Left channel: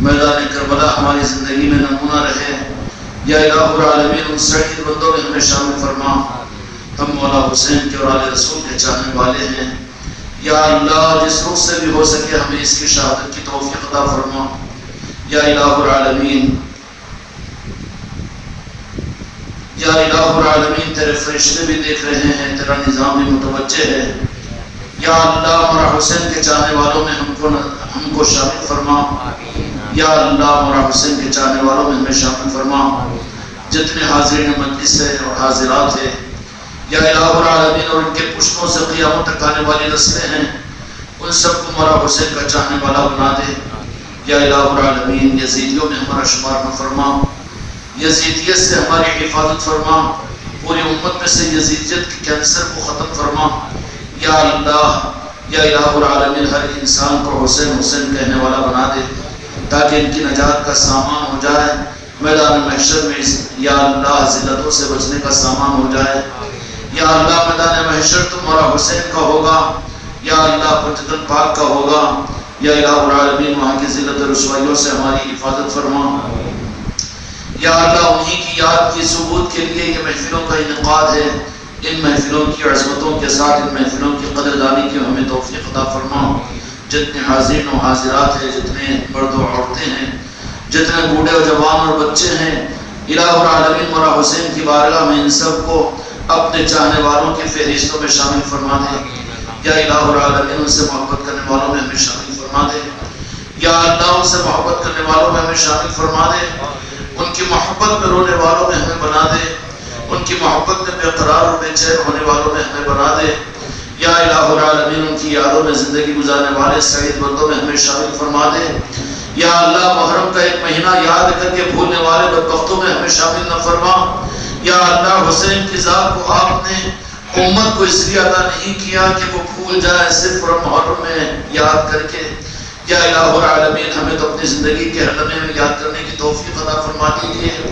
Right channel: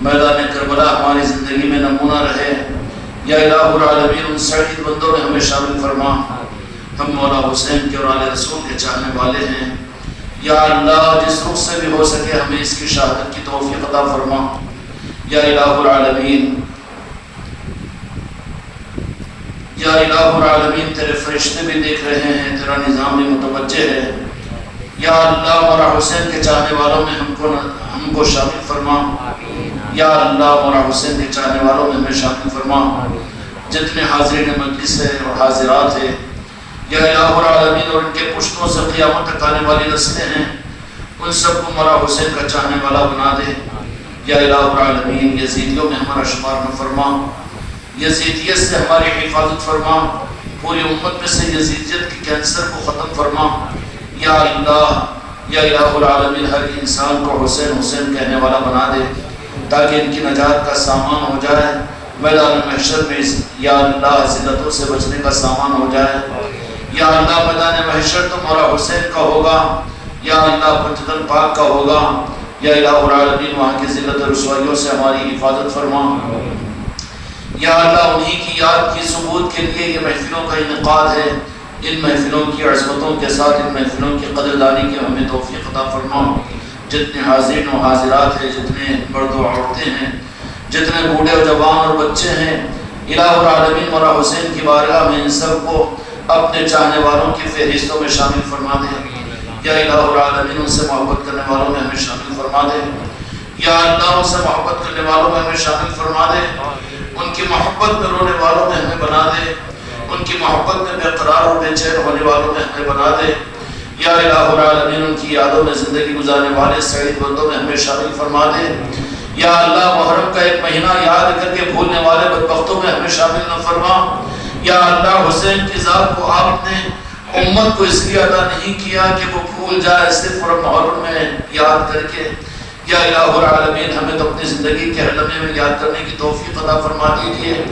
میدان کربلا ہماری زندگی میں نمونہ رہے۔ یا الہ العالمین ان سعید بندوں میں ہمیں شامل فرما، ہم مولا حسین کے اور آل رسول کے چاہنے والے ہیں۔ یا اللہ جس روح سے بھی ہو سکے ہمیں اس کی شہادت کی توفیق عطا فرما۔ یا الہ العالمین، یا الہ العالمین تیرے فرشتے بھی دیکھ رہے ہیں، تیرا نظام بھی متوجہ ہے۔ یا اللہ مولا حسین کے چاہنے والوں میں ہم کو شامل فرما۔ یا اللہ مولا حسین کے چاہنے والوں میں ہمیں شامل فرما، جتنے حاضرین مجلس ہیں اور حاضرات ہیں۔ یا الہ العالمین اور ان کے پشتوں سے قیامت تک آنے والی نسلیں ہیں، ان سب کو مولا حسین کا چاہنے والا بنا دے۔ یا الہ العالمین یزیدیوں میں ہمارا شمار نہ فرما، یزیدیت سے ہماری حفاظت فرما، پوری امت میں سے یزیدیت کے کینسر کو ختم فرما۔ یا اللہ یا الہ العالمین ہر انسان کو حسین حسین کہنے والا بنا دے، تاکہ ان کی نجات کا سامان ہو جائے، میدان محشر میں یا اللہ ذلتوں سے بچنے کا سامان ہو جائے۔ یا اللہ میدان محشر تو مولا حسین کا ہوگا، یا اللہ پنجتن پاک کا ہوگا۔ یا الہ العالمین وہاں کی ذلت و رسوائیوں سے ہماری حفاظت فرما۔ یا اللہ انہی کی یاد کی ثبوت کے لیے یہ محفلوں کا انعقاد ہے، ان محفلوں کی عظمتوں کے ساتھ ان محفلوں کی قدردانی کی ہمیں توفیق عطا فرما۔ جتنے حاضرین و حاضرات ہیں، جتنے مرد و عورتیں ہیں، جتنے بوڑھے و جوان اور بچے ہیں، الہ العالمین مولا حسین کی بارگاہ میں ان سب کو اپنے چاہنے والوں کی فہرستوں میں شامل فرما دے۔ یا الہ العالمین ان سے محبت کرنے والوں میں ہمیں شامل فرما دے۔ یا اللہ ان سے محبت کرنے والوں میں ہمیں شامل فرما دے، ان کی محبت میں رونے والوں میں ہمیں بنا دے، ان کی محبت میں بے قرار اور بے چین ہونے والوں میں ہمیں بنا دے۔ یا الہ العالمین ان کی یادوں میں زندگی گزارنے والے سعید بندوں میں ہمیں شامل فرما دے۔ یا اللہ محرم کا ایک مہینہ یاد کر کے بھولنے والے بدبختوں میں ہمیں شامل نہ فرما۔ یا اللہ حسین کی ذات کو آپ نے امت کو اس لیے عطا نہیں کیا کہ وہ بھول جائے صرف اور محرم میں یاد کر کے۔ یا الہ العالمین ہمیں تو اپنی زندگی کے ہر لمحے میں یاد کرنے کی توفیق عطا فرما دیجیے۔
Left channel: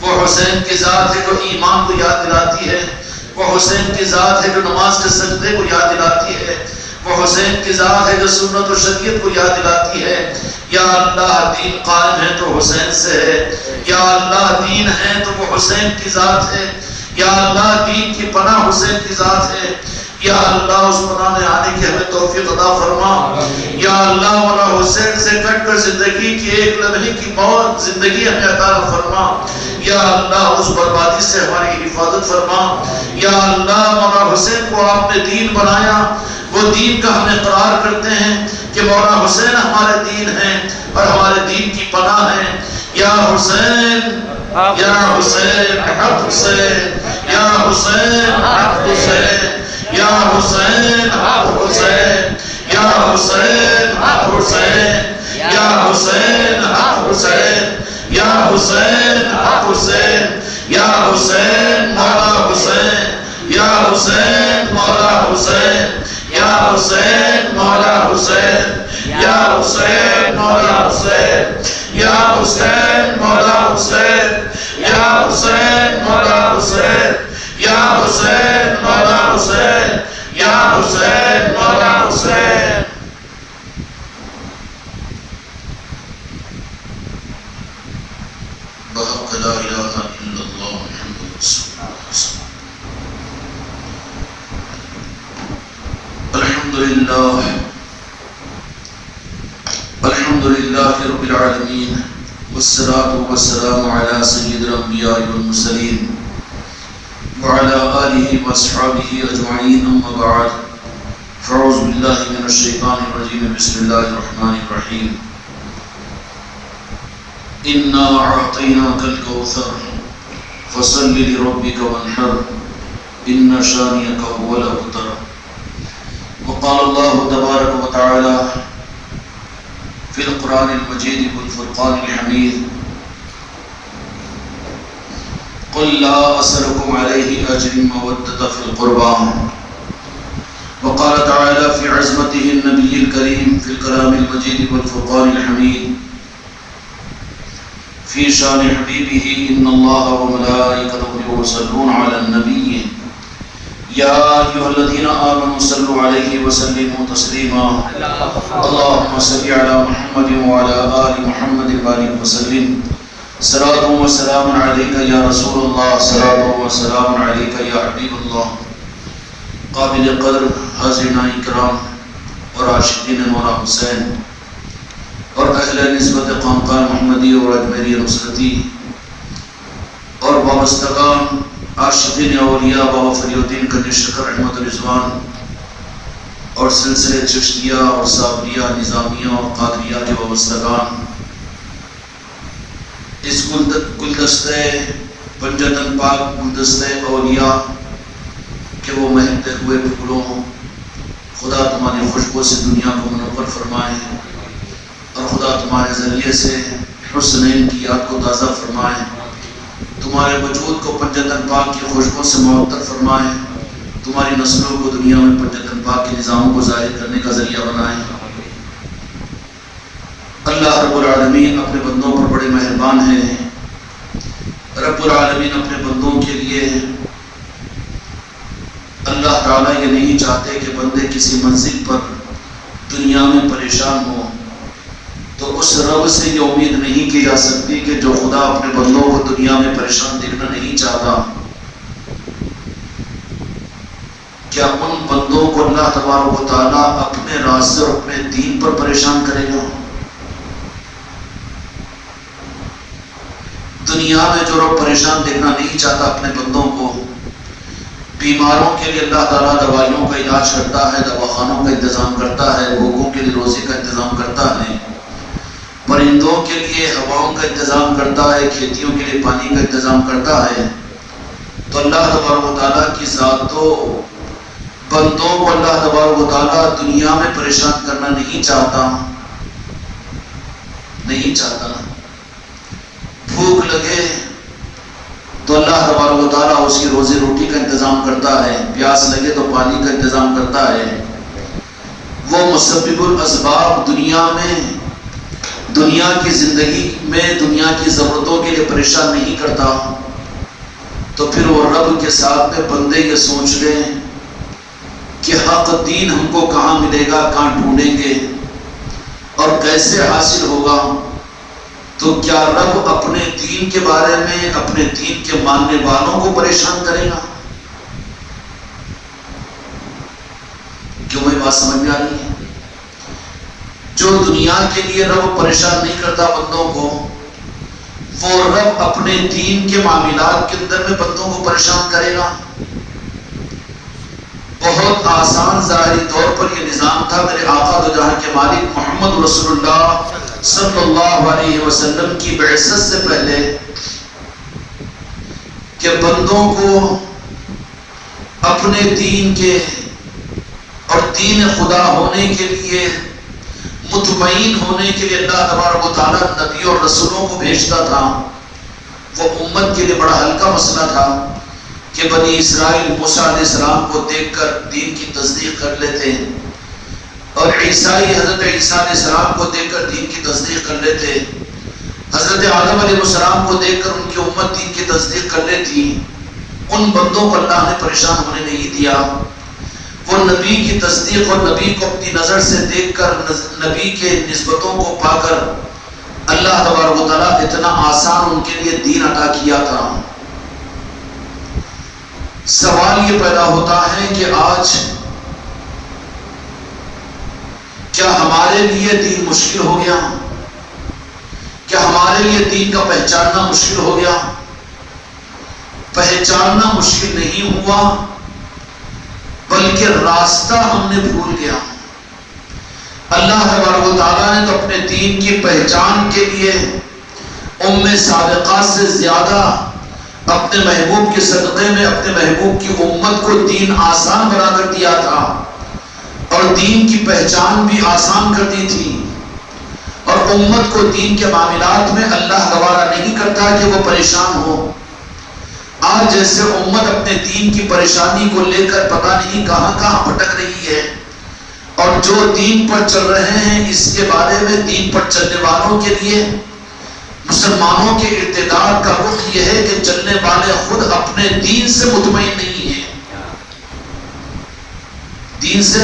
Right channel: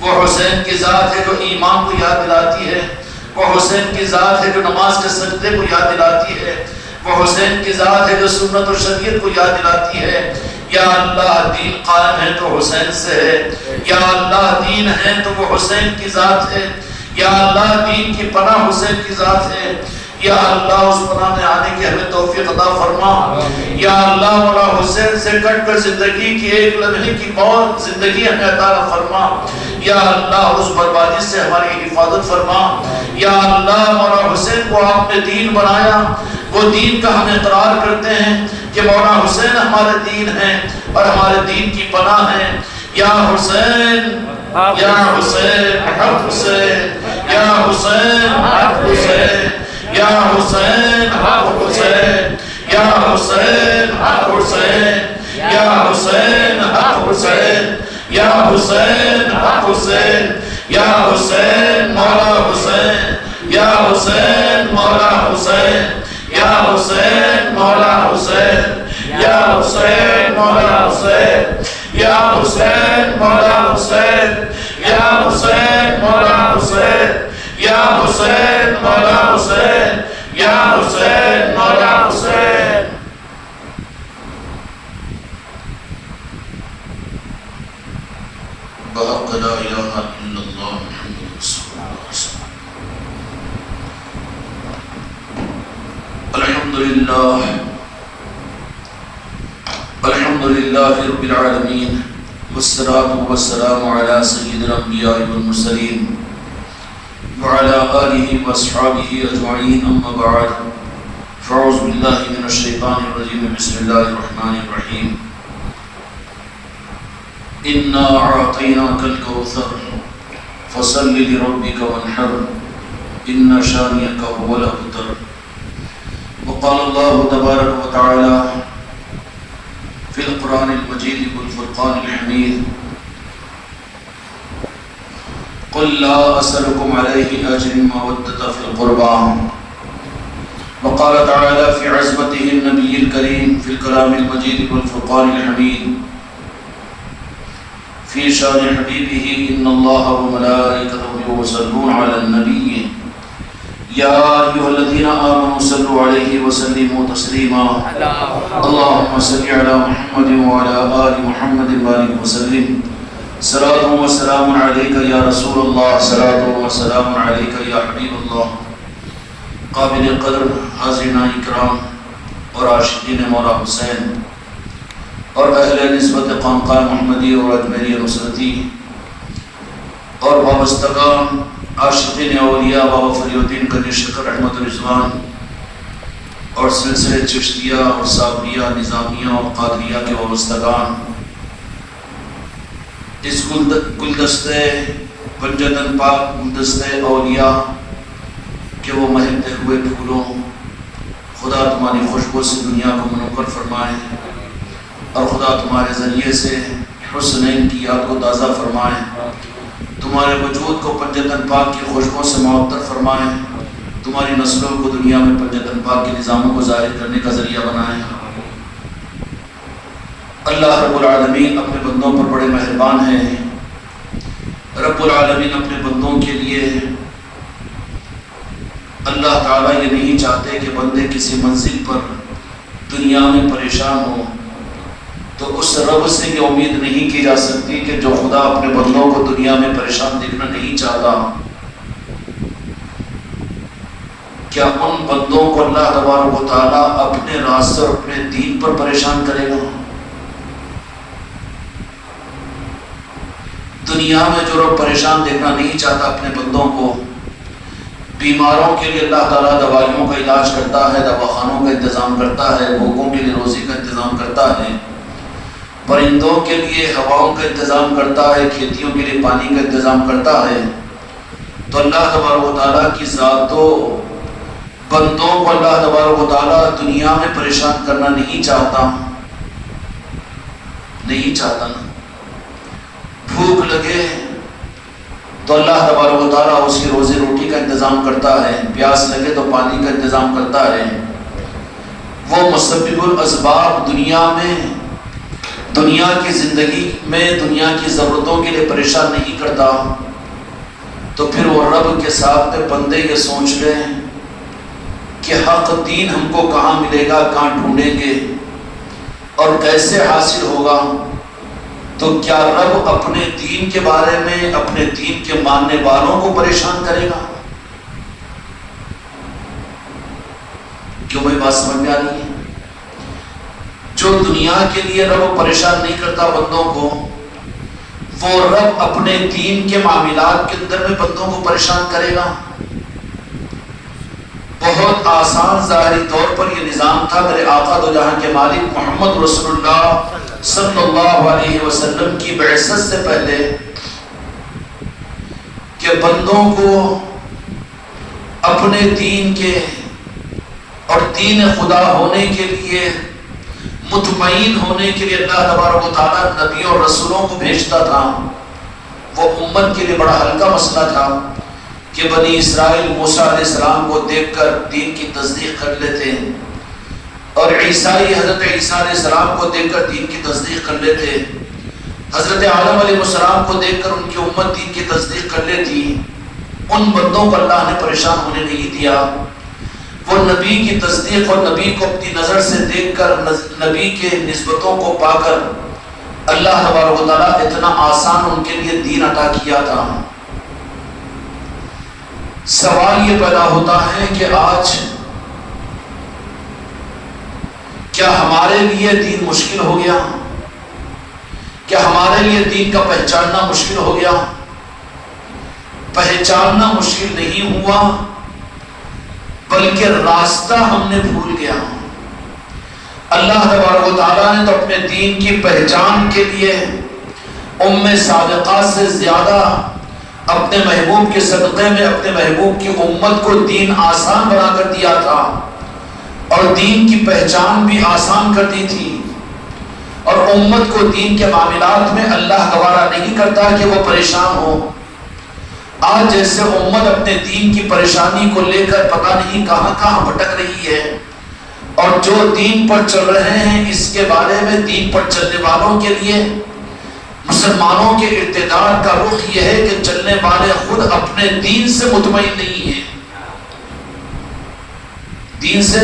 وہ حسین کی ذات ہے جو ایمان کو یاد دلاتی ہے، وہ حسین کی ذات ہے جو نماز کے سجدے کو یاد دلاتی ہے، وہ حسین کی ذات ہے جو سنت و شریعت کو یاد دلاتی ہے۔ یا اللہ دین قائم ہے تو حسین سے ہے، یا اللہ دین ہے تو وہ حسین کی ذات ہے، یا اللہ دین کی پناہ حسین کی ذات ہے۔ یا اللہ اس پناہ میں آنے کی ہمیں توفیق عطا فرما۔ یا اللہ مولا حسین سے کٹ کر زندگی کی ایک لمحے کی موت زندگی ہمیں عطا فرما۔ یا اللہ اس بربادی سے ہماری حفاظت فرما۔ یا اللہ مولا حسین کو آپ نے دین بنایا، وہ دین کا ہم اقرار کرتے ہیں کہ مولا حسین ہمارے دین ہیں اور ہمارے دین کی پناہ ہیں۔ یا حسین یا حسین حق حسین، یا حسین حق حسین، یا حسین حق حسین، یا حسین حق حسین، یا حسین حق حسین، یا حسین حق حسین، یا حسین مولا حسین، یا حسین مولا حسین، یا حسین مولا حسین، یا حسین مولا حسین، یا حسین مولا حسین، یا حسین مولا حسین، یا حسین مولا حسین، یا حسین مولا حسین۔ بحق لا الہ الا اللہ محمد رسول اللہ۔ الحمدللہ رب العالمین، والصلاة والسلام علی سید الانبیاء والمرسلین وعلى آلہ واصحابہ اجمعین، اما بعد، فاعوذ باللہ من الشیطان الرجیم، بسم اللہ الرحمن الرحیم۔ انا اعطیناک الکوثر فصل لربک وانحر ان شانئک هو الابتر۔ وقال اللہ تبارک وتعالی فی القرآن المجید والفرقان الحمید، قل لا أسألكم عليه أجر مودة في القربى۔ وقال تعالى في عظمته النبي الكريم في الكلام المجيد والفرقان الحميد في شان حبيبه، إن الله وملائكته يصلون على النبي يا أيها الذين آمنوا صلوا عليه وسلموا تسليما اللهم صل على محمد وعلى آل محمد وبارك وسلم صلاة وسلام عليك يا رسول الله صلاة وسلام عليك يا حبيب الله قابل قدر حاضرین اکرام اور عاشقین مولا حسین اور اہل نسبت خانقاہ محمدی اور اجمیری نصرتی اور وابستگان عاشقین اولیاء بابا فری الدین کنج شکر احمد رضوان اور سلسلے چشتیہ اور صابریہ نظامیہ اور قادریہ کے وابستگان اس گلدستے پنجتن پاک گلدستے اولیاء کہ وہ مہکتے ہوئے پھولوں خدا تمہاری خوشبو سے دنیا کو منور فرمائے اور خدا تمہارے ذریعے سے حسنین کی یاد کو تازہ فرمائے تمہارے وجود کو پنجتن پاک کی خوشبو سے معطر فرمائے تمہاری نسلوں کو دنیا میں پنجتن پاک کے نظاموں کو ظاہر کرنے کا ذریعہ بنائے اللہ رب العالمین اپنے بندوں پر بڑے مہربان ہیں رب العالمین اپنے بندوں کے لیے اللہ تعالیٰ یہ نہیں چاہتے کہ بندے کسی منزل پر دنیا میں پریشان ہوں تو اس رب سے یہ امید نہیں کی جا سکتی کہ جو خدا اپنے بندوں کو دنیا میں پریشان دیکھنا نہیں چاہتا کیا ان بندوں کو اللہ تبارک و تعالیٰ اپنے راستے اور اپنے دین پر پریشان کرے گا؟ دنیا میں جو رب پریشان دیکھنا نہیں چاہتا اپنے بندوں کو بیماروں کے لیے اللہ تعالیٰ دوائیوں کا علاج کرتا ہے دواخانوں کا انتظام کرتا ہے بھوکوں کے لیے روزی کا انتظام کرتا ہے پرندوں کے لیے ہواؤں کا انتظام کرتا ہے کھیتیوں کے لیے پانی کا انتظام کرتا ہے تو اللہ تبارک و تعالیٰ کی ذات تو بندوں کو اللہ تبارک و تعالیٰ دنیا میں پریشان کرنا نہیں چاہتا بھوک لگے تو اللہ تبارک و تعالیٰ اس کی روزی روٹی کا انتظام کرتا ہے پیاس لگے تو پانی کا انتظام کرتا ہے وہ مسبب الاسباب دنیا میں دنیا کی زندگی میں دنیا کی ضرورتوں کے لیے پریشان نہیں کرتا تو پھر وہ رب کے ساتھ میں بندے یہ سوچ لیں کہ حق دین ہم کو کہاں ملے گا کہاں ڈھونڈیں گے اور کیسے حاصل ہوگا تو کیا رب اپنے دین کے بارے میں اپنے دین کے ماننے والوں کو پریشان کرے گا؟ کیوں میں بات سمجھ میں آ رہی ہے؟ جو دنیا کے لیے رب پریشان نہیں کرتا بندوں کو وہ رب اپنے دین کے معاملات کے اندر میں بندوں کو پریشان کرے گا؟ بہت آسان ظاہری طور پر یہ نظام تھا میرے آقا دو جہاں کے مالک محمد رسول اللہ صلی اللہ علیہ وسلم کی بعثت سے پہلے کہ بندوں کو اپنے دین کے اور دین خدا ہونے کے لیے مطمئن ہونے کے لیے اللہ تبارک و تعالیٰ نبی اور رسولوں کو بھیجتا تھا وہ امت کے لیے بڑا ہلکا مسئلہ تھا کہ بنی اسرائیل موسیٰ علیہ السلام کو دیکھ کر دین کی تصدیق کر لیتے اور عیسائی حضرت عیسیٰ علیہ السلام کو دیکھ کر دین کی تصدیق کر لیتے حضرت آدم علیہ السلام کو دیکھ کر ان کی امت دین کی تصدیق کر لیتی ان بندوں کو اللہ نے پریشان ہونے نہیں دیا وہ نبی کی تصدیق اور نبی کو اپنی نظر سے دیکھ کر نبی کے نسبتوں کو پا کر اللہ تبارک و تعالیٰ اتنا آسان ان کے لیے دین عطا کیا تھا سوال یہ پیدا ہوتا ہے کہ آج کیا ہمارے لیے دین مشکل ہو گیا؟ کیا ہمارے لیے دین کا پہچاننا مشکل ہو گیا؟ پہچاننا مشکل نہیں ہوا بلکہ راستہ ہم نے بھول گیا اللہ تبارک و تعالیٰ نے تو اپنے دین کی پہچان کے لیے سابقہ سے زیادہ اپنے محبوب کے صدقے میں اپنے محبوب کی امت کو دین آسان بنا کر دیا تھا اور دین کی پہچان بھی آسان کر دی تھی اور امت کو دین کے معاملات میں اللہ گوارا نہیں کرتا کہ وہ پریشان ہو آج جیسے امت اپنے دین کی پریشانی کو لے کر پتہ نہیں کہاں کہاں بھٹک رہی ہے اور جو دین پر چل رہے ہیں اس کے بارے میں دین پر چلنے والوں کے لیے مسلمانوں کے ارتداد کا رخ یہ ہے کہ چلنے والے خود اپنے دین سے مطمئن نہیں ہیں دین سے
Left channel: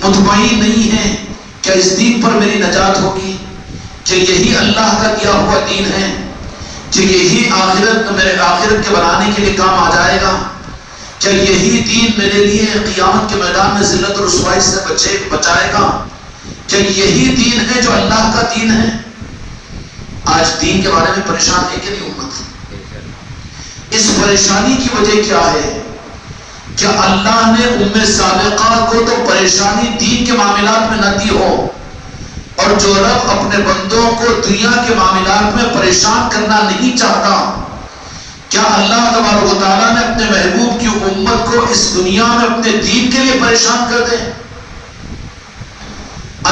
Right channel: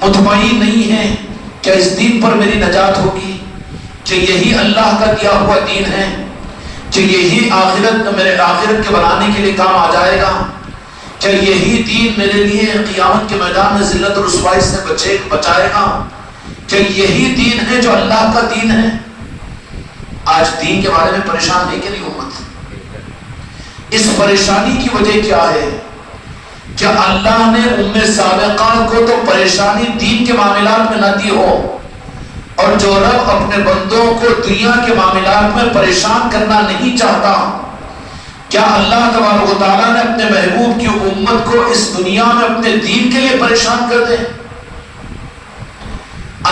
مطمئن نہیں ہیں، کیا اس دین پر میری نجات ہوگی؟ کہ یہی اللہ کا دیا ہوا دین ہے؟ کہ یہی آخرت میرے آخرت کے بنانے کے لیے کام آ جائے گا؟ کیا یہی دین میرے لیے قیامت کے میدان میں ذلت و رسوائی سے بچائے گا؟ کیا یہی دین ہے جو اللہ کا دین ہے؟ آج دین کے بارے میں پریشان ہے کہ نہیں امت؟ اس پریشانی کی وجہ کیا ہے؟ کیا اللہ نے ام سابقہ کو تو پریشانی دین کے معاملات میں نہ دی ہو، اور جو رب اپنے بندوں کو دنیا کے معاملات میں پریشان کرنا نہیں چاہتا، کیا اللہ تبارک و تعالیٰ نے اپنے محبوب کی امت کو اس دنیا میں اپنے دین کے لیے پریشان کر دے؟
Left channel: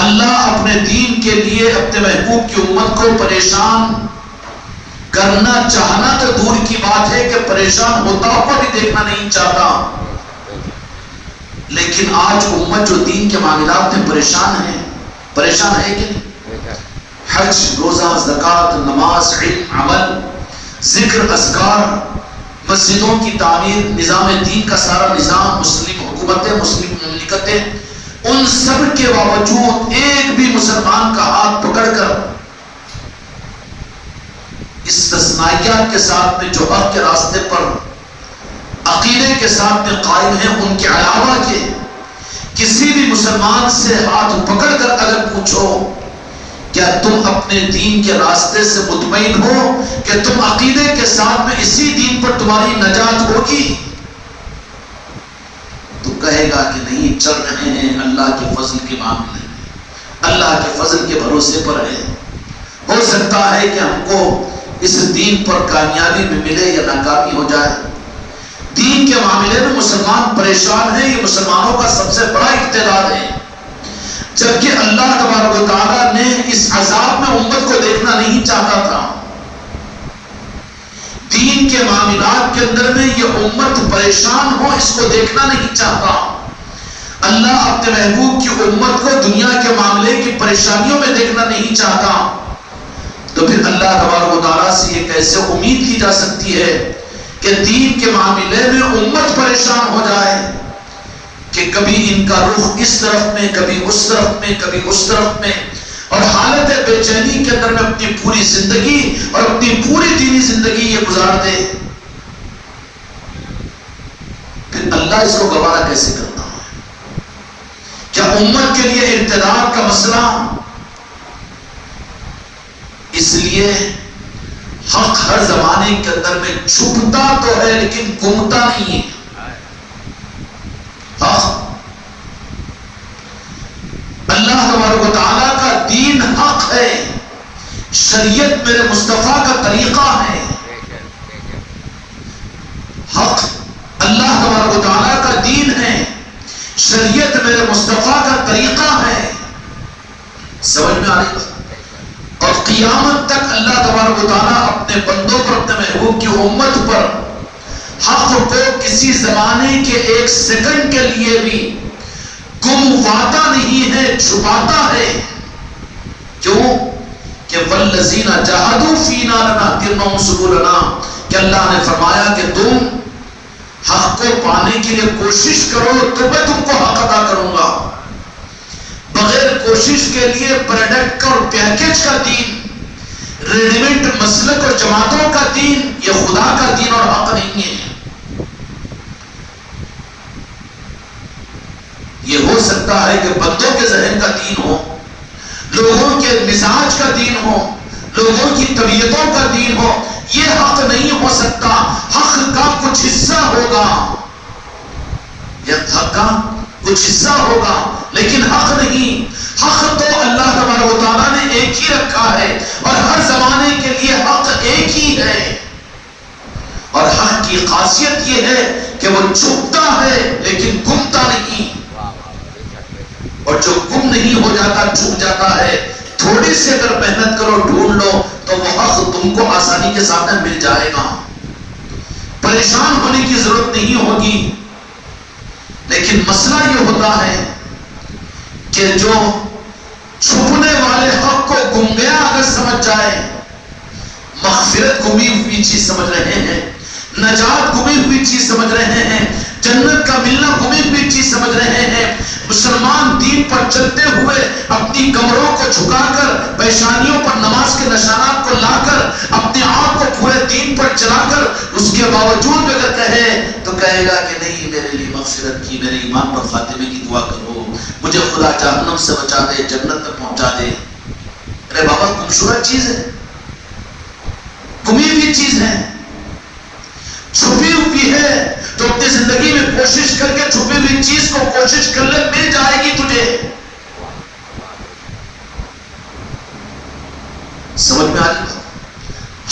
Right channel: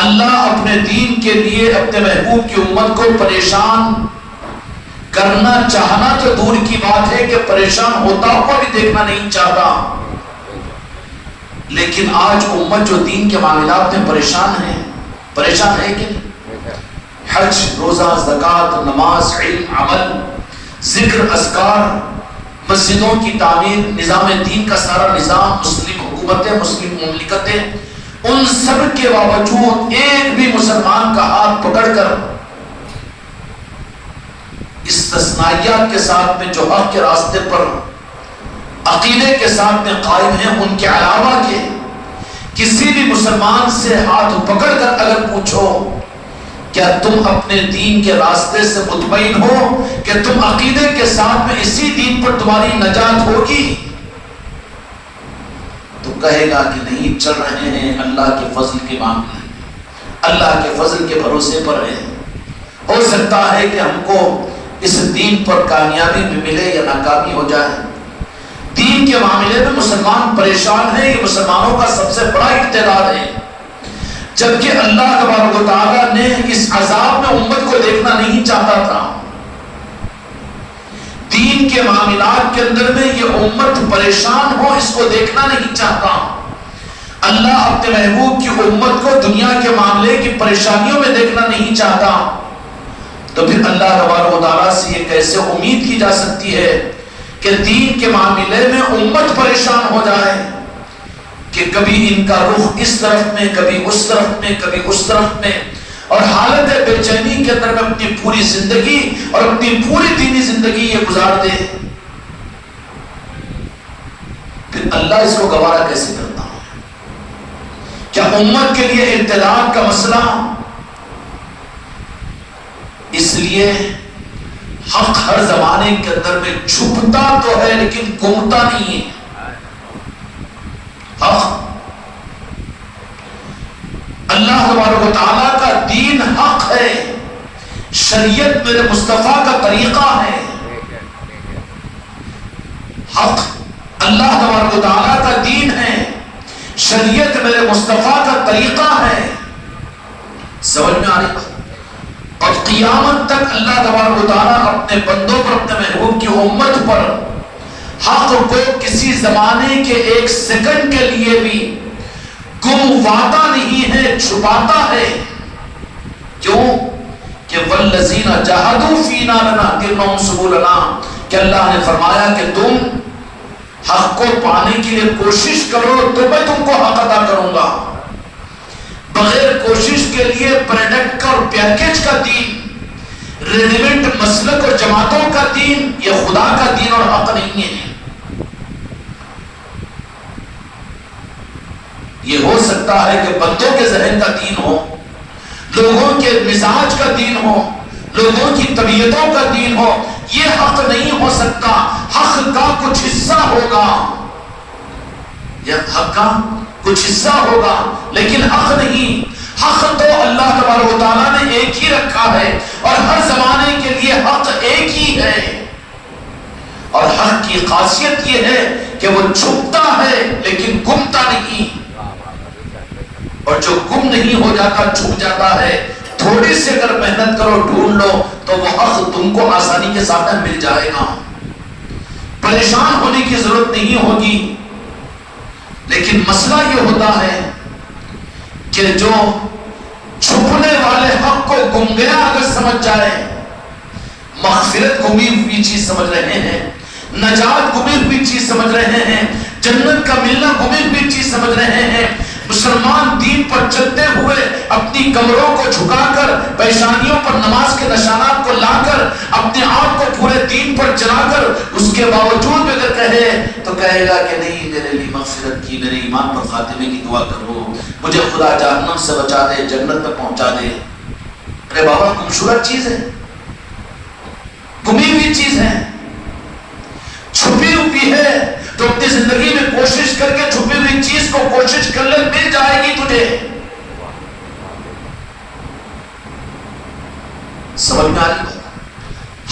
اللہ اپنے دین کے لیے اپنے محبوب کی امت کو پریشان کرنا چاہنا تو دور کی بات ہے کہ پریشان ہوتا ہوا بھی دیکھنا نہیں چاہتا، لیکن آج امت جو دین کے معاملات میں پریشان ہے کہ نہیں؟ حج، روزہ، زکوٰۃ، نماز، علم، عمل، ذکر، اذکار، مسجدوں کی تعمیر، نظام دین کا سارا نظام، مسلم حکومتیں، مسلم مملکتیں، ان سب کے باوجود ایک بھی مسلمان کا ہاتھ پکڑ کر استثنائیات کے ساتھ میں جو حق کے راستے پر عقیدے کے ساتھ میں قائم ہیں، ان کے علاوہ کے کسی بھی مسلمان سے ہاتھ پکڑ کر اگر پوچھو کیا تم اپنے دین کے راستے سے مطمئن ہو کہ تم عقیدے کے ساتھ میں اسی دین پر تمہاری نجات ہوگی، تو کہے گا کہ نہیں، چل رہے ہیں اللہ کے فضل کے معاملے میں، اللہ کے فضل کے بھروسے پر ہے، ہو سکتا ہے کہ ہم کو اس دین پر کامیابی بھی ملے یا ناکامی ہو جائے۔ دین کے معاملے میں مسلمان پریشان ہیں، یہ مسلمانوں کا سب سے بڑا اقتدار ہے، جبکہ اللہ تبارک و تعالیٰ نے اس عذاب میں امت کو دیکھنا نہیں چاہتا تھا۔ دین کے معاملات کے اندر میں یہ امت پریشان ہو، اس کو دیکھنا نہیں چاہتا۔ اللہ اپنے محبوب کی امت کو دنیا کے معاملے کی پریشانیوں میں دیکھنا نہیں چاہتا، تو پھر اللہ تبارک و تعالیٰ سے یہ کیسے امید کی جا سکتی ہے کہ دین کے معاملے میں امت پریشان ہو جائے کہ کبھی ان کا رخ اس طرف میں، کبھی اس طرف میں، کبھی اس طرف میں، اور حالت بے چینی کے اندر میں اپنی پوری زندگی اور اپنی پوری دینی زندگی یہ گزار دے، پھر اللہ اس کو گوارا کیسے کرتا ہے؟ کیا امت کے لیے ارتداد کا مسئلہ؟ اس لیے حق ہر زمانے کے اندر میں چھپتا تو ہے لیکن گمتا نہیں ہے۔ حق اللہ تبارک و تعالیٰ کا دین حق ہے، شریعت میرے مصطفیٰ کا طریقہ ہے۔ حق اللہ تبارک و تعالیٰ کا دین ہے، شریعت میرے مصطفیٰ کا طریقہ ہے۔ سمجھ میں آ رہی ہے؟ اور قیامت تک اللہ تبارک و تعالیٰ اپنے بندوں پر، اپنے محبوب کی امت پر حق کو کسی زمانے کے ایک سیکنڈ کے لیے بھی گمواتا نہیں ہے، چھپاتا ہے۔ کیوں؟ کہ والذین جاہدوا فینا لنہدینہم سبلنا، کہ اللہ نے فرمایا کہ تم حق کو پانے کے لیے کوشش کرو تو میں تم کو حق ادا کروں گا۔ بغیر کوشش کے لیے پروڈکٹ کا اور پیکیج کا دین، ریڈی میڈ مسلک اور جماعتوں کا دین، یہ خدا کا دین اور حق نہیں ہے۔ یہ ہو سکتا ہے کہ بندوں کے ذہن کا دین ہو، لوگوں کے مزاج کا دین ہو، لوگوں کی طبیعتوں کا دین ہو، یہ حق نہیں ہو سکتا۔ حق کا کچھ حصہ ہوگا، یہ حق کا کچھ حصہ ہوگا لیکن حق نہیں۔ حق تو اللہ تبارک و تعالیٰ نے ایک ہی رکھا ہے، اور ہر زمانے کے لیے حق ایک ہی ہے، اور حق کی خاصیت یہ ہے کہ وہ چھپتا ہے لیکن گمتا نہیں، اور جو گم نہیں ہو جاتا، چھپ جاتا ہے۔ تھوڑی سی اگر محنت کرو، ڈھونڈ لو، تو وہ حق تم کو آسانی کے ساتھ مل جائے گا، پریشان ہونے کی ضرورت نہیں ہوگی۔ لیکن مسئلہ یہ ہوتا ہے کہ جو چھپنے والے حق کو گم گیا اگر سمجھ جائے، مغفرت گمی ہوئی چیز سمجھ رہے ہیں، نجات گمی ہوئی چیز سمجھ رہے ہیں، جنت کا ملنا گمی ہوئی چیز سمجھ رہے ہیں۔ مسلمان دین پر چلتے ہوئے اپنی کمروں کو جھکا کر، پیشانیوں پر نماز کے نشانات کو لا کر، اپنے آپ کو پورے دین پر چلا کر، اس کے باوجود اگر کہے تو کہے گا کہ نہیں، میرے لیے مغفرت کی، میرے ایمان پر خاتمے کی دعا کرو، مجھے خدا جہنم سے بچا دے، جنت میں پہنچا دے۔ ارے بابا، خوبصورت چیز ہے، گمی ہوئی چیز ہے، چھپی ہوئی ہے، تو اپنی زندگی میں کوشش کر کے چھپی ہوئی چیز کو کوشش کر لے، مل جائے گی تجھے۔ سمجھ میں آ جائے؟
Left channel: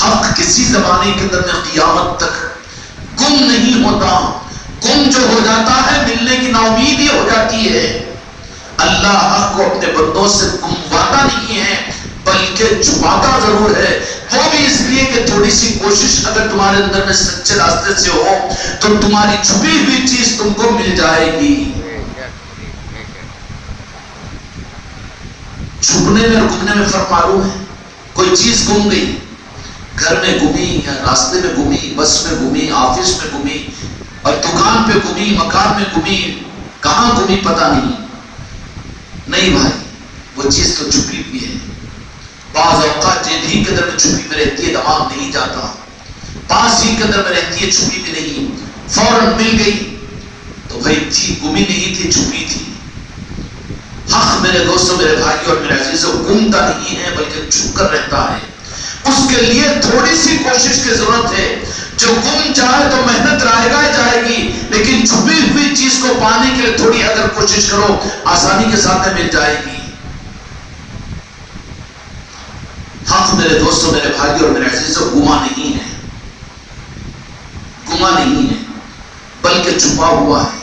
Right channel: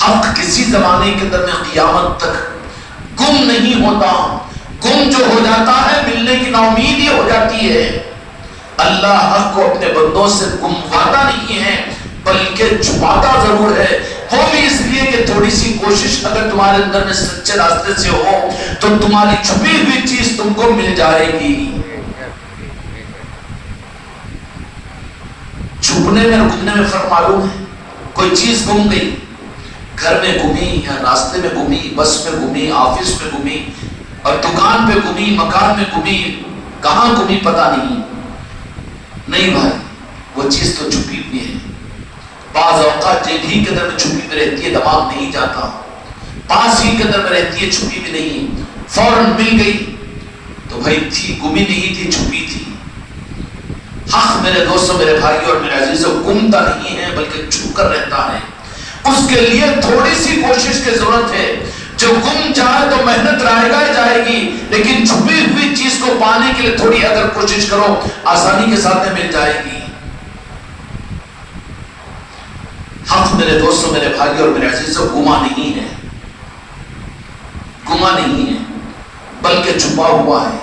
حق کسی زمانے کے اندر میں قیامت تک گم نہیں ہوتا، گم جو ہو جاتا ہے ملنے کی ناامیدی ہو جاتی ہے۔ اللہ حق کو اپنے بندوں سے گمواتا نہیں ہے، بلکہ چھپاتا ضرور ہے، وہ بھی اس لیے کہ تھوڑی سی کوشش اگر تمہارے اندر میں سچے راستے سے ہو تو تمہاری چھپی ہوئی چیز تم کو مل جائے گی۔ چھپنے میں اور گمنے میں فرق معلوم ہے؟ کوئی چیز گم گئی، گھر میں گمی یا راستے میں گمی، بس میں گمی، آفس میں گمی، اور دکان پہ گمی، مکان میں گمی، کہاں گمی پتہ نہیں بھائی، وہ چیز تو چھپی ہوئی ہے۔ بعض اوقات جیب ہی کے اندر میں چھپی بھی رہتی ہے، دماغ نہیں جاتا، پاس ہی کے اندر میں رہتی ہے، چھپی بھی نہیں، فوراً مل گئی تو بھائی تھی، گمی نہیں تھی، چھپی تھی۔ حق میرے دوستوں، میرے بھائی اور میرے عزیزوں، گمتا نہیں ہے بلکہ چھپ کر رہتا ہے۔ اس کے لیے تھوڑی سی کوشش کی ضرورت ہے۔ جو گم جائے تو محنت رائے گا جائے گی، لیکن چھپی ہوئی چیز کو پانے کے لیے تھوڑی اگر کوشش کرو، آسانی کے ساتھ مل جائے گی۔ حق میرے دوستوں، میرے بھائی اور میرے عزیزوں، گما نہیں ہے، گما نہیں ہے بلکہ چھپا ہوا ہے۔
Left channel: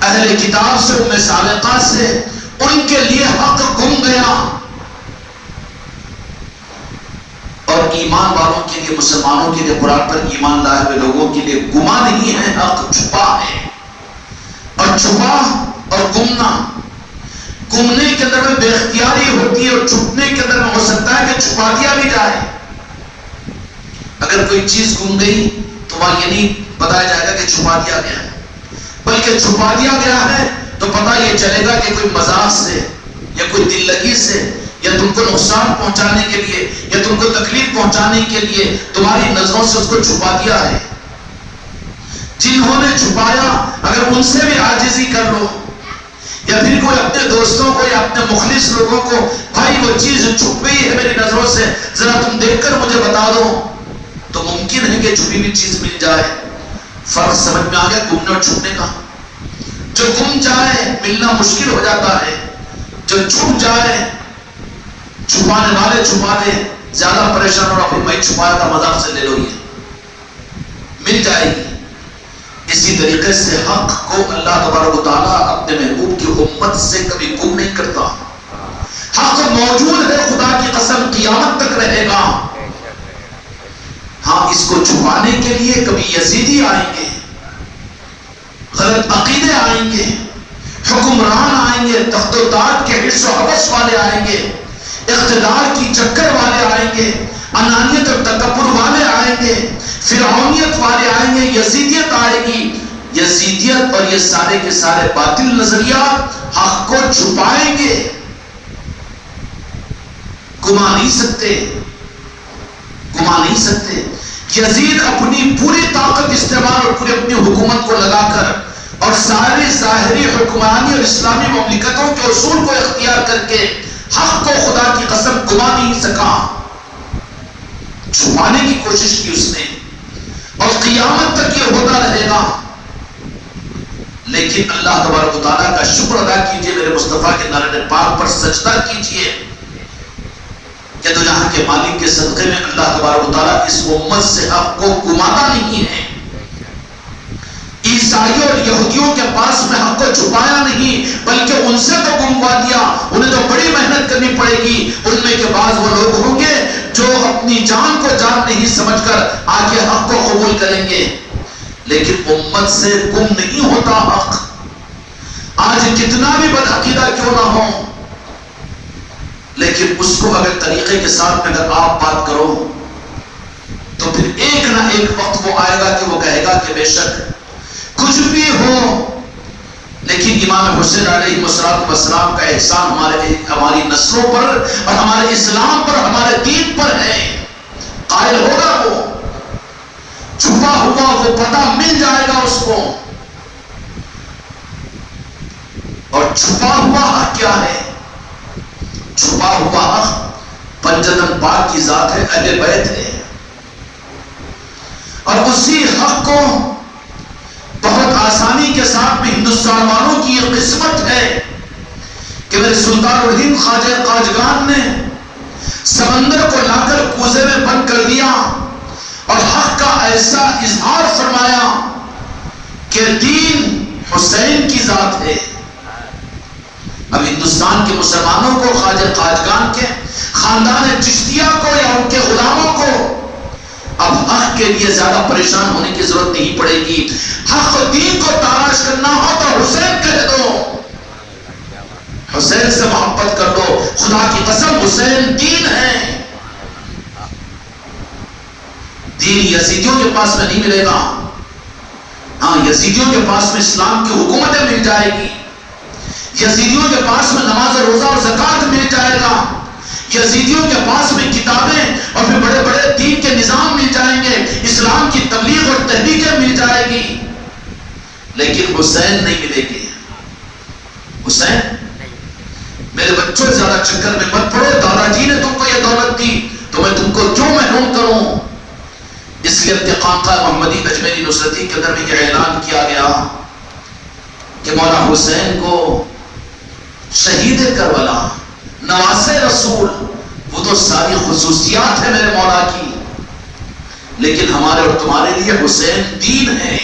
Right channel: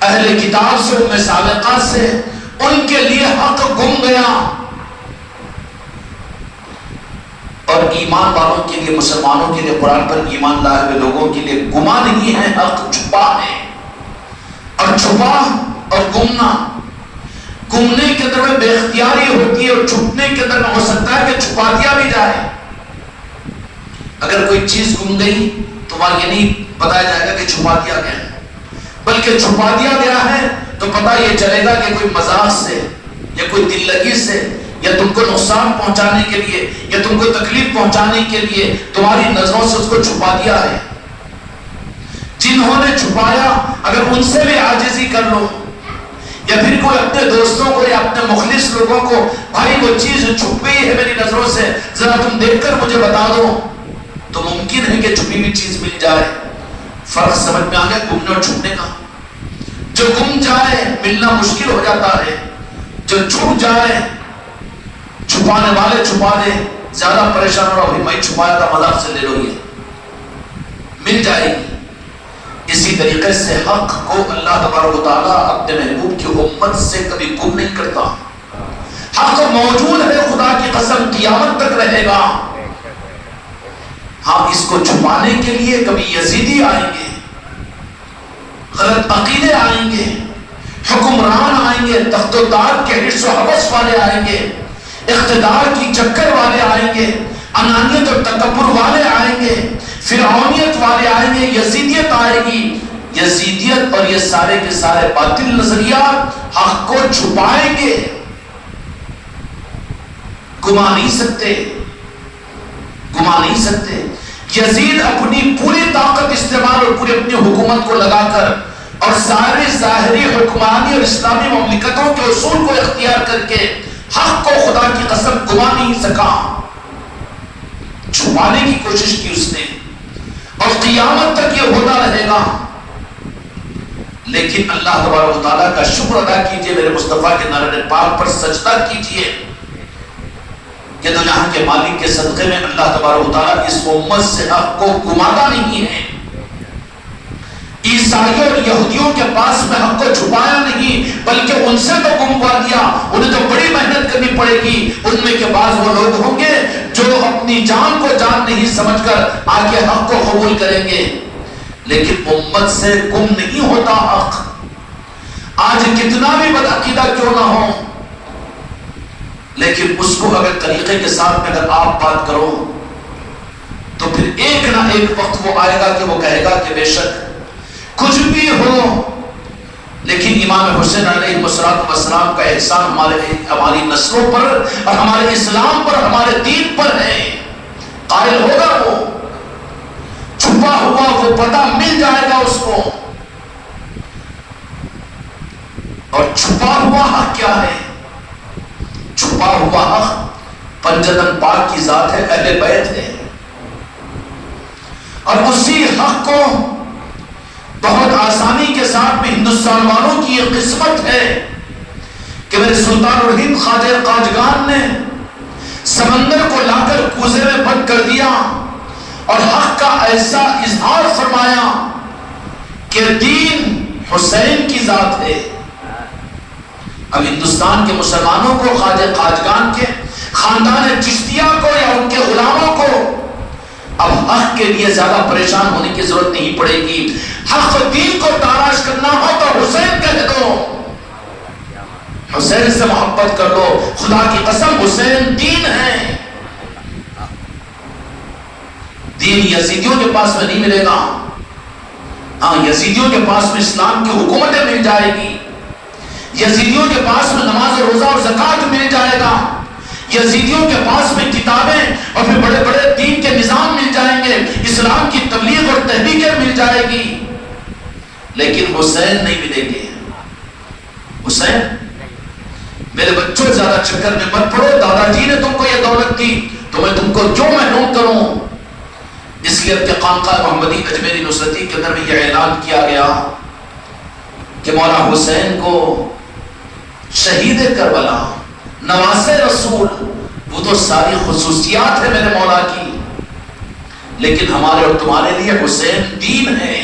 اہل کتاب سے، ام سابقہ سے، ان کے لیے حق گم گیا، اور ایمان والوں کے لیے، مسلمانوں کے لیے، قرآن پر ایمان لائے ہوئے لوگوں کے لیے گما نہیں ہے، حق چھپا ہے۔ اور چھپا اور گمنا، گمنے کے اندر میں بے اختیاری ہوتی ہے، اور چھپنے کے اندر میں ہو سکتا ہے کہ چھپا دیا بھی جائے۔ اگر کوئی چیز گم گئی تو وہاں یہ نہیں بتایا جائے گا کہ چھپا دیا گیا ہے، بلکہ چھپا دیا گیا ہے تو پتہ یہ چلے گا کہ کوئی مذاق سے یا کوئی دل لگی سے یا تم کو نقصان پہنچانے کے لیے یا تم کو تکلیف پہنچانے کے لیے تمہاری نظروں سے اس کو چھپا دیا ہے۔ جنہوں نے چھپایا اگر ان سے بھی عاجزی کر لو، یا پھر کوئی اپنے دوستوں کو یا اپنے مخلص لوگوں کو، بھائی وہ چیز چھپ گئی ہے میری نظروں سے، ذرا تم دیکھ کر مجھے بتا دو، تو ممکن ہے کہ چھپی ہوئی چیز مل جائے۔ فرق سمجھ میں آ گیا گمنے اور چھپنے کا؟ جو گم جائے ملنا مشکل ہو جاتا ہے، جو چھپ جائے چھپانے والے چھپا دے، زیادہ پریشان ہو رہا بھائی میں چھپایا تھا، مذاق سے لے لو، یہ مل جائے گی۔ اسی طریقے سے حق کو اللہ تبارک و تعالیٰ اپنے محبوب کی امت سے کبھی گم نہیں کرتا۔ حق موجود ہے، خدا کی قسم قیامت تک رہے گا۔ ہاں، اس کو چھپانے کے لیے کبھی یزیدی آئیں گے، غلط عقیدے آئیں گے، حکمران آئیں گے، تخت و تاج کے حرص و حوث والے آئیں گے، اقتدار کی چکر والے آئیں گے، انانیت اور تکبر والے آئیں گے، فرعونیت والے آئیں گے، یزیدیت آئے گی۔ یزیدیت اور یہ سارے کے سارے باطل نظریات حق کو چھپائیں گے، گما نہیں سکتے، گما نہیں سکتے۔ یزید اپنی پوری طاقت استعمال اور پوری اپنی حکومت کو لگا کر اور سارے ظاہری حکمرانی اور اسلامی مملکتوں کے اصول کو اختیار کر کے حق کو خدا کی قسم گما نہیں سکا، چھپانے کی کوشش کی اس نے، اور قیامت تک یہ ہوتا رہے گا۔ لیکن اللہ تبارک و تعالیٰ کا شکر ادا کیجئے، میرے مصطفیٰ کے نارے پاک پر سجدہ کیجئے کہ تو جہاں کے مالک کے صدقے میں اللہ تبارک و تعالیٰ اس امت سے حق کو گماتا نہیں ہے۔ عیسائیوں اور یہودیوں کے پاس میں حق کو چھپایا نہیں، بلکہ ان سے تو گموا دیا۔ انہیں تو بڑی محنت کرنی پڑے گی۔ ان میں کے بعض وہ لوگ ہوں گے جو اپنی جان کو جان نہیں سمجھ کر آگے حق کو قبول کریں گے، لیکن امت سے گم نہیں ہوتا حق۔ آج کتنا بھی بدعقیدہ کیوں نہ ہو، لیکن اس کو اگر طریقے کے ساتھ میں اگر آپ بات کرو تو پھر ایک نہ ایک وقت وہ آئے گا کہ وہ کہے گا کہ بے شک کچھ بھی ہو، لیکن امام حسین علیہ السلام کا احسان ہماری نسلوں پر اور ہمارے اسلام پر، ہمارے دین پر ہے۔ قائل ہوگا وہ، چھپا ہوا وہ پتہ مل جائے گا اس کو، اور چھپا ہوا حق کیا ہے؟ چھپا ہوا حق پنجتن پاک کی ذات ہے، اہل بیت ہے، اور اسی حق کو بہت آسانی کے ساتھ بھی ہندوستان والوں کی یہ قسمت ہے کہ میرے سلطان الہند خواجہ قاجگان نے سمندر کو لا کر کوزے میں بند کر دیا اور حق کا ایسا اظہار فرمایا کہ دین حسین کی ذات ہے۔ اب ہندوستان کے مسلمانوں کو، خواجہ قاجگان کے خاندان چشتیہ کو یا ان کے غلاموں کو اب حق کے لیے زیادہ پریشان ہونے کی ضرورت نہیں پڑے گی۔ حق و دین کو تلاش کرنا ہو تو حسین کہہ دو، حسین سے محبت کر دو، خدا کی قسم حسین دین ہے۔ دین یزیدیوں کے پاس میں نہیں ملے گا، ہاں یزیدیوں کے پاس میں اسلام کی حکومتیں مل جائے گی، یزیدیوں کے پاس میں نماز روزہ اور زکوٰۃ مل جائے گا، یزیدیوں کے پاس میں کتابیں اور پھر بڑے بڑے دین کے نظام مل جائیں گے، اسلام کی تبلیغ اور تحریکیں مل جائے گی، لیکن حسین نہیں ملے گے۔ حسین، میرے بچوں زیادہ چکر میں مت پڑو، دادا جی نے تم کو یہ دولت دی تو میں تم کو کیوں محروم کروں؟ اس لیے ارتقاء محمدی اجمیری نصرتی کے اندر میں یہ اعلان کیا گیا کہ مولا حسین کو شہید کربلا، نواز رسول، وہ تو ساری خصوصیات ہے میرے مولا کی، لیکن ہمارے اور تمہارے لیے حسین دین ہے۔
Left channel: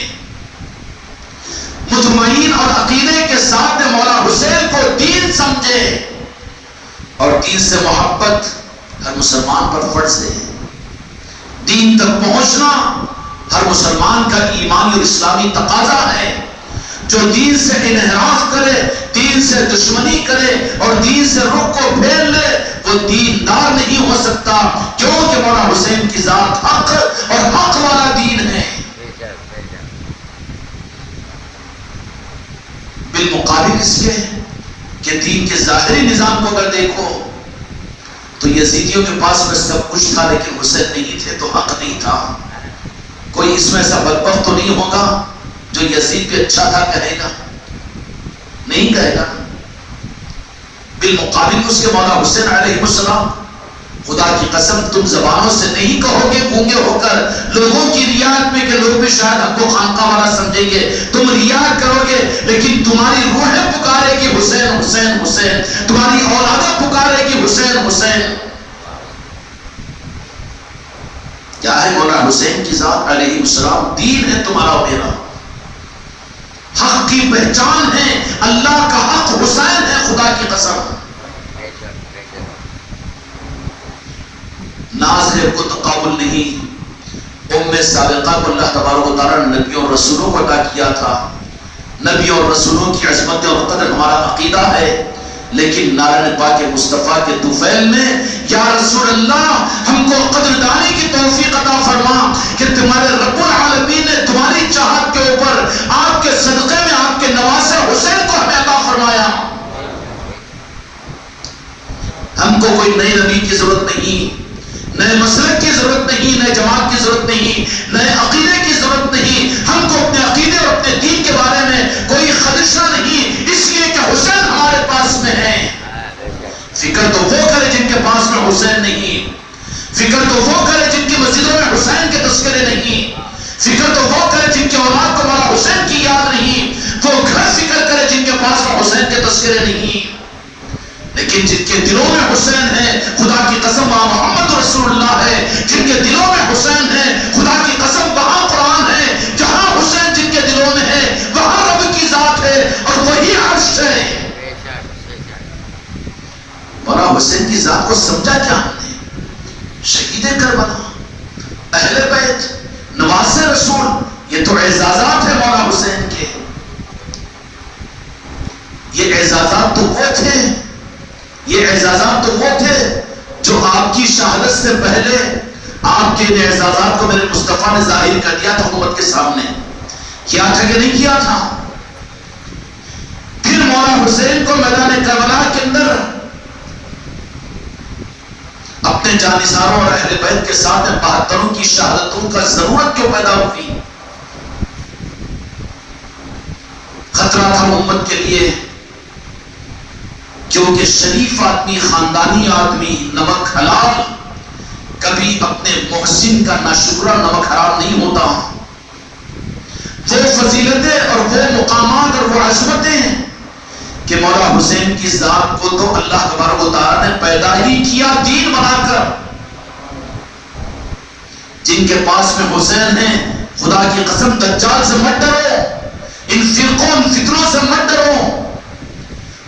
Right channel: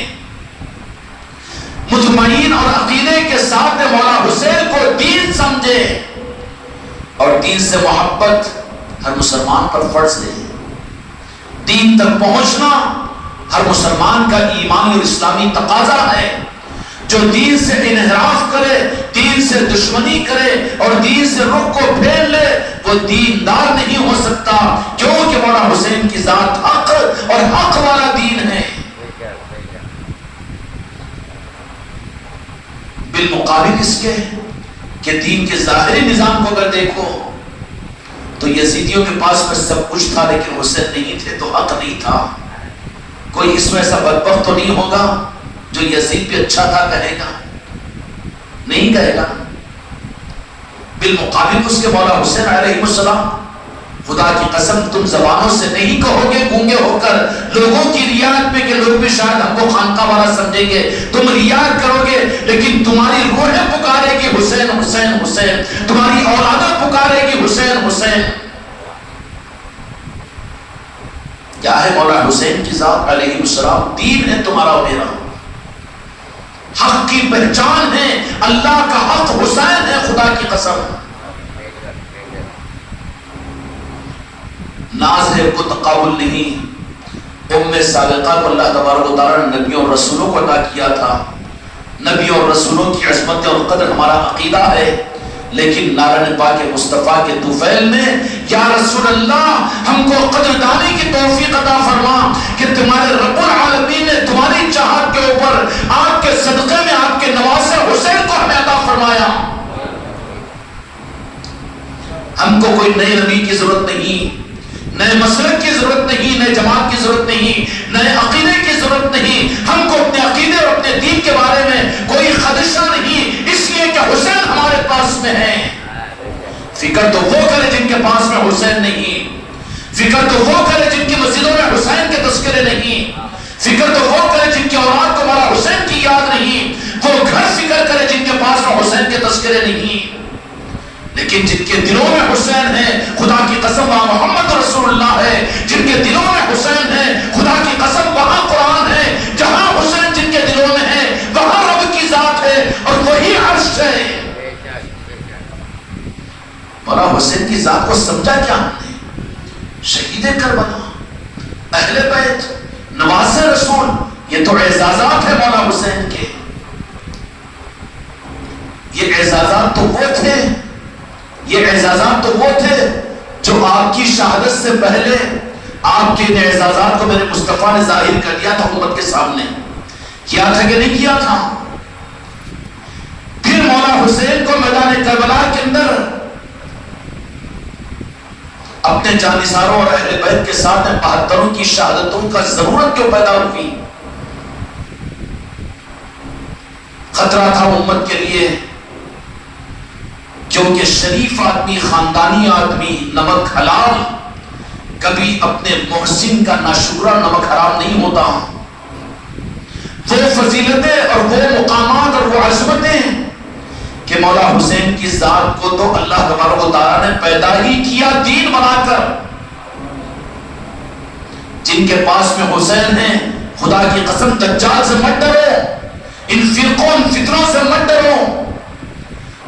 مطمئن اور عقیدے کے ساتھ میں مولا حسین کو دین سمجھے، اور دین سے محبت ہر مسلمان پر فرض ہے۔ دین تک پہنچنا ہر مسلمان کا ایمانی اور اسلامی تقاضا ہے۔ جو دین سے انحراف کرے، دین سے دشمنی کرے اور دین سے رخ کو پھیر لے، وہ دیندار نہیں ہو سکتا، کیونکہ مولا حسین کی ذات حق اور حق والا دین ہے۔ بالمقابل اس کے کہ دین کے ظاہری نظام کو اگر دیکھو تو یزیدیوں کے پاس میں سب کچھ تھا لیکن حسین نہیں تھے تو حق نہیں تھا۔ کوئی اس میں ایسا بدبخت تو نہیں ہوگا جو یزید پہ اچھا تھا کہے گا؟ نہیں کہے گا۔ بالمقابل اس کے مولا حسین علیہ السلام، خدا کی قسم تم زبانوں سے نہیں کہو گے گونگے ہو کر لوگوں کی ریاض میں کہ لوگ بھی شاید ہم کو خانقاہ والا سمجھیں گے، تم ریاض کرو گے لیکن تمہاری روح پکارے گی حسین حسین حسین، تمہاری اولادہ پکارے گی حسین حسین۔ کیا ہے مولا حسین کی ذات علیہ السلام؟ دین ہے تمہارا میرا، حق کی پہچان ہے، اللہ کا حق حسین ہے، خدا کی قسم۔ ناز ہے کو تقابل نہیں، ام سابقہ کو اللہ تبارک و تعالیٰ نے نبیوں اور رسولوں کو عطا کیا تھا۔ نبیوں اور رسولوں کی عظمت اور قدر ہمارا عقیدہ ہے، لیکن نارن پاک مصطفیٰ کے طفیل میں یا رسول اللہ ہم کو قدردانی کی توفیق عطا فرما کہ تمہارے رب العالمین نے تمہاری چاہت کے اوپر آپ کے صدقے میں آپ کے نواسے حسین کو ہمیں عطا فرمایا۔ ہم کو کوئی نئے نبی کی ضرورت نہیں، نئے مسلک کی ضرورت نہیں، نئے جماعت کی ضرورت نہیں، نئے عقیدے کی ضرورت نہیں۔ ہم کو اپنے عقیدے اور اپنے دین کے بارے میں کوئی خدشہ نہیں، اس لیے کہ حسین ہمارے پاس میں ہے۔ فکر تو وہ کرے جن کے پاس میں حسین نہیں، فکر تو وہ کرے جن کی مسجدوں میں حسین کے تذکرے نہیں، فکر تو وہ کرے جن کی اولاد کو مولا حسین کی یاد نہیں، وہ گھر فکر کرے جن کے پاس میں حسین کے تذکرے نہیں، لیکن جن کے دلوں میں حسین ہے، خدا کی قسم وہاں محمد رسول اللہ ہے۔ جن کے دلوں میں حسین ہے، خدا کی قسم وہاں قرآن ہے۔ جہاں حسین جن کے دلوں میں ہے وہاں رب کی ذات ہے اور وہی عرش ہے۔ مولا حسین کی ذات کو سمجھا کیا ہم نے؟ شہید کربلا، اہل بیت، نواز رسول، یہ تو اعزازات ہیں مولا حسین کے۔ یہ اعزازات تو وہ تھے، یہ اعزازات تو وہ تھے جو آپ کی شہادت سے پہلے آپ کے ان اعزازات کو میرے مصطفیٰ نے ظاہر کر دیا تھا حکومت کے سامنے۔ کیا تھا کہ نہیں کیا تھا؟ پھر مولا حسین کو میدان کربلا کے اندر اپنے جانثاروں اور اہل بیت کے ساتھ 72 کی شہادتوں کا ضرورت کیوں پیدا ہوئی؟ خطرہ تھا امت کے لیے، کیونکہ شریف آدمی، خاندانی آدمی، نمک حلال کبھی اپنے محسن کا ناشکرہ نمک حرام نہیں ہوتا۔ وہ فضیلتیں اور وہ مقامات اور وہ عظمتیں کہ مولا حسین کی ذات کو تو اللہ تبارک و تعالیٰ نے پیدا ہی کیا دین بنا کر۔ جن کے پاس میں حسین ہیں، خدا کی قسم دجال سے مت ڈرو، ان فرقوں ان فتنوں سے مت ڈرو،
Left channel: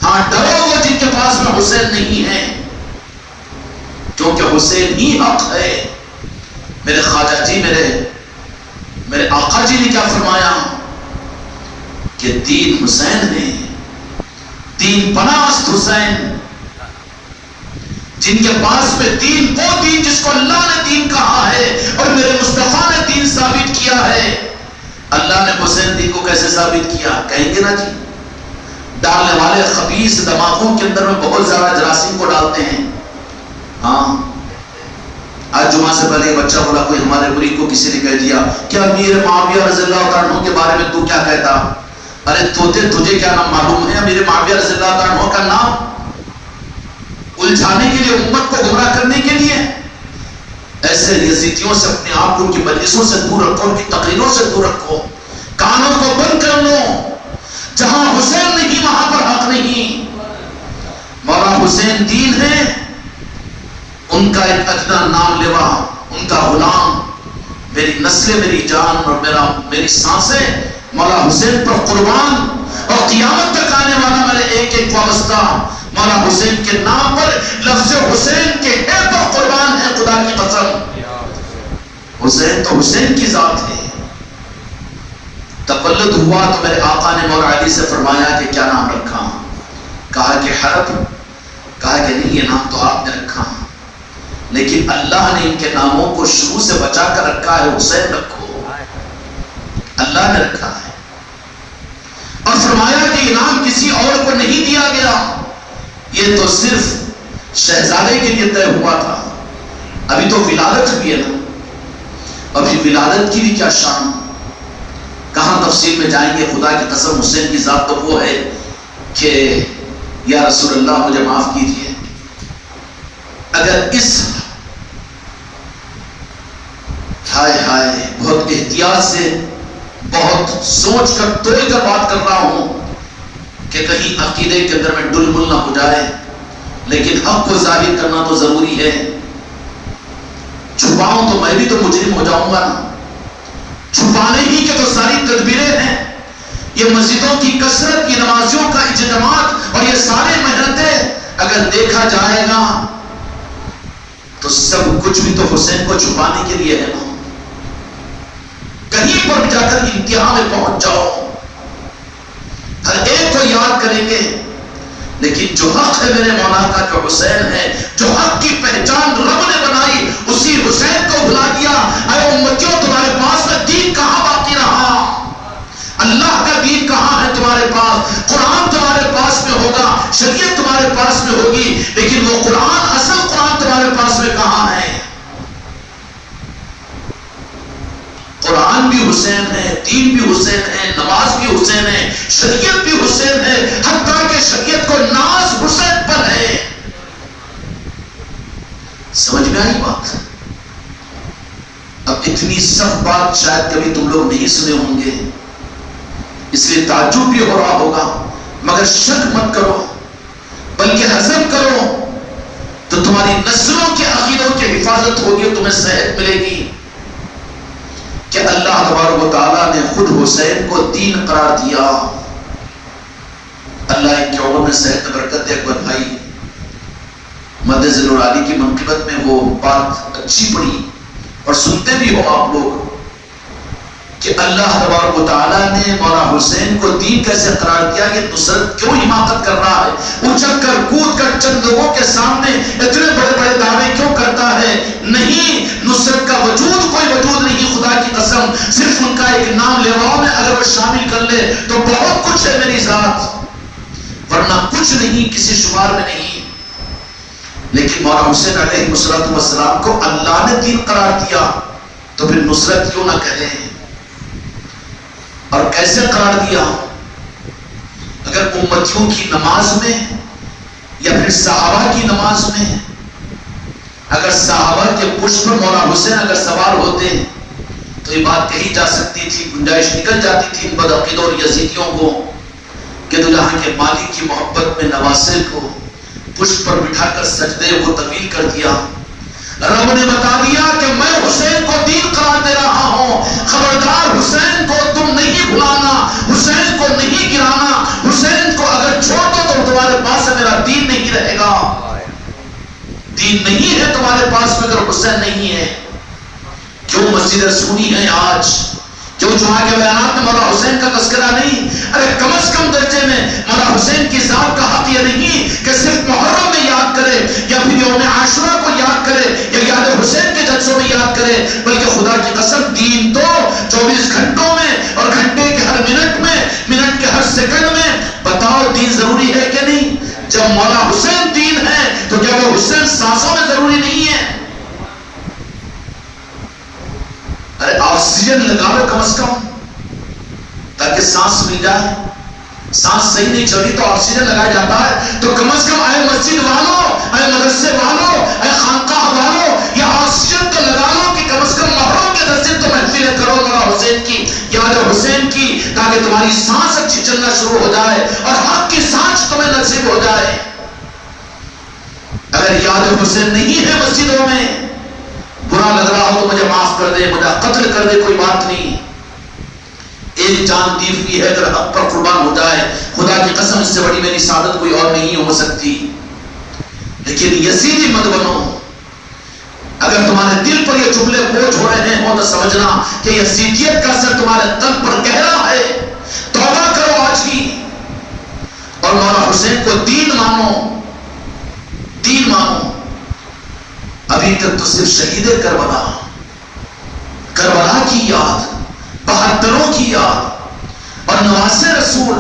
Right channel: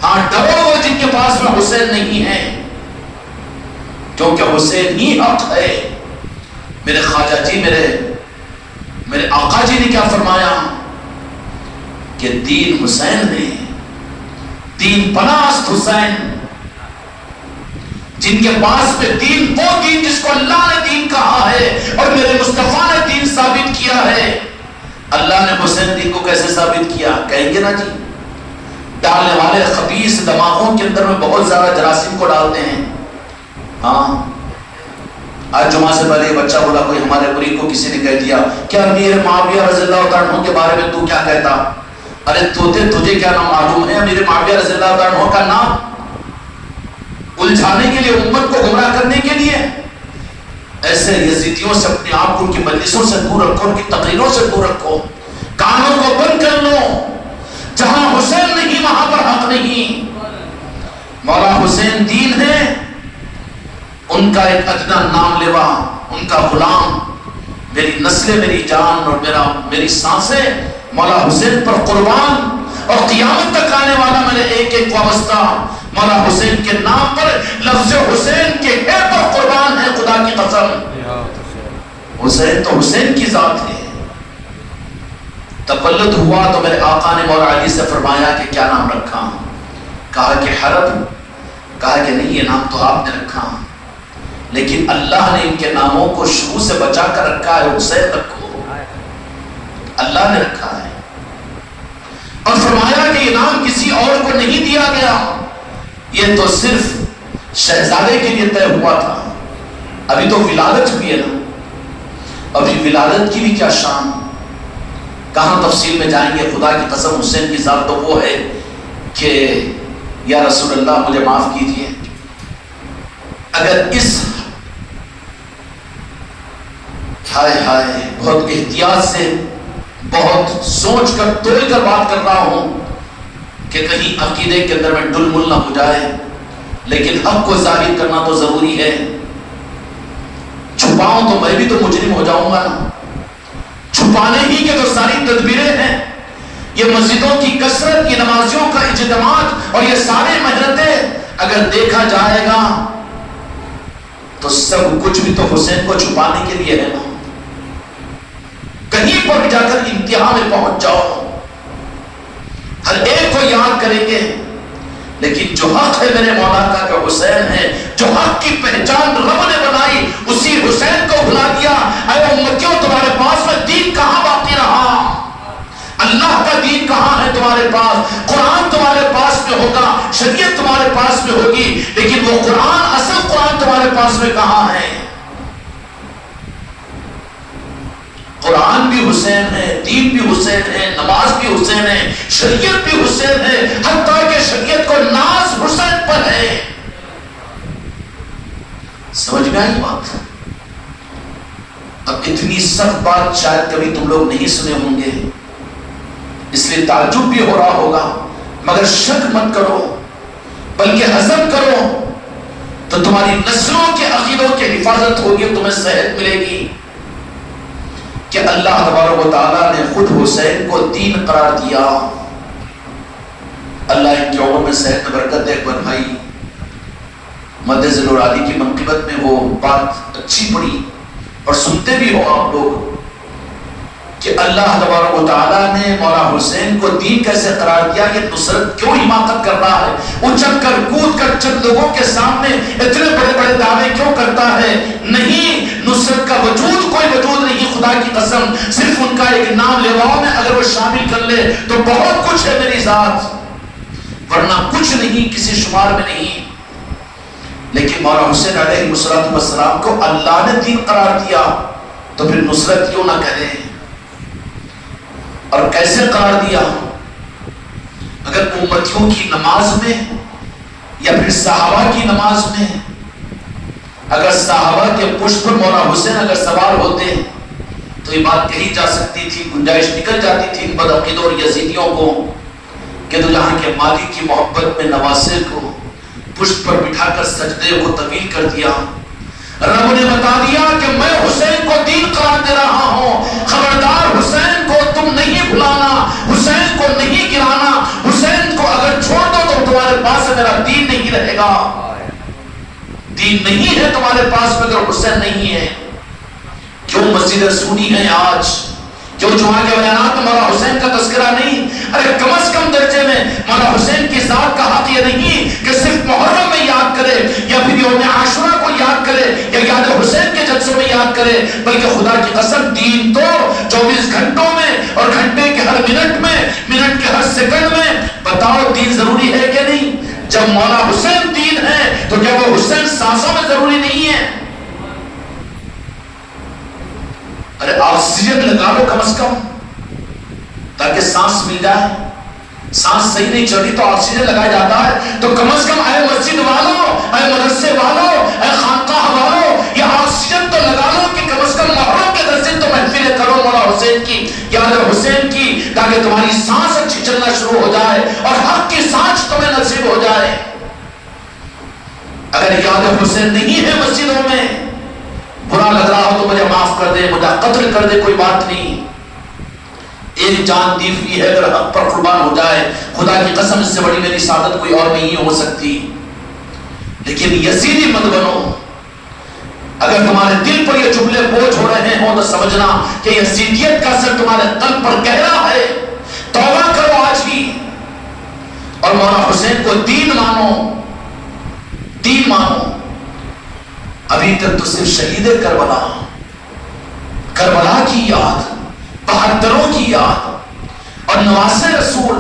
ہاں ڈرو وہ جن کے پاس میں حسین نہیں ہے، کیونکہ حسین ہی حق ہے۔ میرے خواجہ جی، میرے آقا جی نے کیا فرمایا کہ دین حسین ہے، دین پناست حسین۔ جن کے پاس میں دین، وہ دین جس کو اللہ نے دین کہا ہے اور میرے مصطفیٰ نے دین ثابت کیا ہے، اللہ نے حسین دین کو کیسے ثابت کیا؟ کہیں گے نا جی، ڈالنے والے خبیث دماغوں کے اندر میں بہت زیادہ جراثیم کو ڈالتے ہیں۔ ہاں، آج جمعہ سے پہلے یہ بچہ بولا، کوئی ہمارے مرید کو کسی نے کہہ دیا کہ امیر معاویہ رضی اللہ عنہ کے بارے میں تو کیا کہتا؟ ارے تجھے کیا نام معلوم ہے امیر معاویہ رضی اللہ عنہ کا نام؟ الجھانے کے لیے، امت کو گمراہ کرنے کے لیے۔ ایسے یزیدیوں سے اپنے آپ کو ان کی مجلسوں سے دور رکھو، ان کی تقریروں سے دور رکھو، کانوں کو بند کر لو۔ جہاں حسین نہیں وہاں پر حق نہیں۔ مولا حسین دین ہے، ان کا ایک ادنا نام لیوا، ان کا غلام، میری نسلیں، میری جان اور میری سانسیں مولا حسین پر قربان، اور قیامت تک آنے والا میرے ایک ایک وابستہ مولا حسین کے نام پر، لفظ حسین کے اے پر قربان ہے، خدا کی قسم۔ حسین تو حسین کی ذات ہے۔ تقلد ہوا تو میرے آقا نے مولا علی سے فرمایا کہ کیا نام رکھا؟ کہا کہ حرب۔ کہا کہ نہیں، یہ نام تو آپ نے رکھا، لیکن اللہ نے ان کے ناموں کو شروع سے بچا کر رکھا ہے، حسین رکھو، اللہ نے رکھا ہے۔ اور فرمایا کہ یہ نام کسی اور کو نہیں دیا گیا، یہ تو صرف شہزادے کے لیے طے ہوا تھا۔ ابھی تو ولادت ہوئی ہے نا، ابھی ولادت کی بھی کیا شان، کہاں تفصیل میں جائیں گے۔ خدا کی قسم حسین کی ذات تو وہ ہے کہ یا رسول اللہ مجھے معاف کیجئے، اگر اس ہائے بہت احتیاط سے، بہت سوچ کر توڑ کر بات کر رہا ہوں کہ کہیں عقیدے کے اندر میں ڈل مل نہ ہو جائے، لیکن حق کو ظاہر کرنا تو ضروری ہے۔ چھپاؤں تو میں بھی تو مجرم ہو جاؤں گا نا۔ چھپانے ہی کے تو ساری تدبیریں ہیں، یہ مسجدوں کی کثرت، یہ نمازیوں کا اجتماعات اور یہ سارے محنتیں، اگر دیکھا جائے گا تو سب کچھ بھی تو حسین کو چھپانے کے لیے ہے نا۔ کہیں پر جا کر انتہا میں پہنچ جاؤ، ہر ایک کو یاد کریں گے، لیکن جو حق ہے میرے مولا کا جو حسین ہے، جو حق کی پہچان رب نے بنائی، اسی حسین کو بھلا دیا۔ اے امتیوں، تمہارے پاس میں دین کہاں باقی رہا؟ اللہ کا دین کہاں ہے تمہارے پاس؟ قرآن تمہارے پاس میں ہوگا، شریعت تمہارے پاس میں ہوگی، لیکن وہ قرآن، اصل قرآن تمہارے پاس میں کہاں ہے؟ قرآن بھی حسین ہے، دین بھی حسین ہے، نماز بھی حسین ہے، شریعت بھی حسین ہے، حتیٰ کہ شریعت کو ناز حسین پر ہے۔ سمجھ میں آئی بات؟ اب اتنی سخت بات شاید کبھی تم لوگ نہیں سنے ہوں گے، اس لیے تعجب بھی ہو رہا ہوگا، مگر شک مت کرو، بلکہ ہضم کرو، تو تمہاری نسلوں کے عقیدوں کی حفاظت ہوگی، تمہیں صحت ملے گی کہ اللہ تبارک و تعالیٰ نے خود حسین کو دین قرار دیا۔ اللہ ان کے عمر میں صحت میں برکت دے۔ اکبر بھائی مد ذل عالی کی منقبت میں وہ بات اچھی پڑی اور سنتے بھی ہو آپ لوگ کہ اللہ تبارک و تعالیٰ نے مولا حسین کو دین کیسے قرار دیا، یہ نصرت کیوں حماقت کر رہا ہے، اچک کر کود کر چند لوگوں کے سامنے اتنے بڑے بڑے دعوے کیوں کرتا ہے؟ نہیں، نصرت کا وجود کوئی وجود نہیں، خدا کی قسم، صرف ان کا ایک نام لیواؤں میں اگر وہ شامل کر لے تو بہت کچھ ہے میری ذات، ورنہ کچھ نہیں، کسی شمار میں نہیں۔ لیکن مولا حسین علیہ السلام کو اللہ نے دین قرار دیا تو پھر نصرت کیوں نہ کریں؟ اور کیسے قرار دیا؟ اگر امتیوں کی نماز میں یا پھر صحابہ کی نماز میں، اگر صحابہ کے پشت پر مولا حسین اگر سوار ہوتے تو یہ بات کہی جا سکتی تھی، گنجائش نکل جاتی تھی ان بدعقیدوں اور یزیدیوں کو کہ تو جہاں کے مالک کی محبت میں نواسے کو پشت پر بٹھا کر سجدے کو طویل کر دیا۔ رب نے بتا دیا کہ میں حسین کو دین قرار دے رہا ہوں، خبردار حسین کو تم نہیں بھلانا، حسین کو نہیں گرانا، حسین کو اگر چھوڑ دو تو تمہارے پاس میرا دین نہیں رہے گا۔ دین نہیں ہے تمہارے پاس مگر حسین نہیں ہے۔ کیوں مسجد سونی ہے آج؟ کیوں جمعہ کے بیانات میں مولا حسین کا تذکرہ نہیں؟ ارے کم از کم درجے میں مولا حسین کی ذات کا حق یہ نہیں کہ صرف محرم میں یاد کرے یا پھر یوم عاشورہ کو یاد کرے یا یاد حسین کے جلسوں میں یاد کرے، بلکہ خدا کی قسم دین تو 24 گھنٹوں میں اور گھنٹے کے ہر منٹ میں، منٹ کے ہر سیکنڈ میں۔ بتاؤ دین ضروری ہے کہ نہیں؟ جب مولا حسین دین ہے تو کیا وہ حسین سانسوں میں ضروری نہیں ہے؟ ارے آکسیجن لگا لو کم از کم تاکہ سانس مل جائے۔ سانس صحیح نہیں چڑھی تو آکسیجن لگایا جاتا ہے، تو کم از کم اے مسجد والوں، اے مدرسے والوں، اے خانقاہ والوں، یہ آکسیجن تو لگا لو کہ کم از کم محرم کے درس تو محفلیں کرو مولا حسین کی، یاد حسین کی، تاکہ تمہاری سانس اچھی چلنا شروع ہو جائے اور حق کی سانس تمہیں نصیب ہو جائے۔ اگر یاد حسین نہیں ہے مسجدوں میں، برا لگ رہا ہو تو مجھے معاف کر دے، مجھے قتل کر دے، کوئی بات نہیں۔ ایک جان دی ہوئی ہے، اگر حق پر قربان ہو جائے، خدا کی قسم اس سے بڑی میری سعادت کوئی اور نہیں ہو سکتی۔ لیکن یزیدی مت بنو۔ اگر تمہارے دل پر یہ جملے بوجھ ہو رہے ہوں تو سمجھنا کہ یزیدیت کا اثر تمہارے قلب پر گہرا ہے۔ توبہ کرو آج ہی اور مولا حسین کو دین مانو، دین مانو۔ ابھی تک تو صرف شہید کربلا، کربلا کی یاد، بہادروں کی یاد اور نواسے رسول،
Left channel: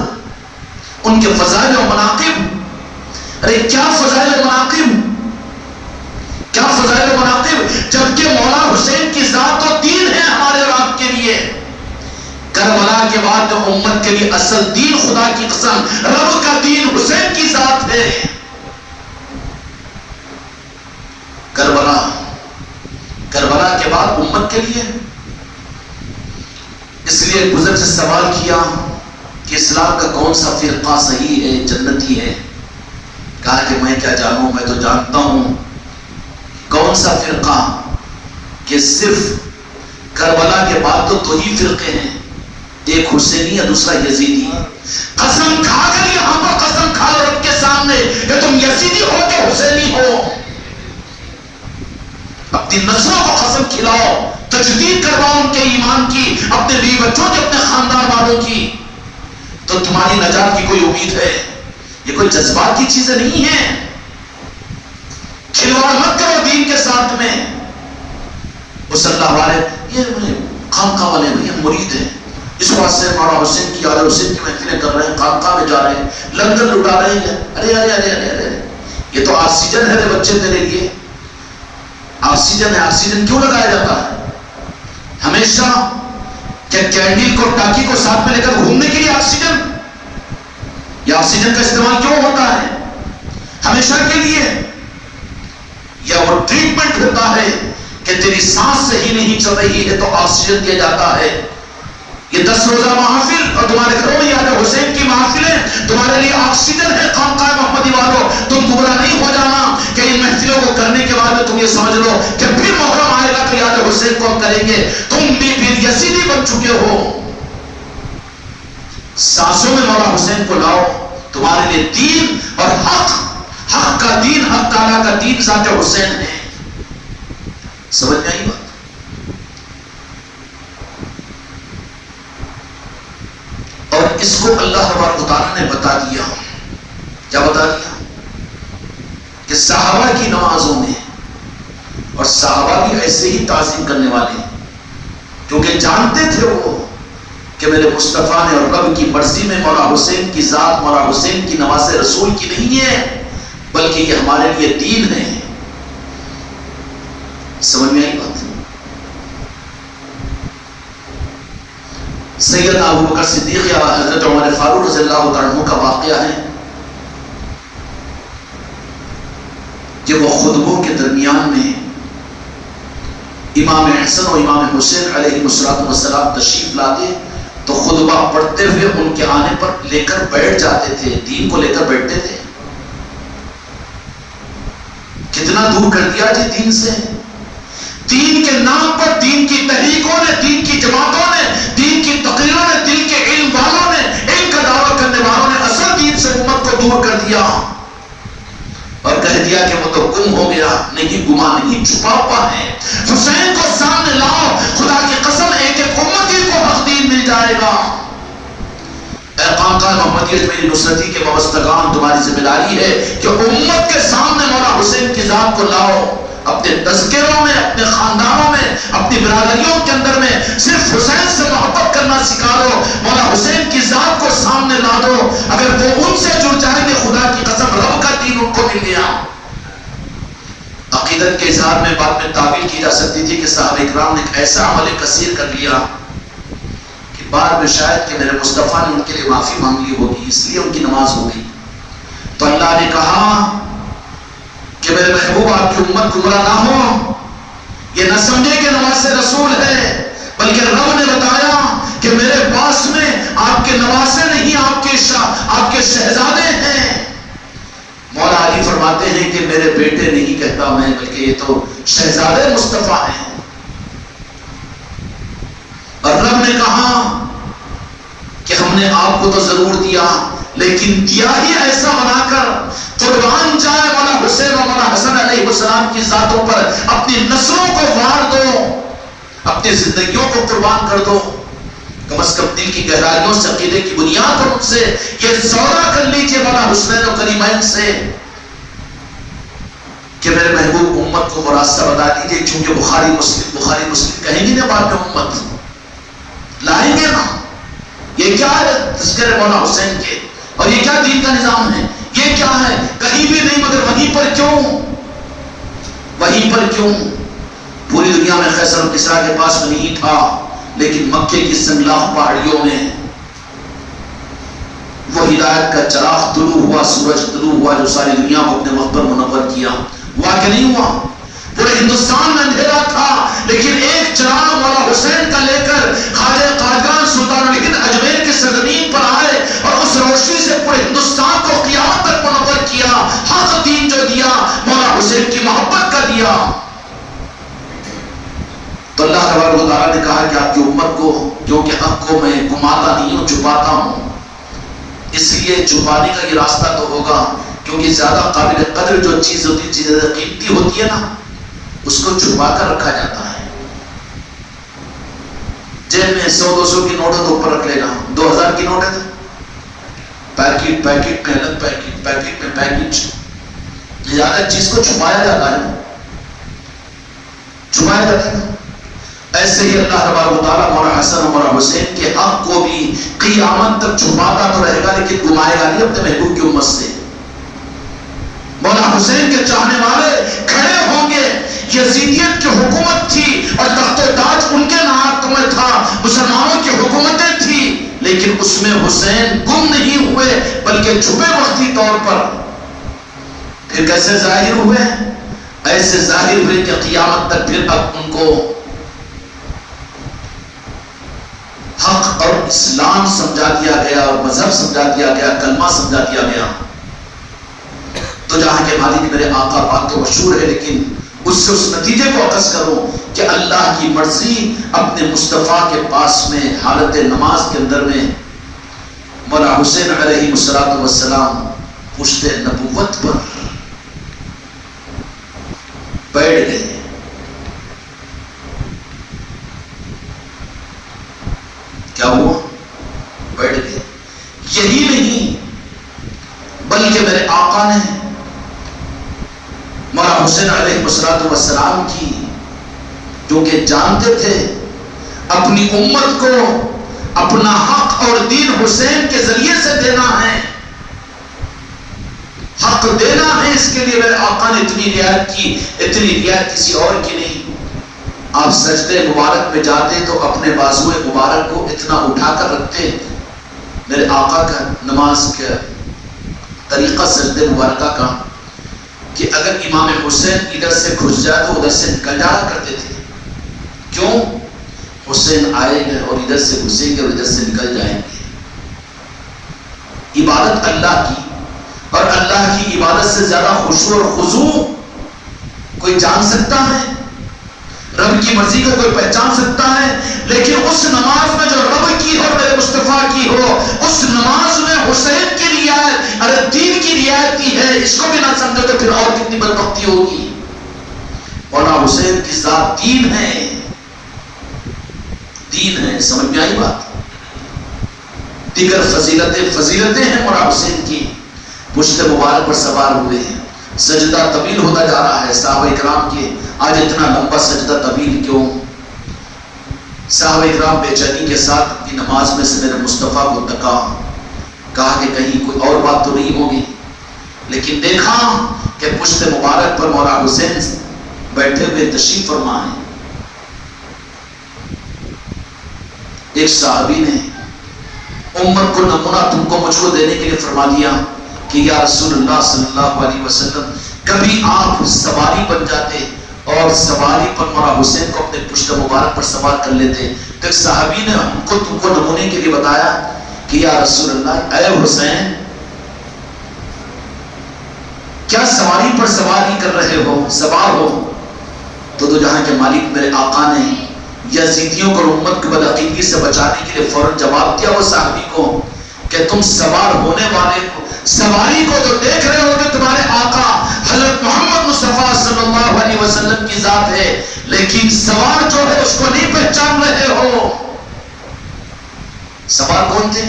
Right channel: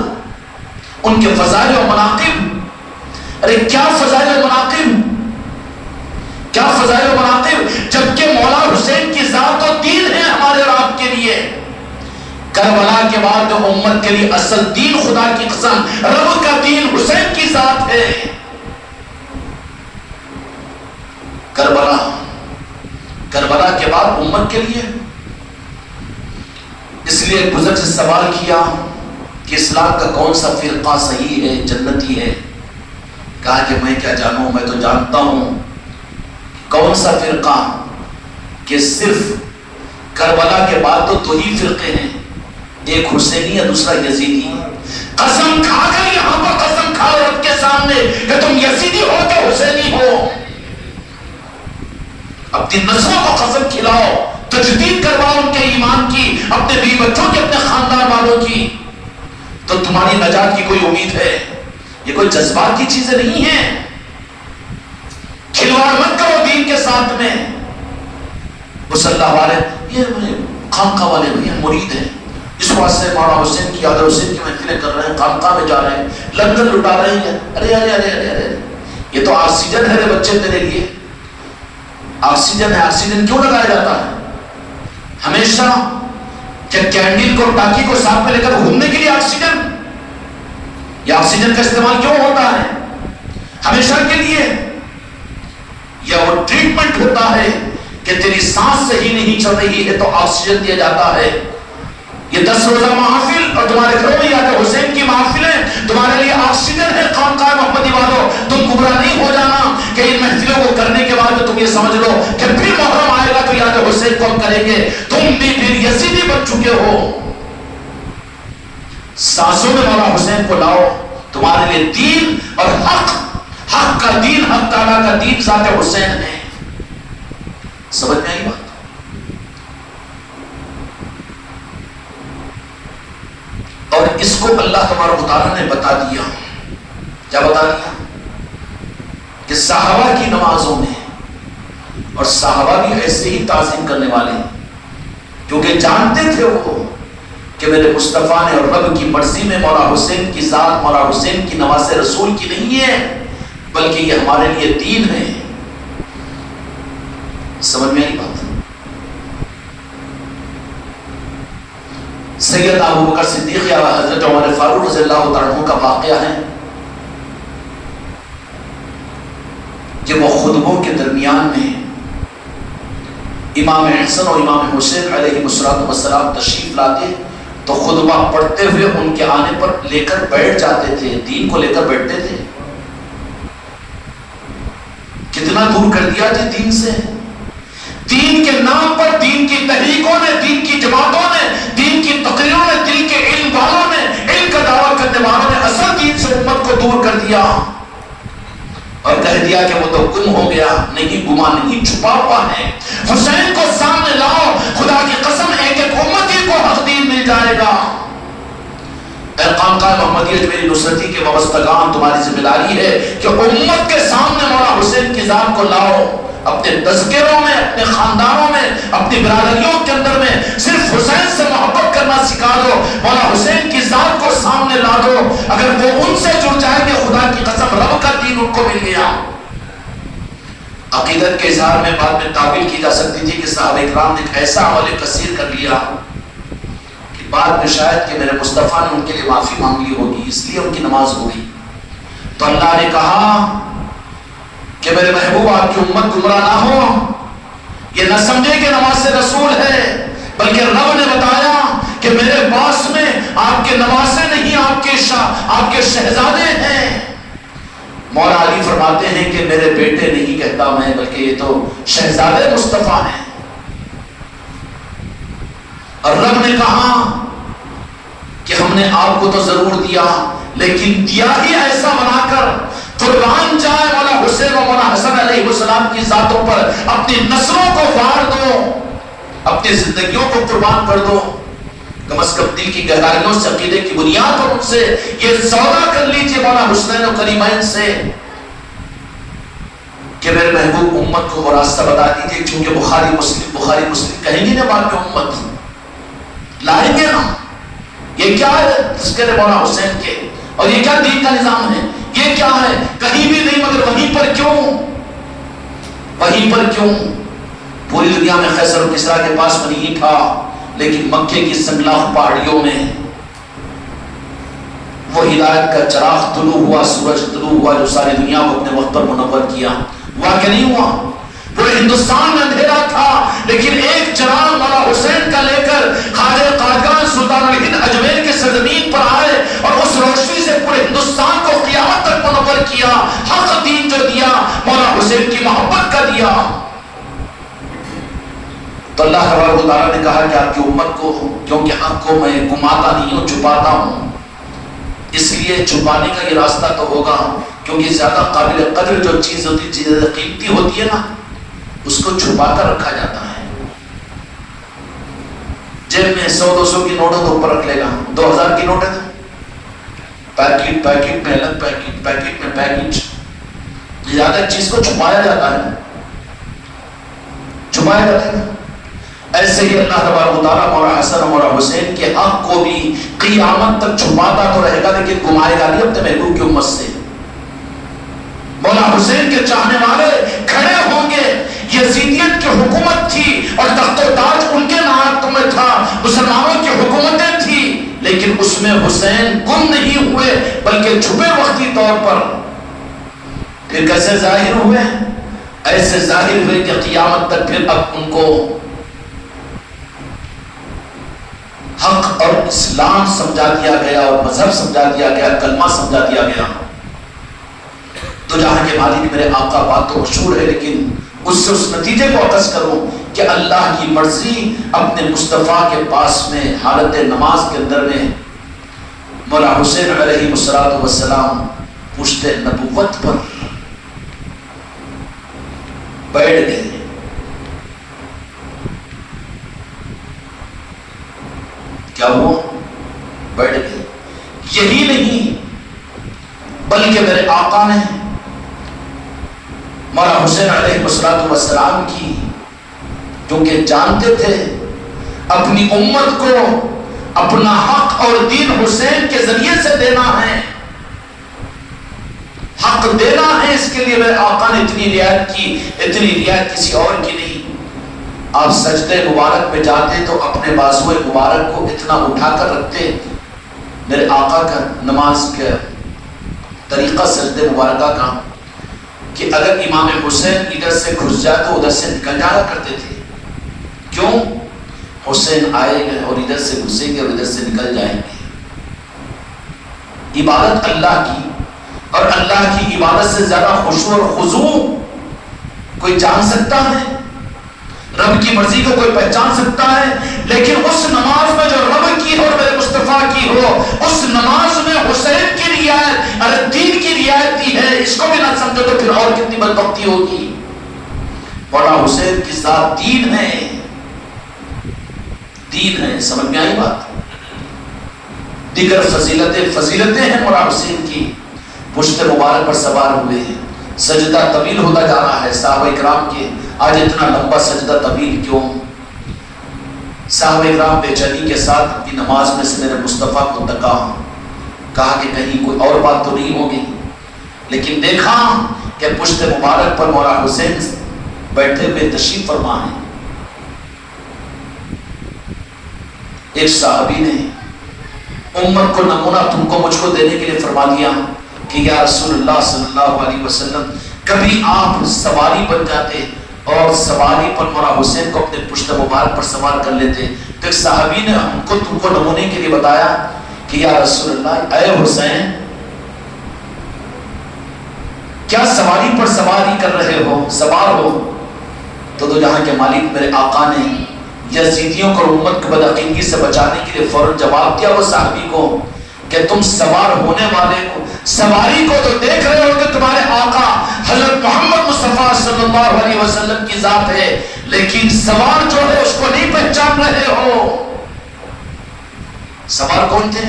ان کے فضائل و مناقب۔ ارے کیا فضائل و مناقب، کیا فضائل و مناقب، جبکہ مولا حسین کی ذات و دین ہے ہمارے اور آپ کے لیے۔ کربلا کے بعد امت کے لیے اصل دین، خدا کی قسم رب کا دین حسین کی ذات ہے۔ کربلا کے بعد امت کے لیے، اس لیے گزر سے سوال کیا کہ اسلام کا کون سا فرقہ صحیح ہے، جنتی ہے؟ کہا کہ میں کیا جانوں، میں تو جانتا ہوں کون سا فرقہ، کہ صرف کربلا کے بعد تو دو ہی فرقے ہیں، ایک حسینی یا دوسرا یزیدی۔ قسم کھا کر یہاں پر قسم کھا رب کے سامنے کہ تم یزیدی ہو کہ حسینی ہو، اپنی نسلوں کو قسم کھلاؤ، تجدید کرواؤ ان کے ایمان کی، اپنے بیوی بچوں کے، اپنے خاندان والوں کی، تو تمہاری نجات کی کوئی امید ہے۔ یہ کوئی جذبات کی چیزیں نہیں ہیں، کھلواڑ مت کرو دین کے ساتھ میں۔ اس اللہ والے یہ خانقاہ والے بھی ہم مرید ہیں، اس واسطے مولا حسین کی یاد حسین کی محفلیں کر رہے ہیں، خانقاہ میں جا رہے ہیں، لنگر لٹا رہے ہیں۔ ارے ارے ارے ارے ارے یہ تو آکسیجن ہے رے بچے تیرے لیے، آکسیجن ہے۔ آکسیجن کیوں لگایا جاتا ہے ہمیشہ؟ کیا کینڈل کو، ٹاکی کو ساتھ میں لے کر گھومنے کے لیے آکسیجن؟ یہ آکسیجن کا استعمال کیوں ہوتا ہے ہمیشہ کے لیے؟ یا وہ ٹریٹمنٹ ہوتا ہے کہ تیری سانس صحیح نہیں چل رہی ہے تو آکسیجن دیا جاتا ہے۔ یہ 10 روزہ محافل اور تمہارے گھروں میں یاد حسین کی محافلیں تمہارے لیے آکسیجن ہے۔ خانقاہ محمدی والوں، تم گمراہ نہیں ہو جانا کہ ان محفلوں کو کرنے کے بعد تم یہ سمجھ لو کہ پھر محرم آئے گا تو یاد حسین کو ہم کریں گے۔ تم بھی پھر یزیدی بن چکے ہو۔ سانسوں میں مولا حسین کو لاؤ، تمہارے لیے دین اور حق، حق کا دین، حق تعالیٰ کا دین ذات حسین ہے۔ سمجھ میں آئی بات؟ اور اس کو اللہ تبارک و تعالیٰ نے بتا دیا۔ کیا بتا دیا؟ کہ صحابہ کی نمازوں میں، اور صحابہ بھی ایسے ہی تعظیم کرنے والے، کیونکہ جانتے تھے وہ کہ میرے مصطفیٰ نے اور رب کی مرضی میں مولا حسین کی ذات مولا حسین کی نواز رسول کی نہیں ہے، بلکہ یہ ہمارے لیے دین ہے۔ سمجھ میں آئی بات؟ سید ابو بکر صدیق یا حضرت عمر فاروق رضی اللہ تعالیٰ عنہ کا واقعہ ہے کہ وہ خطبوں کے درمیان میں امام حسن اور امام حسین علیہ السلام تشریف لاتے تو خطبہ پڑھتے ہوئے ان کے آنے پر لے کر بیٹھ جاتے تھے، دین کو لے کر بیٹھتے تھے۔ کتنا دور کر دیا جی دین سے، دین کے نام پر دین کی تحریکوں نے، دین کی جماعتوں نے، دین کی تقریروں نے، دل کے علم والوں نے، علم کا دعویٰ کرنے والوں نے اصل دین سے امت کو دور کر دیا اور کہہ دیا کہ وہ تو گم ہو گیا۔ نہیں، گما نہیں، چھپا ہوا ہے۔ حسین کو سامنے لاؤ، خدا کی قسم ایک ایک امتی کو حق دین مل جائے گا۔ اے خانقاہ محمدیہ میری نصرتی کے وابستگان، تمہاری ذمہ داری ہے کہ امت کے سامنے مولا حسین کی ذات کو لاؤ۔ اپنے تذکروں میں، اپنے خاندانوں میں، اپنی برادریوں کے اندر میں صرف حسین سے محبت کرنا سکھا دو، مولا حسین کی ذات کو سامنے لا دو۔ اگر وہ ان سے جڑ جائیں گے، خدا کی قسم رب کا دین ان کو مل گیا۔ عقیدت کے اظہار میں بعد میں تعبیر کی جا سکتی تھی کہ صحابہ اکرام نے ایک ایسا عمل کثیر کر لیا کہ بعد میں شاید کہ میرے مصطفیٰ نے ان کے لیے معافی مانگ لی ہوگی، اس لیے ان کی نماز ہو گئی۔ تو اللہ نے کہا کہ میرے محبوب آپ کی امت گمراہ نہ ہو، یہ نہ سمجھے کہ نواز رسول ہے، بلکہ رب نے بتایا کہ میرے پاس میں آپ کے نواسے نہیں، آپ کے شہزادے ہیں۔ مولا علی فرماتے ہیں کہ میرے بیٹے نہیں کہتا میں، بلکہ یہ تو شہزادے مصطفیٰ ہیں۔ اور رب نے کہا کہ ہم نے آپ کو تو ضرور دیا، لیکن دیا ہی ایسا بنا کر قربان جائے مولا حسین اور مولا حسن علیہ السلام کی ذاتوں پر، اپنی نسلوں کو وار دو، اپنی زندگیوں کو قربان کر دو۔ کم از کم دل کی گہرائیوں سے، عقیدے کی بنیاد پر ان سے یہ سودا کر لیجئے مولا حسین و کریمین سے کہ میرے محبوب امت کو وہ راستہ بتا دیجئے، کیونکہ بخاری مسلم کہیں گے نا بعد میں امت لائیں گے نا۔ یہ کیا ہے تذکرے مولا حسین کے، اور یہ کیا دین کا نظام ہے، یہ کیا ہے؟ کہیں بھی نہیں، مگر وہیں پر کیوں؟ وہیں پر کیوں؟ پوری دنیا میں قیصر و کسریٰ کے پاس نہیں تھا، لیکن مکے کی سنگلاخ پہاڑیوں میں وہ ہدایت کا چراغ طلوع ہوا، سورج طلوع ہوا، جو ساری دنیا کو اپنے وقت پر منور کیا۔ ہوا کہ نہیں ہوا؟ پورے ہندوستان میں اندھیرا تھا، لیکن ایک چراغ مولا حسین کا لے کر خواجہ قادیان سلطان الہند اجمیر کی سرزمین پر آئے اور اس روشنی سے پورے ہندوستان کو قیامت تک منور کیا۔ حق دین جو دیا، مولا حسین کی محبت کا دیا۔ تو اللہ تبارک و تعالیٰ نے کہا کہ آپ کی امت کو، کیونکہ حق کو میں گماتا نہیں ہوں، چھپاتا ہوں، اس لیے چھپانے کا یہ راستہ تو ہوگا، کیونکہ زیادہ قابل قدر جو چیز ہوتی ہے، چیز قیمتی ہوتی ہے نا، اس کو چھپا کر رکھا جاتا ہے۔ جیب میں 100-200 کی نوٹ ہے تو اوپر رکھ لے گا، 2000 کی نوٹ ہے تو پیکٹ میں الگ پیکٹ میں پیکٹ، زیادہ چیز کو چھپایا جاتا ہے، چھپایا جاتا ہے۔ ایسے ہی اللہ تبارک و تعالیٰ مولا حسن اور مولا حسین کے حق کو بھی قیامت تک چھپاتا تو رہے گا، لیکن گمائے گا نہیں اپنے محبوب کی امت سے۔ مولا حسین کے چاہنے والے کھڑے ہوں گے۔ یزیدیت کی حکومت تھی اور تخت و تاج ان کے نام میں تھا، مسلمانوں کی حکومتیں تھی، لیکن اس میں حسین گم نہیں ہوئے، بلکہ چھپے وقتی طور پر۔ پھر کیسے ظاہر ہوئے؟ ایسے ظاہر ہوئے کہ قیامت تک پھر اب ان کو حق اور اسلام سمجھا دیا گیا، مذہب سمجھا دیا گیا، کلمہ سمجھا دیا گیا۔ تو جہاں کے مالک میرے آقا بات تو مشہور ہے، لیکن اس سے اس نتیجے کو اخذ کرو کہ اللہ کی مرضی اپنے مصطفیٰ کے پاس میں حالت نماز کے اندر میں مولا حسین علیہ السلام پشت نبوت پر بیٹھ گئے۔ کیا ہوا؟ بیٹھ گئے۔ یہی نہیں بلکہ میرے آقا نے مولا حسین علیہ السلام کی، جو کہ جانتے تھے اپنی امت کو اپنا حق اور دین حسین کے ذریعے سے دینا ہے، حق دینا ہے. اس کے لیے میرے آقا نے اتنی رعایت کی، اتنی رعایت کسی اور کی نہیں. آپ سجدے مبارک میں جاتے تو اپنے بازو مبارک کو اتنا اٹھا کر رکھتے. میرے آقا کا نماز کا طریقہ سجدے مبارکہ کا کہ اگر امام حسین ادھر سے گھس جائے تو ادھر سے نکل جایا کرتے تھے. کیوں؟ حسین آئے گے اور ادھر سے گھسیں گے اور ادھر سے نکل جائیں گے. عبادت اللہ کی، اور اللہ کی عبادت سے زیادہ خشوع اور خضوع کوئی جان سکتا ہے؟ رب کی مرضی کو کوئی پہچان سکتا ہے؟ لیکن اس نماز میں جو رب کی ہو، میرے مصطفیٰ کی ہو، اس نماز میں حسین کی رعایت، ارے دین کی رعایت دی ہے. اس کو بھی نہ سمجھے تو پھر اور کتنی بدبختی ہوگی. مولانا حسین کی ذات دین ہے، دین ہے. سمجھ میں آئی بات؟ دیگر فضیلتیں ہیں مولانا حسین کی. پشت مبارک پر سوار ہوئے ہیں، سجدہ طویل ہوتا جا رہا ہے. صحابہ کرام کے آج اتنا لمبا سجدہ طویل کیوں؟ صحابہ کرام بے چینی کے ساتھ اپنی نماز میں سے میرے مصطفیٰ کو تکا، کہا کہ کہیں کوئی اور بات تو نہیں ہوگی. لیکن دیکھا کہ پشت مبارک پر مولانا حسین بیٹھے ہوئے تشریف فرما ہیں. ایک صحابی نے امت کو نمونہ تم کو مجھ کو دینے کے لیے فرما دیا کہ یا رسول اللہ صلی اللہ علیہ وسلم، کبھی آپ سواری بن جاتے اور سواری پر مولانا حسین کو اپنے پشت مبارک پر سوار کر لیتے. تو ایک صحابی نے ہم کو تم کو نمونے کے لیے بتایا کہ یا رسول اللہ، اے حسین، کیا سواری پر سواری کر رہے ہو، سوار ہو؟ تو جہاں کے مالک میرے آقا نے یزیدیوں کو امت کو بدعقیدگی سے بچانے کے لیے فوراً جواب دیا وہ صحابی کو کہ تم سوار ہونے والے کو، سواری کو تو دیکھ رہے ہو کہ تمہارے آقا حضرت محمد مصطفیٰ صلی اللہ علیہ وسلم کی ذات ہے، لیکن سوار جو ہے اس کو نہیں پہچان رہے ہو. سوار کون تھے؟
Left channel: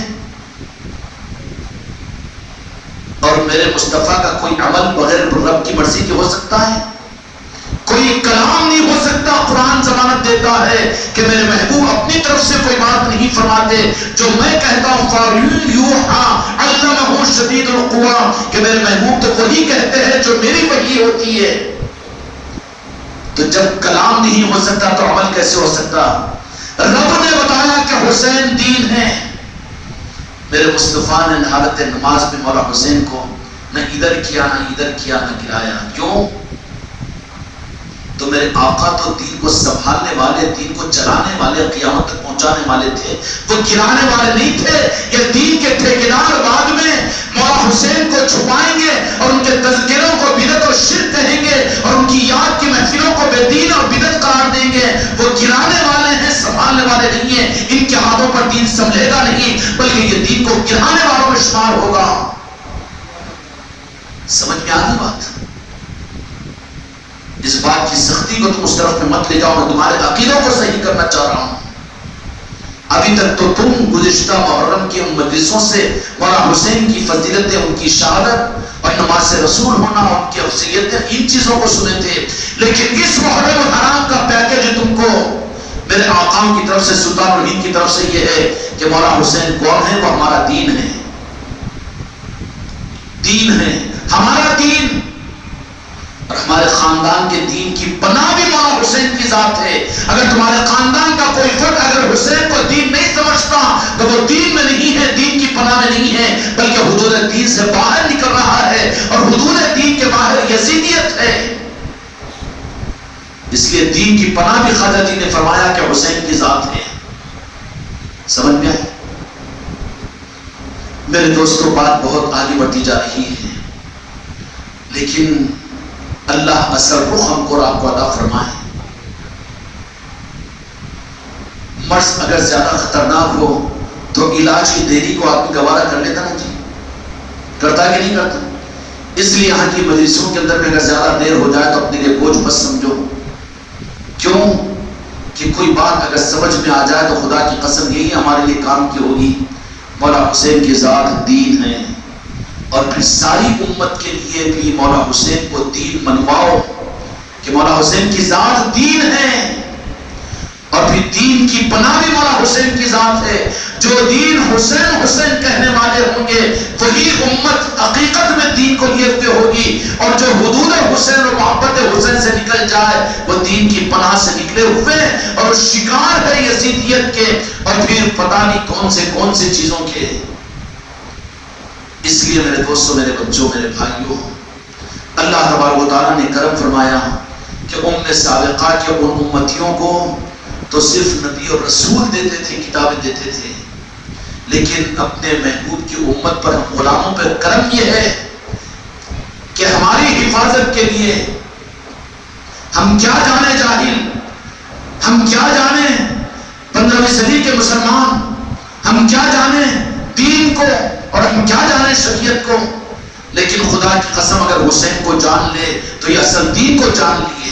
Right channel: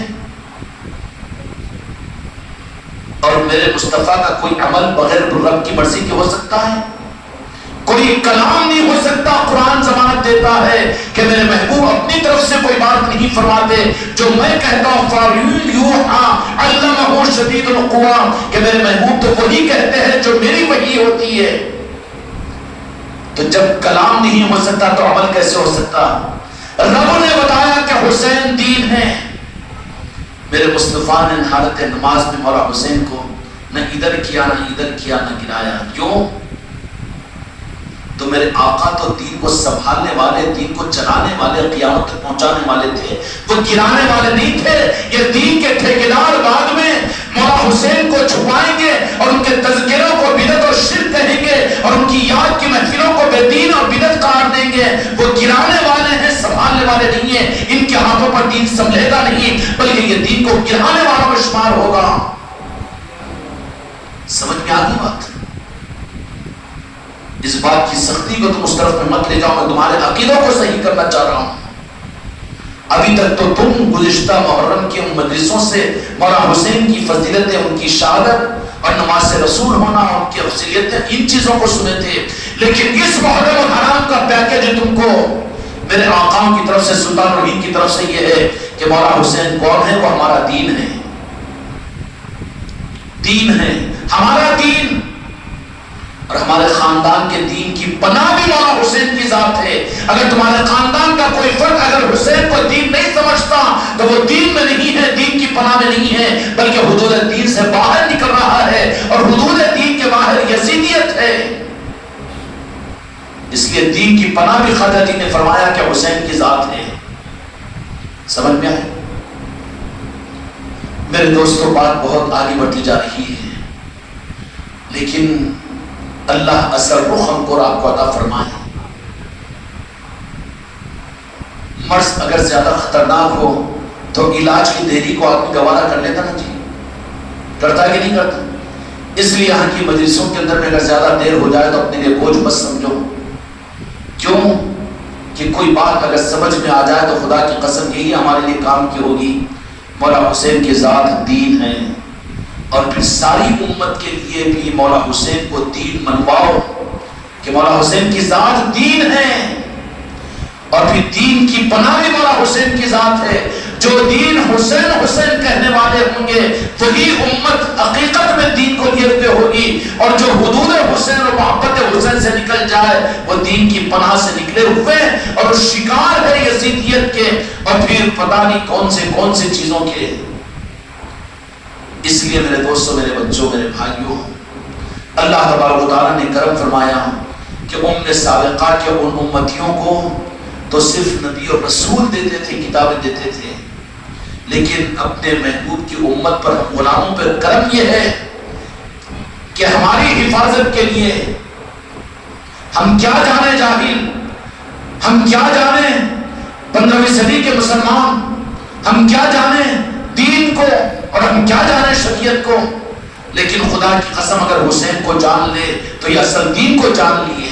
اور میرے مصطفیٰ کا کوئی عمل بغیر رب کی مرضی کے ہو سکتا ہے؟ کوئی کلام نہیں ہو سکتا. قرآن ضمانت دیتا ہے کہ میرے محبوب اپنی طرف سے کوئی بات نہیں فرماتے. جو میں کہتا ہوں فَيُوحَىٰ عَلَّمَهُ شَدِيدُ الْقُوَىٰ، کہ میرے محبوب تو وہی کہتے ہیں جو میری وحی ہوتی ہے. تو جب کلام نہیں ہو سکتا تو عمل کیسے ہو سکتا؟ رب نے بتایا کہ حسین دین ہے. میرے مصطفیٰ نے حالت نماز میں مولا حسین کو نہ ادھر کیا نہ ادھر کیا نہ گرایا. کیوں؟ تو میرے آقا تو دین کو سنبھالنے والے، دین کو چلانے والے، قیامت تک پہنچانے والے تھے، وہ گرانے والے نہیں تھے. یہ دین کے ٹھیکیدار بعد میں مولا حسین کو چھپائیں گے اور ان کے تذکروں کو بدعت اور شرک کہیں گے اور ان کی یاد کی محفلوں کو بے دین اور بدعت قرار دیں گے. وہ گرانے والے ہیں، سنبھالنے والے نہیں ہیں. ان کے ہاتھوں پر دین سنبھلے گا نہیں، بلکہ یہ دین کو گرانے والوں میں شمار ہوگا. سمجھ میں آ گئی بات؟ اس بات کی سختی کو تم اس طرف میں مت لے جاؤ. میں تمہارے عقیدوں کو صحیح کرنا چاہ رہا ہوں. ابھی تک تو تم گزشتہ محرم کے ان مجلسوں سے مولانا حسین کی فضیلتیں، ان کی شہادت اور نماز رسول ہونا، ان کی افضلیتیں، ان چیزوں کو سنے تھے. لیکن اس محرم الحرام کا پیکیج تم کو میرے آقاؤں کی طرف سے، سلطان رحیم کی طرف سے یہ ہے کہ مولانا حسین کون ہے؟ وہ ہمارا دین ہے. دین ہے ہمارا دین، اور ہمارے خاندان کے دین کی پناہ بھی مولا حسین کی ذات ہے. اگر تمہارے خاندان کا کوئی فرد اگر حسین کو دین نہیں سمجھتا تو وہ دین میں نہیں ہے، دین کی پناہ میں نہیں ہے، بلکہ حدود دین سے باہر نکل رہا ہے. اور حدود دین کے باہر یزیدیت ہے. اس لیے دین کی پناہ بھی خواجہ جی نے فرمایا کہ حسین کی ذات ہے. سمجھ میں آئے؟ میرے دوستوں، بات بہت آگے بڑھتی جا رہی ہے، لیکن اللہ اثر رخ ہم کو اور آپ کو عطا فرمائے. مرض اگر زیادہ خطرناک ہو تو علاج کی دیری کو آدمی گوارا کر لیتا نا جی، کرتا ہے کہ نہیں کرتا؟ اس لیے یہاں کی مجلسوں کے اندر میں اگر زیادہ دیر ہو جائے تو اپنے لیے بوجھ مت سمجھو. کیوں کہ کوئی بات اگر سمجھ میں آ جائے تو خدا کی قسم یہی ہمارے لیے کام کی ہوگی. مولا حسین کی ذات دین ہے، اور پھر ساری امت کے لیے بھی مولا حسین کو دین منواؤ کہ مولا حسین کی ذات دین ہے، اور پھر دین کی پناہ بھی مولا حسین کی ذات ہے. جو دین حسین حسین کہنے والے ہوں گے وہی امت حقیقت میں دین کو لیے ہوئے ہوگی، اور جو حدود حسین و محبت حسین سے نکل جائے وہ دین کی پناہ سے نکلے ہوئے اور شکار ہے یزیدیت کے اور پھر پتہ نہیں کون سے چیزوں کے۔ اس لیے میرے دوستوں، میرے بچوں، میرے بھائیوں، اللہ تبارک و تعالیٰ نے کرم فرمایا کہ ام سابقہ کے ان امتیوں کو تو صرف نبی اور رسول دیتے تھے، کتابیں دیتے تھے، لیکن اپنے محبوب کی امت پر غلاموں پر کرم یہ ہے کہ ہماری حفاظت کے لیے ہم کیا جانے جاہل، ہم کیا جانے 15ویں صدی کے مسلمان، ہم کیا جانے دین کو اور ہم کیا جانے شریعت کو، لیکن خدا کی قسم اگر حسین کو جان لے تو یہ اصل دین کو جان لیے،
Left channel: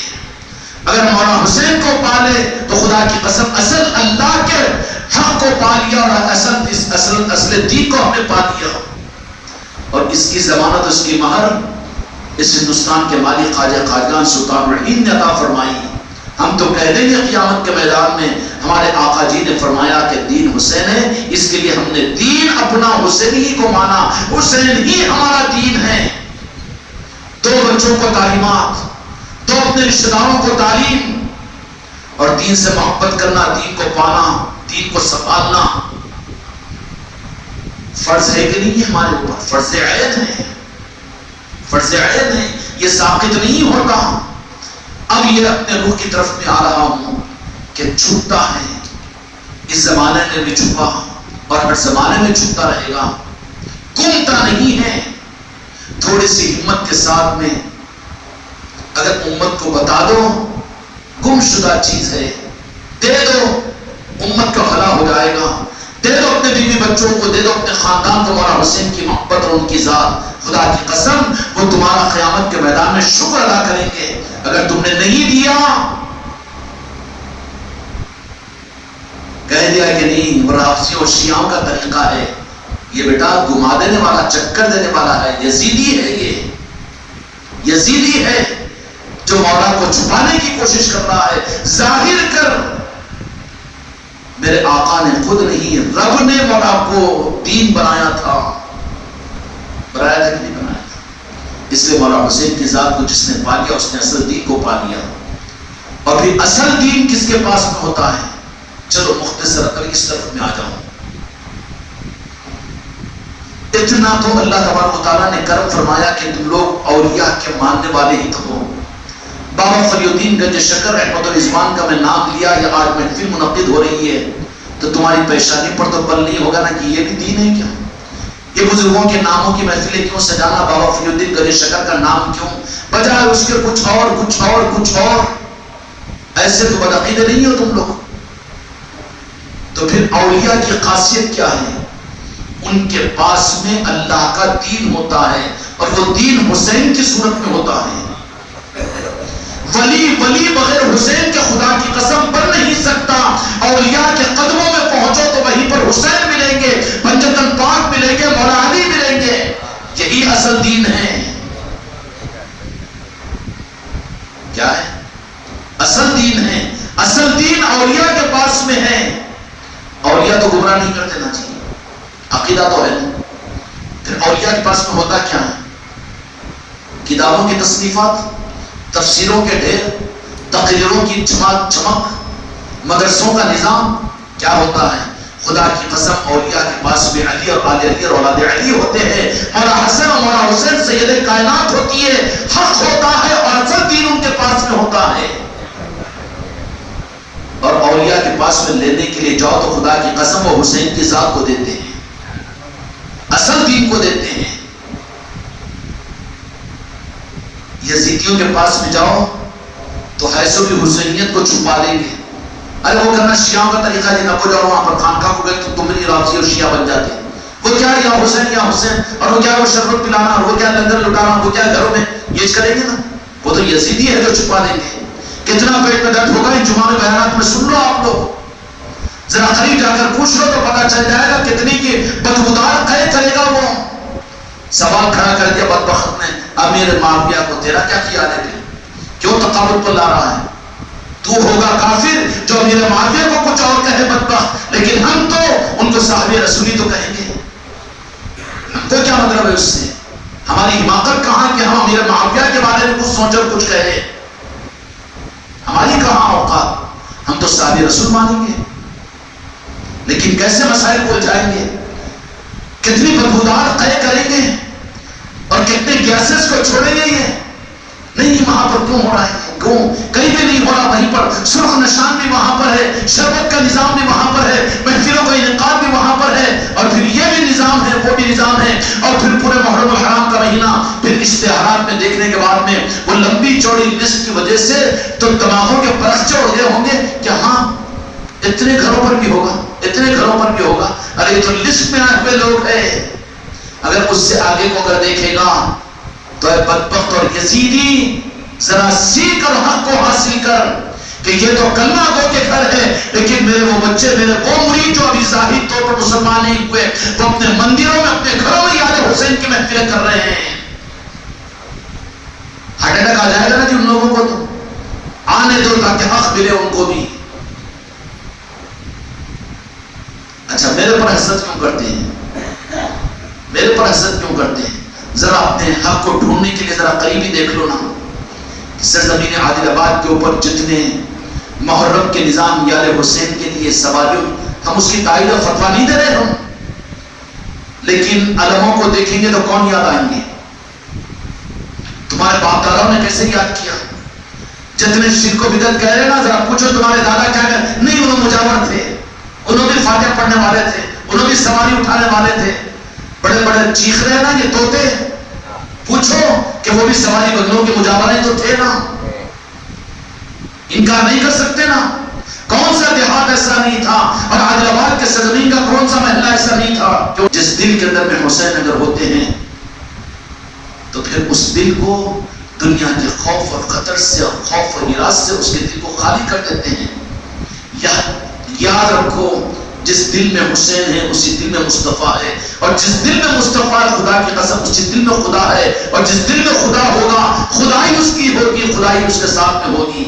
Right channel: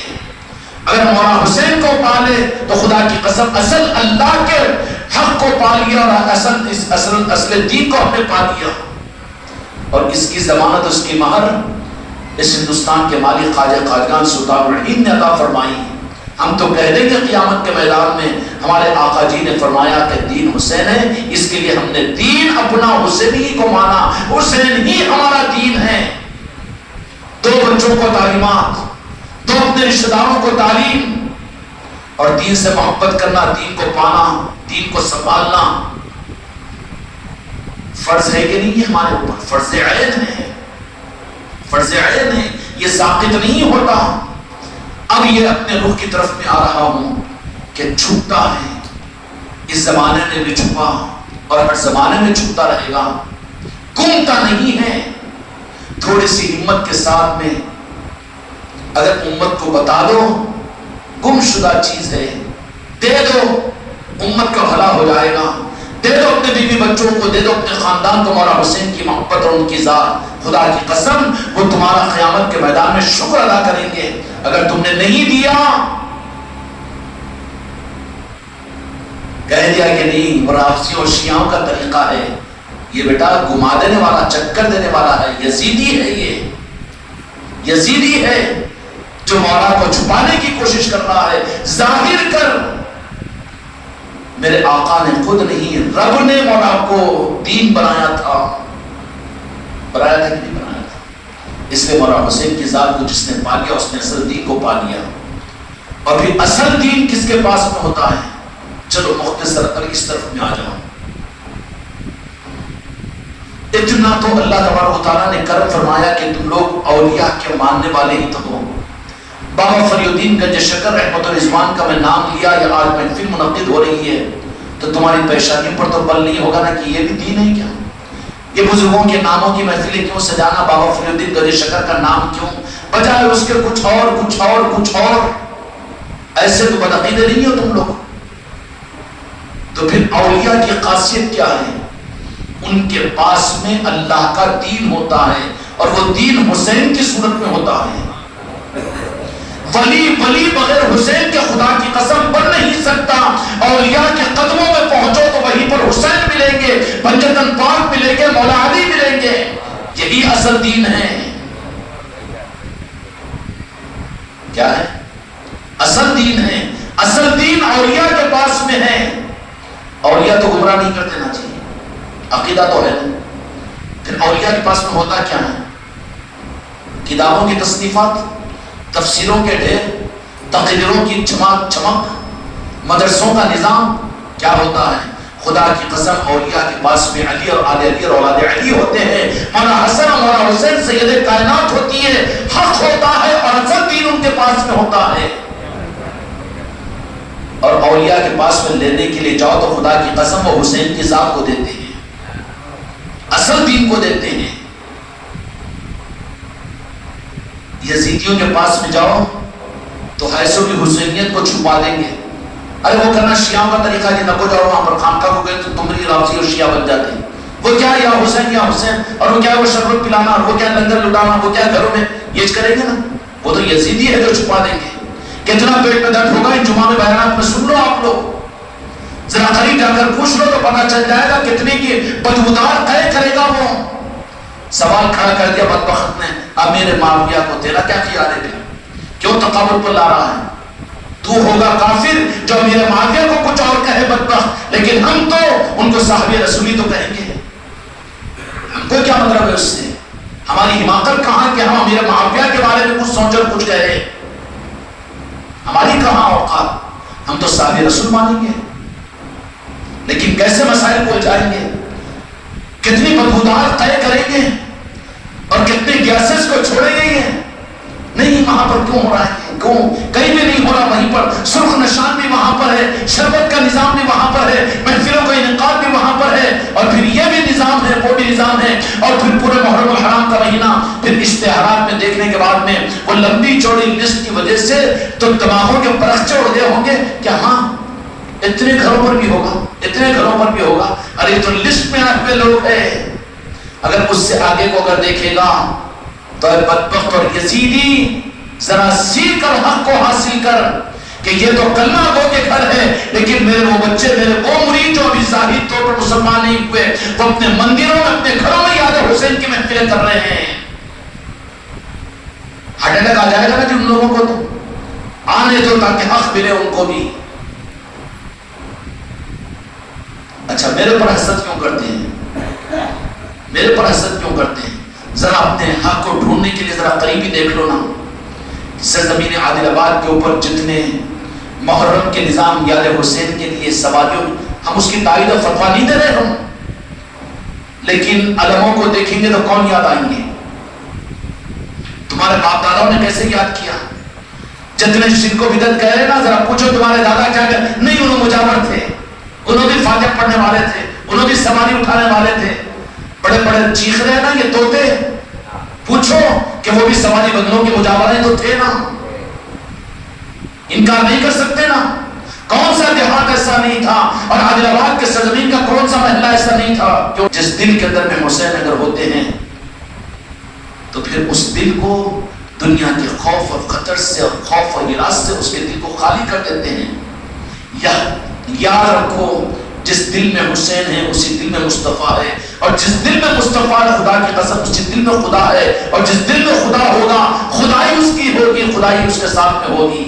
اگر مولانا حسین کو پالے تو خدا کی قسم اصل اللہ کے حق کو پا لیا اور اصل دین کو ہم نے پا لیا۔ اور اس کی ضمانت، اس کی مہر اس ہندوستان کے مالک خواجہ خواجگان سلطان الہند نے عطا فرمائی۔ ہم تو کہہ دیں گے قیامت کے میدان میں ہمارے آقا جی نے فرمایا کہ دین حسین ہے، اس کے لیے ہم نے دین اپنا حسین ہی کو مانا، حسین ہی ہمارا دین ہے۔ دو بچوں کو تعلیمات، دو اپنے رشتہ داروں کو تعلیم، اور دین سے محبت کرنا، دین کو پانا، دین کو سنبھالنا فرض ہے کہ نہیں؟ ہے ہمارے اوپر فرض عین ہے، فرض عین ہے، یہ ساقط نہیں ہوتا۔ اب یہ اپنے روح کی طرف میں آ رہا ہوں کہ چھپتا ہے، اس زمانے میں بھی چھپا اور ہر زمانے میں چھپتا رہے گا، گمتا نہیں ہے۔ تھوڑی سی ہمت کے ساتھ میں اگر امت کو بتا دو گم شدہ چیز ہے، دے دو، امت کا بھلا ہو جائے گا۔ دے دو اپنے بیوی بچوں کو، دے دو اپنے خاندان کو مولا حسین کی محبت اور ان کی ذات، خدا کی قسم وہ تمہارا قیامت کے میدان میں شکر ادا کریں گے۔ اگر تم نے نہیں دیا، کہہ دیا کہ نہیں رافضی اور شیعوں کا طریقہ ہے، یہ بیٹا گما دینے والا، چکر دینے والا ہے، یزیدی ہے، یہ یزیدی ہے جو مولا کو چھپانے کی کوشش کر رہا ہے۔ ظاہر کر، میرے آقا نے خود نہیں، رب نے مولا کو دین بنایا تھا، بنایا تھا کہ نہیں بنایا تھا؟ اس لیے مولا حسین کی ذات کو جس نے پا لیا اس نے اصل دین کو پا لیا۔ اور پھر اصل دین کس کے پاس میں ہوتا ہے؟ چلو مختصر اب اس طرف میں آ جاؤں۔ اتنا تو اللہ تبارک و تعالیٰ نے کرم فرمایا کہ تم لوگ اولیاء کے ماننے والے ہی تو ہو۔ بابا فری الدین گنج شکر رحمت الرضوان کا میں نام لیا، یا آج محفل منعقد ہو رہی ہے تو تمہاری پیشانی پر تو بل نہیں ہوگا نا کہ یہ بھی دین ہے کیا؟ یہ بزرگوں کے ناموں کی محفلیں کیوں سجانا؟ بابا فری الدین گنج شکر کا نام کیوں بجائے اس کے کچھ اور کچھ اور کچھ اور؟ ایسے تو بدعقیدے نہیں ہو تم لوگ۔ تو پھر اولیاء کی خاصیت کیا ہے؟ ان کے پاس میں اللہ کا دین ہوتا ہے، اور وہ دین حسین کی صورت میں ہوتا ہے۔ ولی بغیر حسین کے خدا کی قسم بن نہیں سکتا۔ اولیاء کے قدموں میں پہنچو تو وہیں پر حسین ملیں گے، پنجتن پاک ملیں گے، مولا علی ملیں گے۔ یہی اصل دین ہے۔ کیا ہے؟ اصل دین ہے۔ اصل دین اولیاء کے پاس میں ہے۔ اولیاء تو گمراہ نہیں کرتے نا جی، عقیدہ تو ہے نا۔ پھر اولیاء کے پاس میں ہوتا کیا ہے؟ کتابوں کی تصنیفات، تفسیروں کے ڈھیر، تقریروں کی چمک، مدرسوں کا نظام کیا ہوتا ہے؟ خدا کی قسم اولیاء کے پاس میں علی اور آل علی اور اولاد علی ہوتے ہیں، مولا حسن اور مولا حسین سید کائنات ہوتی ہے، حق ہوتا ہے اور اصل دین ان کے پاس میں ہوتا ہے۔ اور اولیاء کے پاس میں لینے کے لیے جاؤ تو خدا کی قسم وہ حسین کی ذات کو دیتے ہیں، اصل دین کو دیتے ہیں۔ یزیدیوں کے پاس میں جاؤ تو حیث بھی حسینیت کو چھپا دیں گے۔ ارے وہ کرنا شیعوں کا طریقہ جی، نہ کو جاؤ وہاں پر خانقاہ کو گئے تو تمری رافضی اور شیعہ بن جاتے ہیں۔ وہ کیا یا حسین یا حسین، اور وہ کیا وہ شربت پلانا، اور وہ کیا لنگر لٹانا، وہ کیا گھروں میں یہ کریں گے نا، وہ تو یزیدی ہے جو چھپا دیں گے۔ کتنا پیٹ میں درد ہوگا ان جمعہ میں بیانات میں سن لو آپ لوگ، ذرا قریب جا کر پوچھ لو تو پتہ چل جائے گا کتنی کی بدبودار قید کرے گا وہ۔ سوال کھڑا کر دیا بدبخت نے، امیر معاویہ کو تیرا کیا خیال ہے؟ کیوں تقابل پر لا رہا ہے؟ تو ہوگا کافر جو امیر معاویہ کو کچھ اور کہے بدبخت، لیکن ہم تو ان کو کو صحابی رسولی تو کہیں گے، ہم کو کیا مطلب ہے اس سے؟ ہماری حماقت کہاں کہ ہم امیر معاویہ کے بارے میں کچھ سوچ اور کچھ کہہ رہے ہیں؟ ہماری کہاں اوقات؟ ہم تو صحابی رسول مانیں گے، لیکن کیسے مسائل کو الجھائیں گے، کتنی بدبودار طے کریں گے اور کتنے گیسز کو چھوڑیں گے؟ یہ نہیں وہاں پر کیوں ہو رہا ہے، کیوں کہیں بھی نہیں ہو رہا، وہیں پر سرخ نشان بھی وہاں پر ہے، شربت کا نظام بھی وہاں پر ہے، محفلوں کا انعقاد بھی وہاں پر ہے، اور پھر یہ بھی نظام ہے، وہ بھی نظام ہے، اور پھر پورے محرم الحرام کا مہینہ، پھر اشتہارات میں دیکھنے کے بعد میں وہ لمبی چوڑی لسٹ کی وجہ سے تو دماغوں کے پرسچر ہو گئے ہوں گے کہ ہاں اتنے گھروں پر بھی ہوگا، اتنے گھروں پر بھی ہوگا، ارے تو لسٹ میں آئے ہوئے لوگ ہیں۔ اگر اس سے آگے کو اگر دیکھے گا تو اے بدبخت اور یزیدی، ذرا سیکھ کر حق کو حاصل کر کہ یہ تو کلمہ گو کے گھر ہے، لیکن میرے وہ بچے، میرے وہ مرید جو ابھی ظاہری طور پر مسلمان نہیں ہوئے، وہ اپنے مندروں میں، اپنے گھروں میں یاد حسین کی محفلیں کر رہے ہیں۔ ہارٹ اٹیک آ جائے گا نا جن لوگوں کو، تو آنے دو تاکہ حق ملے ان کو بھی۔ اچھا میرے پر حسد کیوں کرتے ہیں؟ میرے پر حسد کیوں کرتے ہیں؟ ذرا اپنے حق کو ڈھونڈنے کے لیے ذرا قریبی دیکھ لو نا، سرزمین عادل آباد کے اوپر جتنے محرم کے نظام یاد حسین کے لیے سواریوں، ہم اس کی تائید و فتویٰ نہیں دے رہے ہم، لیکن علموں کو دیکھیں گے تو کون یاد آئیں گے؟ تمہارے باپ دادا نے کیسے یاد کیا؟ جتنے شرک و بدعت کہہ رہے نا، ذرا پوچھو تمہارے دادا کیا کہہ؟ نہیں، انہوں مجاور تھے، انہوں بھی فاتح پڑھنے والے تھے، انہوں بھی سواری اٹھانے والے تھے، بڑے بڑے چیخ رہے ہیں نا یہ طوطے، پوچھو کہ وہ بھی سواری بگلوں کے مجاوریں تو تھے نا، انکار نہیں کر سکتے نا۔ کون سا دیہات ایسا نہیں تھا، اور عادل آباد کے سرزمین کا کون سا محلہ ایسا نہیں تھا کہ جس دل کے اندر میں حسین اگر ہوتے ہیں تو پھر اس دل کو دنیا کے خوف اور خطر سے، اور خوف اور ہراس سے اس کے دل کو خالی کر دیتے ہیں۔ یاد رکھو، جس دل میں حسین ہے اسی دل میں مصطفیٰ ہے، اور جس دل میں مصطفیٰ ہے خدا کی قسم اسی دل میں خدا ہے، اور جس دل میں خدا ہوگا خدائی اس کی ہوگی، خدائی اس کے ساتھ میں ہوگی۔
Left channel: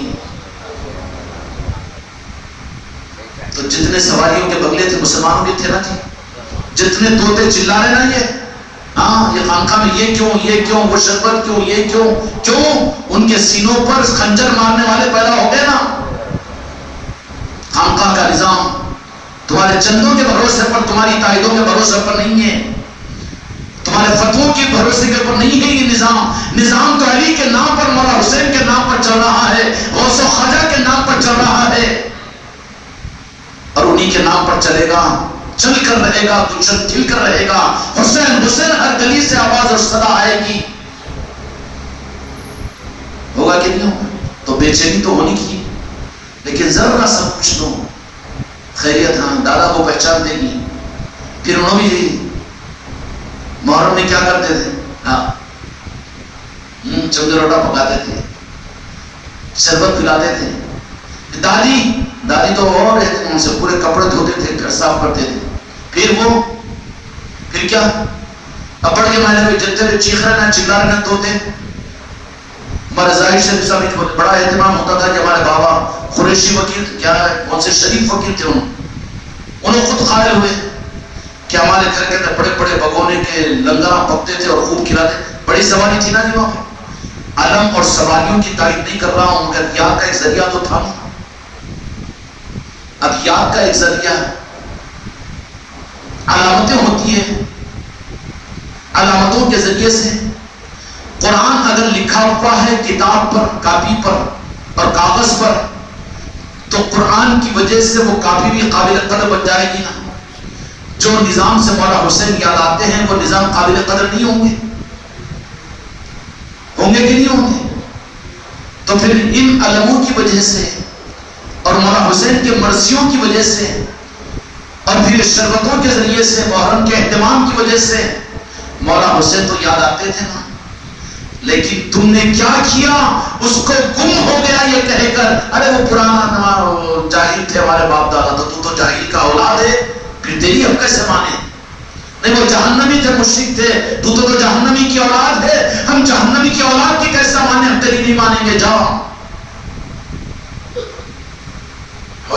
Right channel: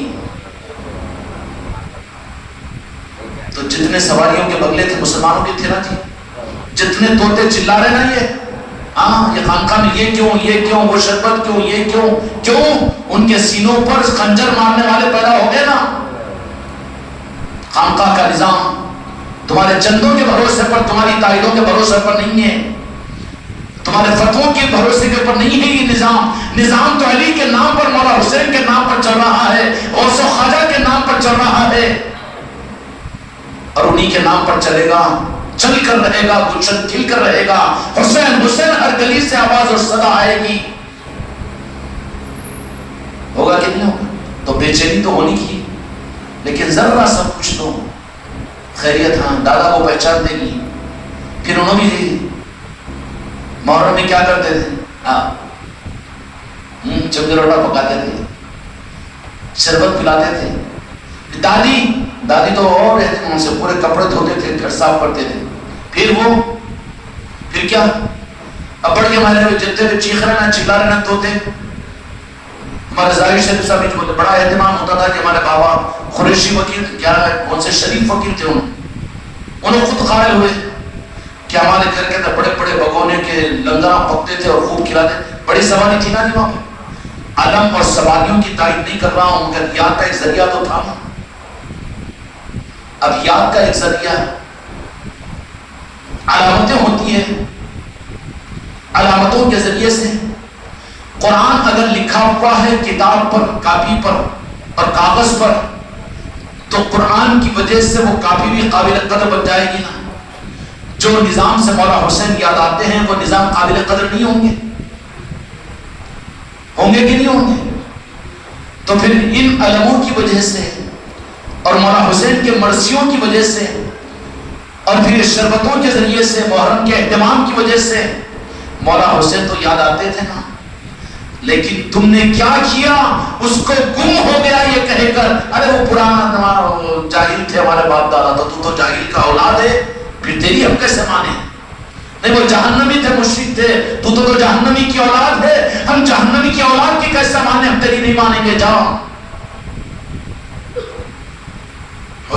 تو جتنے سواریوں کے بگلے تھے مسلمانوں کے تھے نا جی، جتنے طوطے چلا رہے نا یہ ہاں یہ خانقاہ میں یہ کیوں وہ شربت کیوں، یہ کیوں ان کے سینوں پر خنجر مارنے والے پیدا ہو گئے نا۔ خانقاہ کا نظام تمہارے چندوں کے بھروسے پر، تمہاری تائیدوں کے بھروسے پر نہیں ہے، تمہارے فتووں کے بھروسے کے اوپر نہیں ہے۔ یہ نظام تو علی کے نام پر، مولا حسین کے نام پر چل رہا ہے، غوث و خواجہ کے نام پر چل رہا ہے، اور انہی کے نام پر چلے گا، چل کر رہے گا، گلشن کھل کر رہے گا۔ حسین حسین ہر گلی سے آواز اور صدا آئے گی۔ ہوگا کہ نہیں ہوگا؟ تو بے چینی تو ہونی کی، لیکن ذرا سا پوچھ دو خیریت، ہاں دادا کو پہچان دے گی۔ پھر انہوں بھی محرم میں کیا کرتے تھے؟ چمچ روٹا پکاتے تھے، شربت پلاتے تھے۔ دادی تو اور رہتے تھے، ان سے پورے کپڑے دھوتے تھے، گھر صاف کرتے تھے۔ پھر کیا کپڑ کے مہینے میں جتنے بھی چیخ رہے نا، چلا رہے نا طوطے، ہمارا ظاہر شریف صاحب بڑا اہتمام ہوتا تھا کہ ہمارے بابا قریشی وکیل کیا ہے، کون سے شریف وکیل تھے، انہوں خود قائل ہوئے کہ ہمارے گھر کے اندر بڑے بڑے بگونے کے لنگرہ پکتے تھے اور خوب کھلاتے۔ بڑی سواری تھی نا جی وہاں پہ۔ علم اور سواریوں کی تائید نہیں کر رہا ہوں، مگر یاد کا ایک ذریعہ تو تھا نا۔ اب یاد کا ایک ذریعہ، علامتیں ہوتی ہیں، علامتوں کے ذریعے سے قرآن اگر لکھا ہوا ہے کتاب پر، کاپی پر اور کاغذ پر، تو قرآن کی وجہ سے وہ کاپی بھی قابل قدر بن جائے گی نا۔ جو نظام سے مولا حسین یاد آتے ہیں وہ نظام قابل قدر نہیں ہوں گے؟ ہوں گے کہ نہیں ہوں گے؟ تو پھر ان علموں کی وجہ سے اور مولا حسین کے مرثیوں کی وجہ سے اور پھر شربتوں کے ذریعے سے، محرم کے اہتمام کی وجہ سے مولا حسین تو یاد آتے تھے نا۔ لیکن تم نے کیا کیا؟ اس کو گم ہو گیا یہ کہہ کر، ارے وہ پرانا جاہل تھے ہمارے باپ دادا، تو جاہل کا اولاد ہے، پھر تیری ہم کیسے مانے؟ نہیں وہ جہنمی تھے، مشرک تھے، تو جہنمی کی اولاد ہے، ہم جہنمی کی اولاد کی کیسے مانے؟ ہم تیری نہیں مانیں گے، جاؤ۔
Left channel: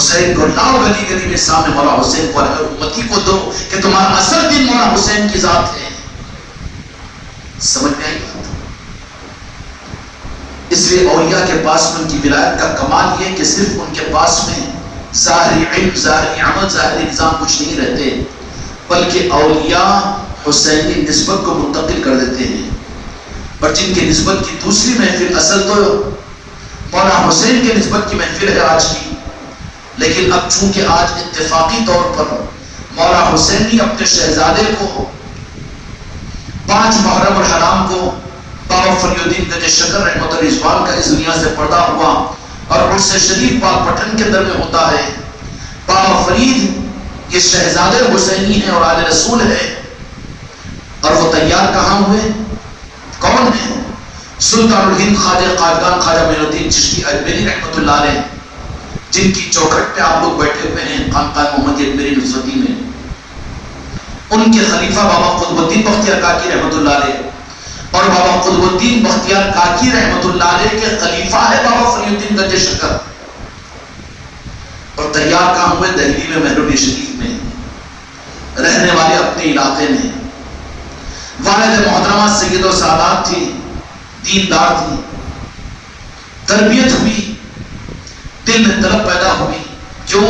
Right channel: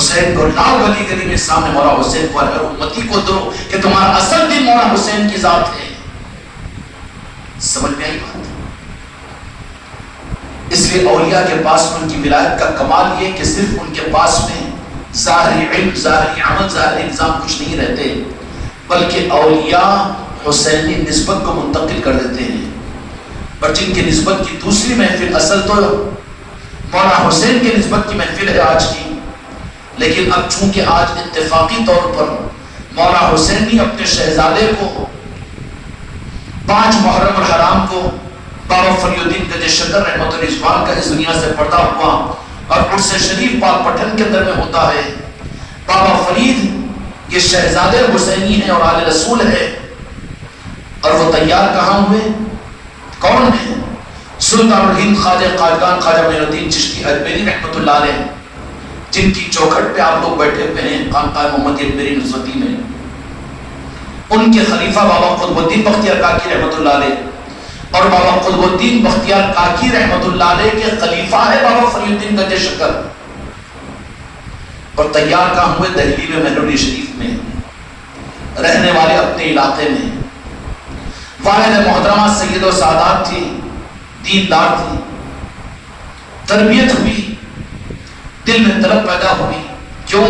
حسین کو لاؤ گلی گلی میں سامنے مولا حسین کو، اگر امتی کو دو کہ تمہارا اصل دین مولا حسین کی ذات ہے۔ سمجھ میں آئی بات؟ اس لیے اولیاء کے پاس میں ان کی ولایت کا کمال یہ کہ صرف ان کے پاس میں ظاہری علم، ظاہری عمل، ظاہری نظام کچھ نہیں رہتے، بلکہ اولیاء حسینی نسبت کو منتقل کر دیتے ہیں۔ اور جن کی نسبت کی دوسری محفل، اصل تو مولا حسین کے نسبت کی محفل ہے آج کی، لیکن اب چونکہ آج اتفاقی طور پر مولا حسین نے اپنے شہزادے کو 5 محرم الحرام کو بابا فری الدین گنج شکر رحمۃ اللہ علیہ کا اس دنیا سے پردہ ہوا اور عرس شریف پاک پٹن کے اندر میں ہوتا ہے۔ بابا فرید یہ شہزادے حسینی ہیں اور آل رسول ہے، اور وہ تیار کہاں ہوئے؟ کون ہیں؟ سلطان الہند خواجہ قادقان خواجہ معین الدین چشتی اجمیری رحمۃ اللہ علیہ، جن کی چوکھٹ پہ آپ لوگ بیٹھے ہوئے ہیں خانقاہ محمد اجمیری نصرتی میں۔ ان کے خلیفہ بابا قطب الدین بختیار کاکی رحمۃ اللہ علیہ، اور بابا قطب الدین بختیار کاکی رحمۃ اللہ علیہ کے خلیفہ ہے بابا فری الدین گنج شکر، اور تیار کہاں ہوئے؟ دہلی میں مہرولی شریف میں، رہنے والے اپنے علاقے میں۔ والد محترمہ سید و سعادات تھی، دیندار تھی، تربیت ہوئی، دل میں طلب پیدا ہوئی، کیوں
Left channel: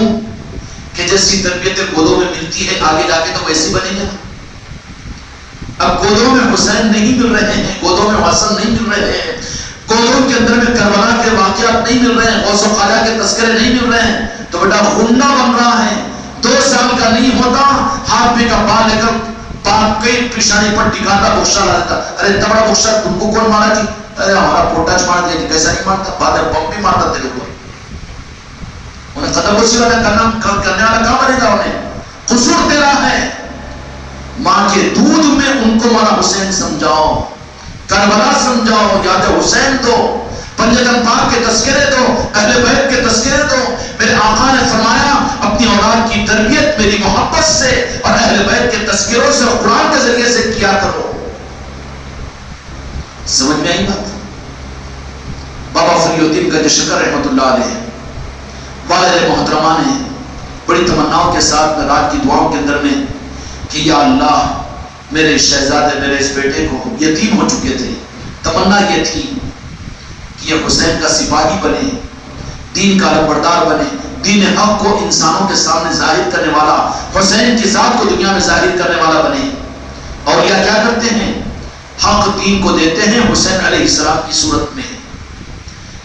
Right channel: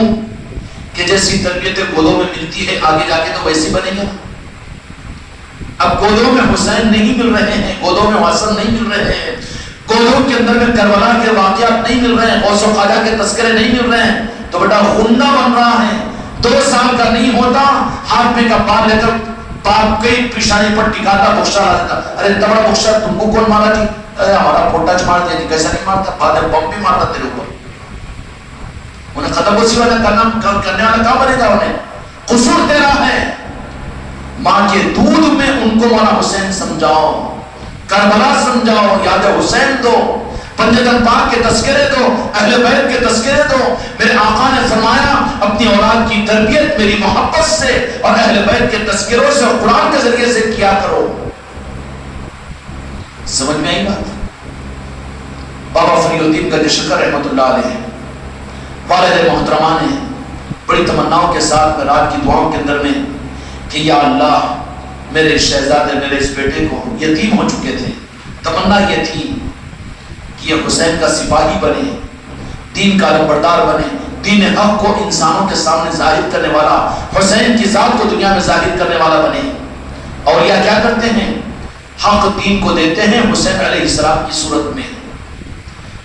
کہ جیسی تربیت گودوں میں ملتی ہے آگے جا کے تو ویسی بنے گا۔ اب گودوں میں حسین نہیں مل رہے ہیں، گودوں میں حسن نہیں مل رہے ہیں، گودوں کے اندر میں کربلا کے واقعات نہیں مل رہے ہیں، غوث و خواجہ کے تذکرے نہیں مل رہے ہیں، تو بیٹا غنڈہ بن رہا ہے۔ 2 سال کا نہیں ہوتا، ہاتھ میں کا پا لے کر باپ کئی پیشانی پر ٹکاتا بخشا رہتا، ارے تبڑا بخشا تم کو کون مارا جی؟ ارے ہمارا پوٹا چمار دیا جی، کیسا نہیں مارتا؟ فادر بم بھی مارتا تیرے کو، انہیں قدم اسی والا کرنے والا کہاں بنے گا؟ انہیں قصور تیرا ہے۔ ماں کے دودھ میں ان کو مولا حسین سمجھاؤ، کربلا سمجھاؤ، یاد حسین دو، پنجتن پاک کے تذکرے دو، اہل بیت کے تذکرے دو۔ میرے آقا نے فرمایا اپنی اولاد کی تربیت میری محبت سے اور اہل بیت کے تذکروں سے اور قرآن کے ذریعے سے کیا کرو۔ سمجھ میں آئی بات؟ بابا فری الدین گنج شکر رحمۃ اللہ علیہ، والد محترمہ نے بڑی تمناؤں کے ساتھ میں رات کی دعاؤں کے اندر میں کہ یا اللہ میرے شہزادے، میرے اس بیٹے کو یتیم ہو چکے تھے، تمنا یہ تھی کہ یہ حسین کا سپاہی بنے، دین کا علمبردار بنے، دین حق کو انسانوں کے سامنے ظاہر کرنے والا، حسین کی ذات کو دنیا میں ظاہر کرنے والا بنے۔ اور یہ کیا کرتے ہیں؟ حق دین کو دیتے ہیں حسین علیہ السلام کی صورت میں۔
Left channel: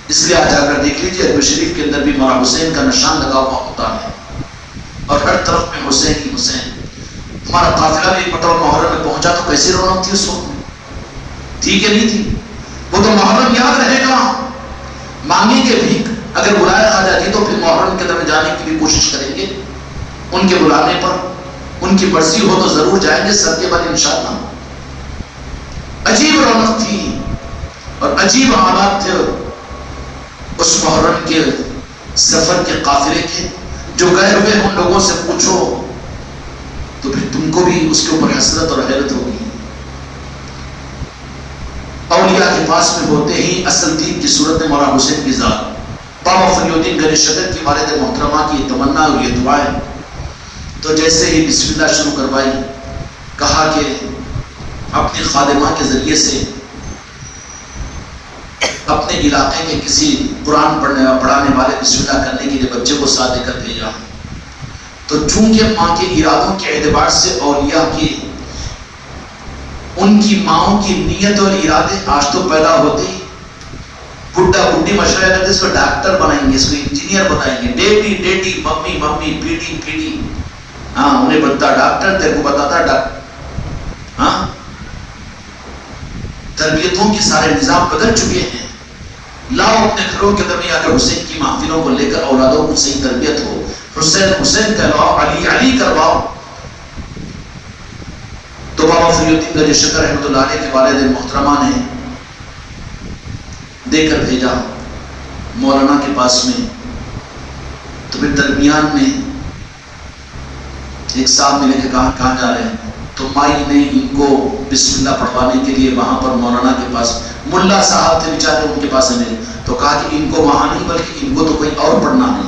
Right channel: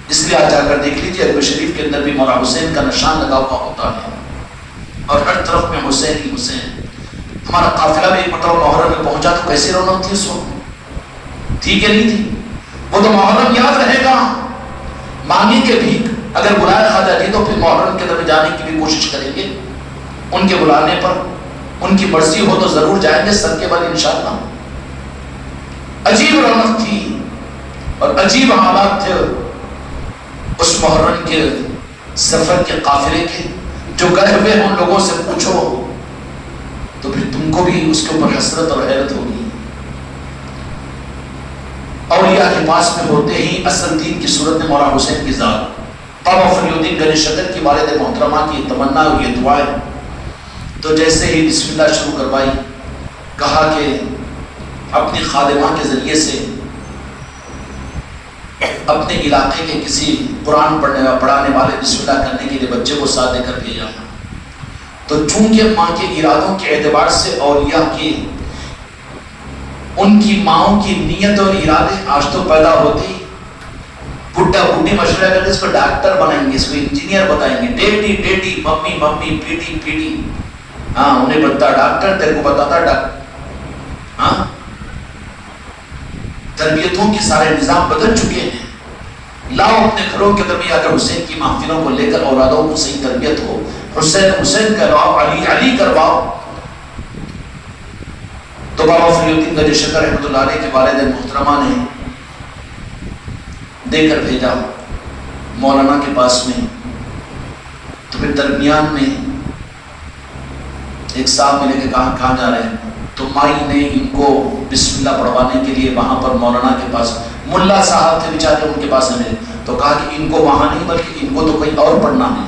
اس لیے آج جا کر دیکھ لیجیے ادب شریف کے اندر بھی مولا حسین کا نشان لگا ہوا ہوتا ہے، اور ہر طرف میں حسین ہی حسین۔ ہمارا قافلہ بھی پٹور محرم میں پہنچا تو کیسی رونق تھی اس وقت میں؟ تھی کہ نہیں تھی؟ وہ تو محرم یاد رہے گا، مانگی کے بھی اگر بلایا خواجہ جی تو پھر محرم کے اندر جانے کی بھی کوشش کریں گے، ان کے بلانے پر ان کی مرضی ہو تو ضرور جائیں گے سب کے بعد انشاءاللہ۔ عجیب رونق تھی اور عجیب حالات تھے اس محرم کے سفر کے قافلے کے، جو گئے ہوئے ان لوگوں سے پوچھو تو پھر تم کو بھی اس کے اوپر حسرت اور حیرت ہوگی۔ اولیاء کے پاس میں ہوتے ہی اصل دین کی صورت میں مولا حسین کی ذات، بابا فری الدین گنج شکر کی والد محترمہ کی تمنا اور یہ دعائیں، تو جیسے ہی بسم اللہ شروع کروائی، کہا کہ اپنی خادمہ کے ذریعے سے اپنے علاقے کے کسی قرآن پڑھانے والے بسم اللہ کرنے کے لیے بچے کو ساتھ دے کر بھیجا۔ تو چونکہ ماں کے ارادوں کے اعتبار سے اولیاء کی ان کی ماؤں کی نیت اور ارادے آج تو پیدا ہوتے ہی، بڈھا بڈھی مشورہ کرتے اس کو ڈاکٹر بنائیں گے، اس کو انجینئر بتائیں گے، ڈیڈی ڈیڈی، ممی ممی، پیٹی پیٹی، ہاں انہیں بتاتا ڈاکٹر، تیرے کو بتاتا ڈاکٹر۔ ہاں تربیتوں کے سارے نظام بدل چکے ہیں۔ لاؤ اپنے گھروں کے اندر اگر حسین کی محفلوں کو لے کر اولادوں کو صحیح تربیت ہو، حسین حسین کرواؤ، علی علی کرواؤ۔ تو بابا فری الدین گنج شکر رحمۃ اللہ علیہ کے والد محترمہ نے دے کر بھیجا مولانا کے پاس میں۔ تو پھر درمیان میں ایک صاحب ملے کہ کہاں جا رہے ہیں؟ تو مائی نے ان کو بسم اللہ پڑھوانے کے لیے وہاں پر مولانا کے پاس، ملا صاحب تھے بیچارے ان کے پاس ملے، تو کہا کہ ان کو وہاں نہیں بلکہ ان کو تو کوئی اور پڑھنا ہے۔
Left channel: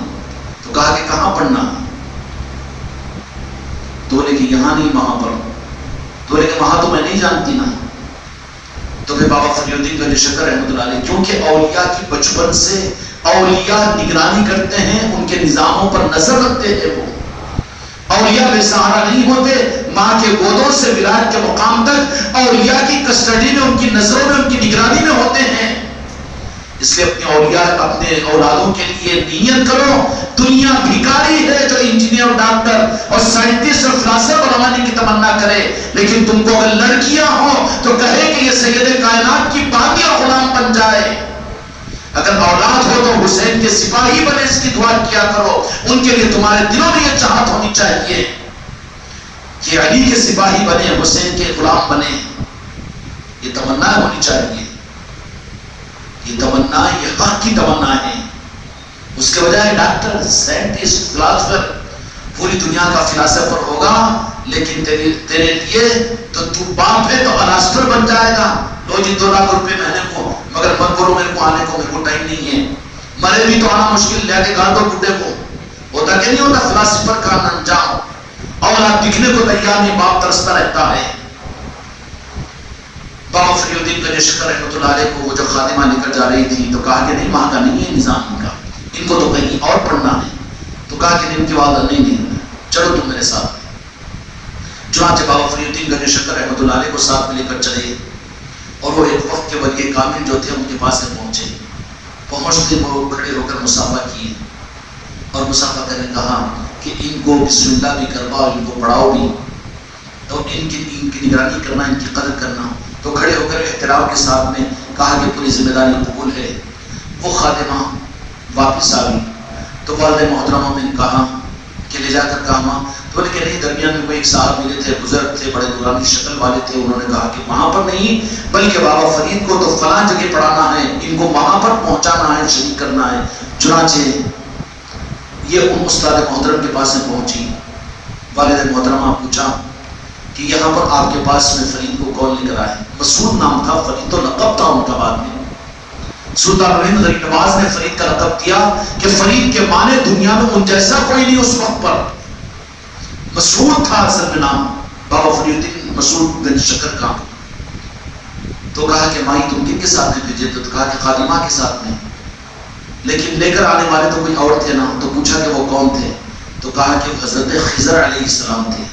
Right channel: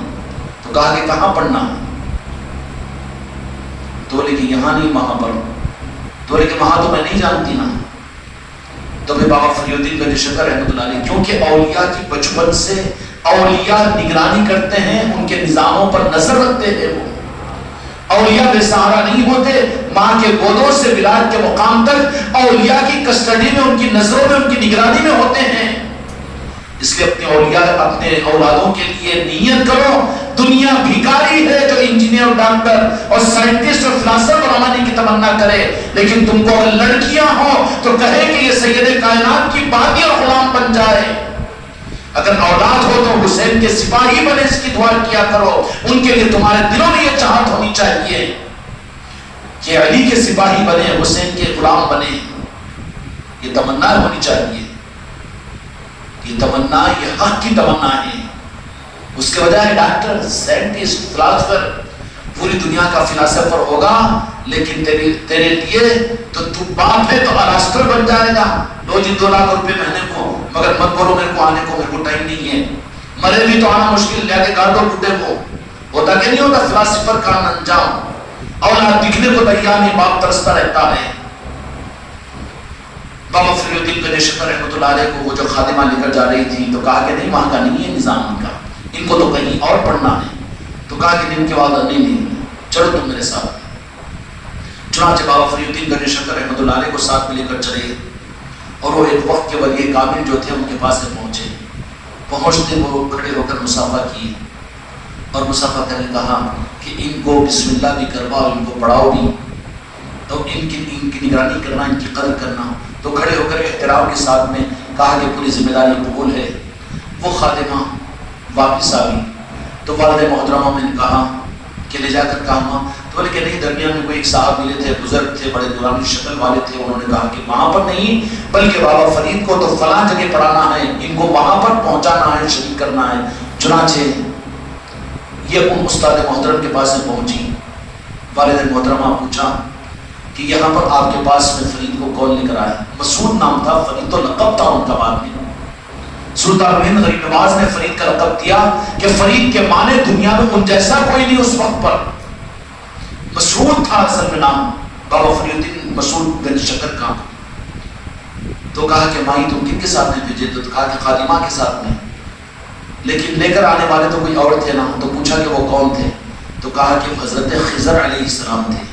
تو کہا کہا کہ کہاں پڑھنا؟ تو بولے کہ یہاں نہیں وہاں پڑھ. تو بولے کہ وہاں تو میں نہیں جانتی نا. تو پھر بابا فری الدین گنج شکر رحمۃ اللہ علیہ، کیونکہ اولیاء کی بچپن سے اولیاء نگرانی کرتے ہیں، ان کے نظاموں پر نظر رکھتے ہیں. وہ اولیاء بے سہارا نہیں ہوتے، ماں کے گودوں سے ولایت کے مقام تک اولیاء کی کسٹڈی میں، ان کی نظروں میں، ان کی نگرانی میں ہوتے ہیں. اس لیے اپنے اولیاء، اپنے اولادوں کے لیے نیت کرو. دنیا بھیکاری ہے جو انجینئر اور ڈاکٹر اور سائنٹسٹ اور فلاسفر بنانے کی تمنا کرے، لیکن تم کو اگر لڑکیاں ہوں تو کہے کہ یہ سید کائنات کی باقی اور غلام بن جائے. اگر اولاد ہو تو حسین کے سپاہی بنے، اس کی دعا کیا کرو. ان کے لیے تمہارے دلوں میں یہ چاہت ہونی چاہیے کہ علی کے سپاہی بنے، حسین کے غلام بنے. یہ تمنا ہونی چاہیے. یہ تمنا، یہ حق کی تمنا ہے. اس کے بجائے ڈاکٹر، سائنٹسٹ، فلاسفر، پوری دنیا کا فلاسفر ہوگا، لیکن تیرے لیے تو باپ ہے تو الاسٹر بن جائے گا. لو جی 2 لاکھ روپے مہینے کو، مگر مت بولو میرے کو آنے کو، میرے کو ٹائم نہیں ہے. مرے بھی تو آنا مشکل، لے کے گھر دو بڈھے کو. ہوتا کہ نہیں ہوتا فلاسفر کا انجام؟ اولاد دکھنے کو تیار نہیں، باپ ترستا رہتا ہے. بابا فری الدین گنج شکر رحمۃ اللہ علیہ کو وہ جو خادمہ لے کر جا رہی تھی تو کہا کہ نہیں، وہاں کا نہیں ہے نظام ان کا، ان کو تو کہیں اور پڑھنا ہے. تو کہا کہ ان کی والدہ نہیں، چلو تم میرے ساتھ. چنانچہ بابا فری الدین گنج شکر رحمۃ اللہ علیہ کو ساتھ میں لے کر چلے، اور وہ ایک وقت کے ولی کامل جو تھے ان کے پاس پہنچے. پہنچتے وہ کھڑے ہو کر مصافحہ کیے، اور مصافحہ کرنے کہا کہ ان کو بسم اللہ بھی کرواؤ، ان کو پڑھاؤ بھی، تو ان کی نگرانی کرنا، ان کی قدر کرنا. تو کھڑے ہو کر احترام کے ساتھ میں کہا کہ پوری ذمہ داری قبول ہے. وہ خادمہ واپس آ گئی تو والد محترمہ نے کہا کہ لے جا کر کہا. تو بولے کہ نہیں، درمیان میں کوئی ایک صاحب ملے تھے، بزرگ تھے، بڑے دورانی شکل والے تھے. انہوں نے کہا کہ وہاں پر نہیں، بلکہ بابا فرید کو تو فلاں جگہ پڑھانا ہے، ان کو وہاں پر پہنچانا ہے، شریک کرنا ہے. چنانچہ یہ ان استاد محترم کے پاس پہنچی. والد محترمہ پوچھا کہ یہاں پر آپ کے پاس میں فرید کو کون لے کر آئے؟ مسعود نام تھا، فرید تو لقب تھا ان کا. بعد میں سلطان غریب نواز نے فرید کا لقب دیا کہ فرید کے معنی دنیا میں ان جیسا کوئی نہیں اس وقت پر. مسعود تھا اصل میں نام بابا فری الدین مسعود گنج شکر کا. تو کہا کہ مائی تم کن کے ساتھ میں بھیجے؟ تو کہا کہ خادمہ کے ساتھ میں، لیکن لے کر آنے والے تو کوئی اور تھے نا. تو پوچھا کہ وہ کون تھے؟ تو کہا کہ حضرت خضر علیہ السلام تھے،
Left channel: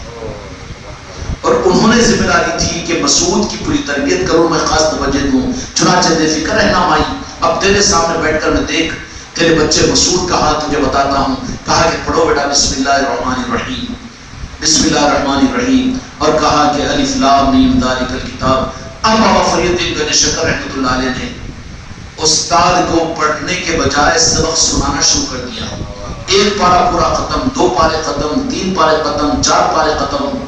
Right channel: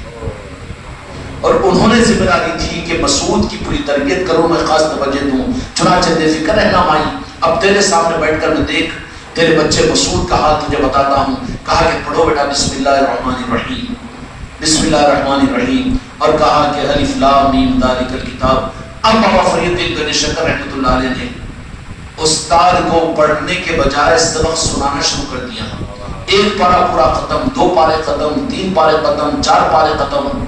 اور انہوں نے ذمہ داری تھی کہ مسعود کی پوری تربیت کروں، میں خاص توجہ دوں. چنانچہ بے فکر رہنا مائی، اب تیرے سامنے بیٹھ کر میں دیکھ تیرے بچے مسعود کا حال تجھے بتاتا ہوں. کہا کہ پڑھو بیٹا بسم اللہ الرحمن الرحیم، بسم اللہ الرحمن الرحیم، اور کہا کہ الف لام میم ذالک الکتاب. اب بابا فری الدین گنج شکر رحمۃ اللہ علیہ نے استاد کو پڑھنے کے بجائے سبق سنانا شروع کر دیا. 1 پارہ پورا ختم، 2 پارے ختم، 3 پارے ختم، 4 پارے ختم،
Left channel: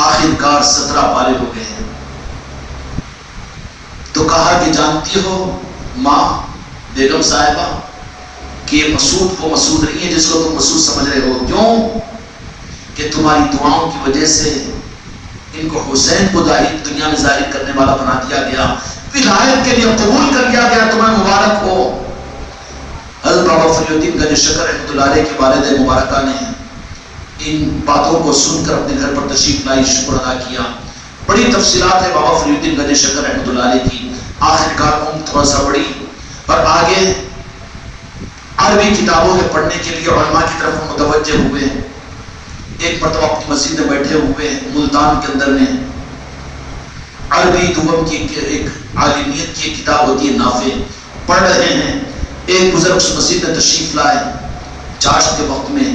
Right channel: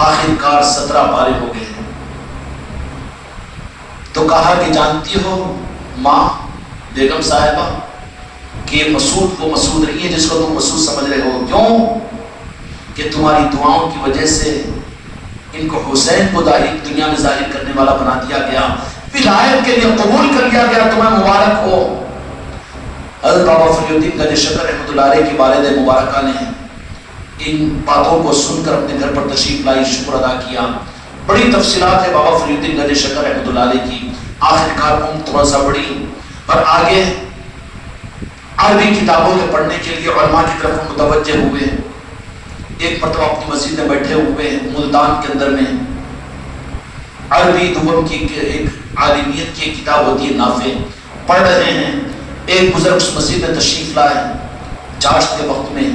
آخر کار 17 پارے ہو گئے. تو کہا کہ جانتی ہو ماں بیگم صاحبہ کہ مسعود وہ مسعود نہیں ہے جس کو تم مسعود سمجھ رہے ہو. کیوں؟ کہ تمہاری دعاؤں کی وجہ سے ان کو حسین کو دنیا میں ظاہر کرنے والا بنا دیا گیا، ولایت کے لیے قبول کر لیا گیا. تمہیں مبارک ہو. حضرت بابا فری الدین گنج شکر رحمۃ اللہ علیہ کی والدہ مبارکہ نے ان باتوں کو سن کر اپنے گھر پر تشریف لائی، شکر ادا کیا. بڑی تفصیلات ہے بابا فری الدین گنج شکر رحمۃ اللہ علیہ کی. آخر کار عمر تھوڑا سا بڑی اور آگے عربی کتابوں کے پڑھنے کے لیے علماء کی طرف متوجہ ہوئے. ایک مرتبہ اپنی مسجد میں بیٹھے ہوئے ملتان کے اندر میں عربی دوم کی ایک عالمیت کی کتاب ہوتی ہے نافع، پڑھ رہے ہیں. ایک بزرگ اس مسجد میں تشریف لائے، چاشت کے وقت میں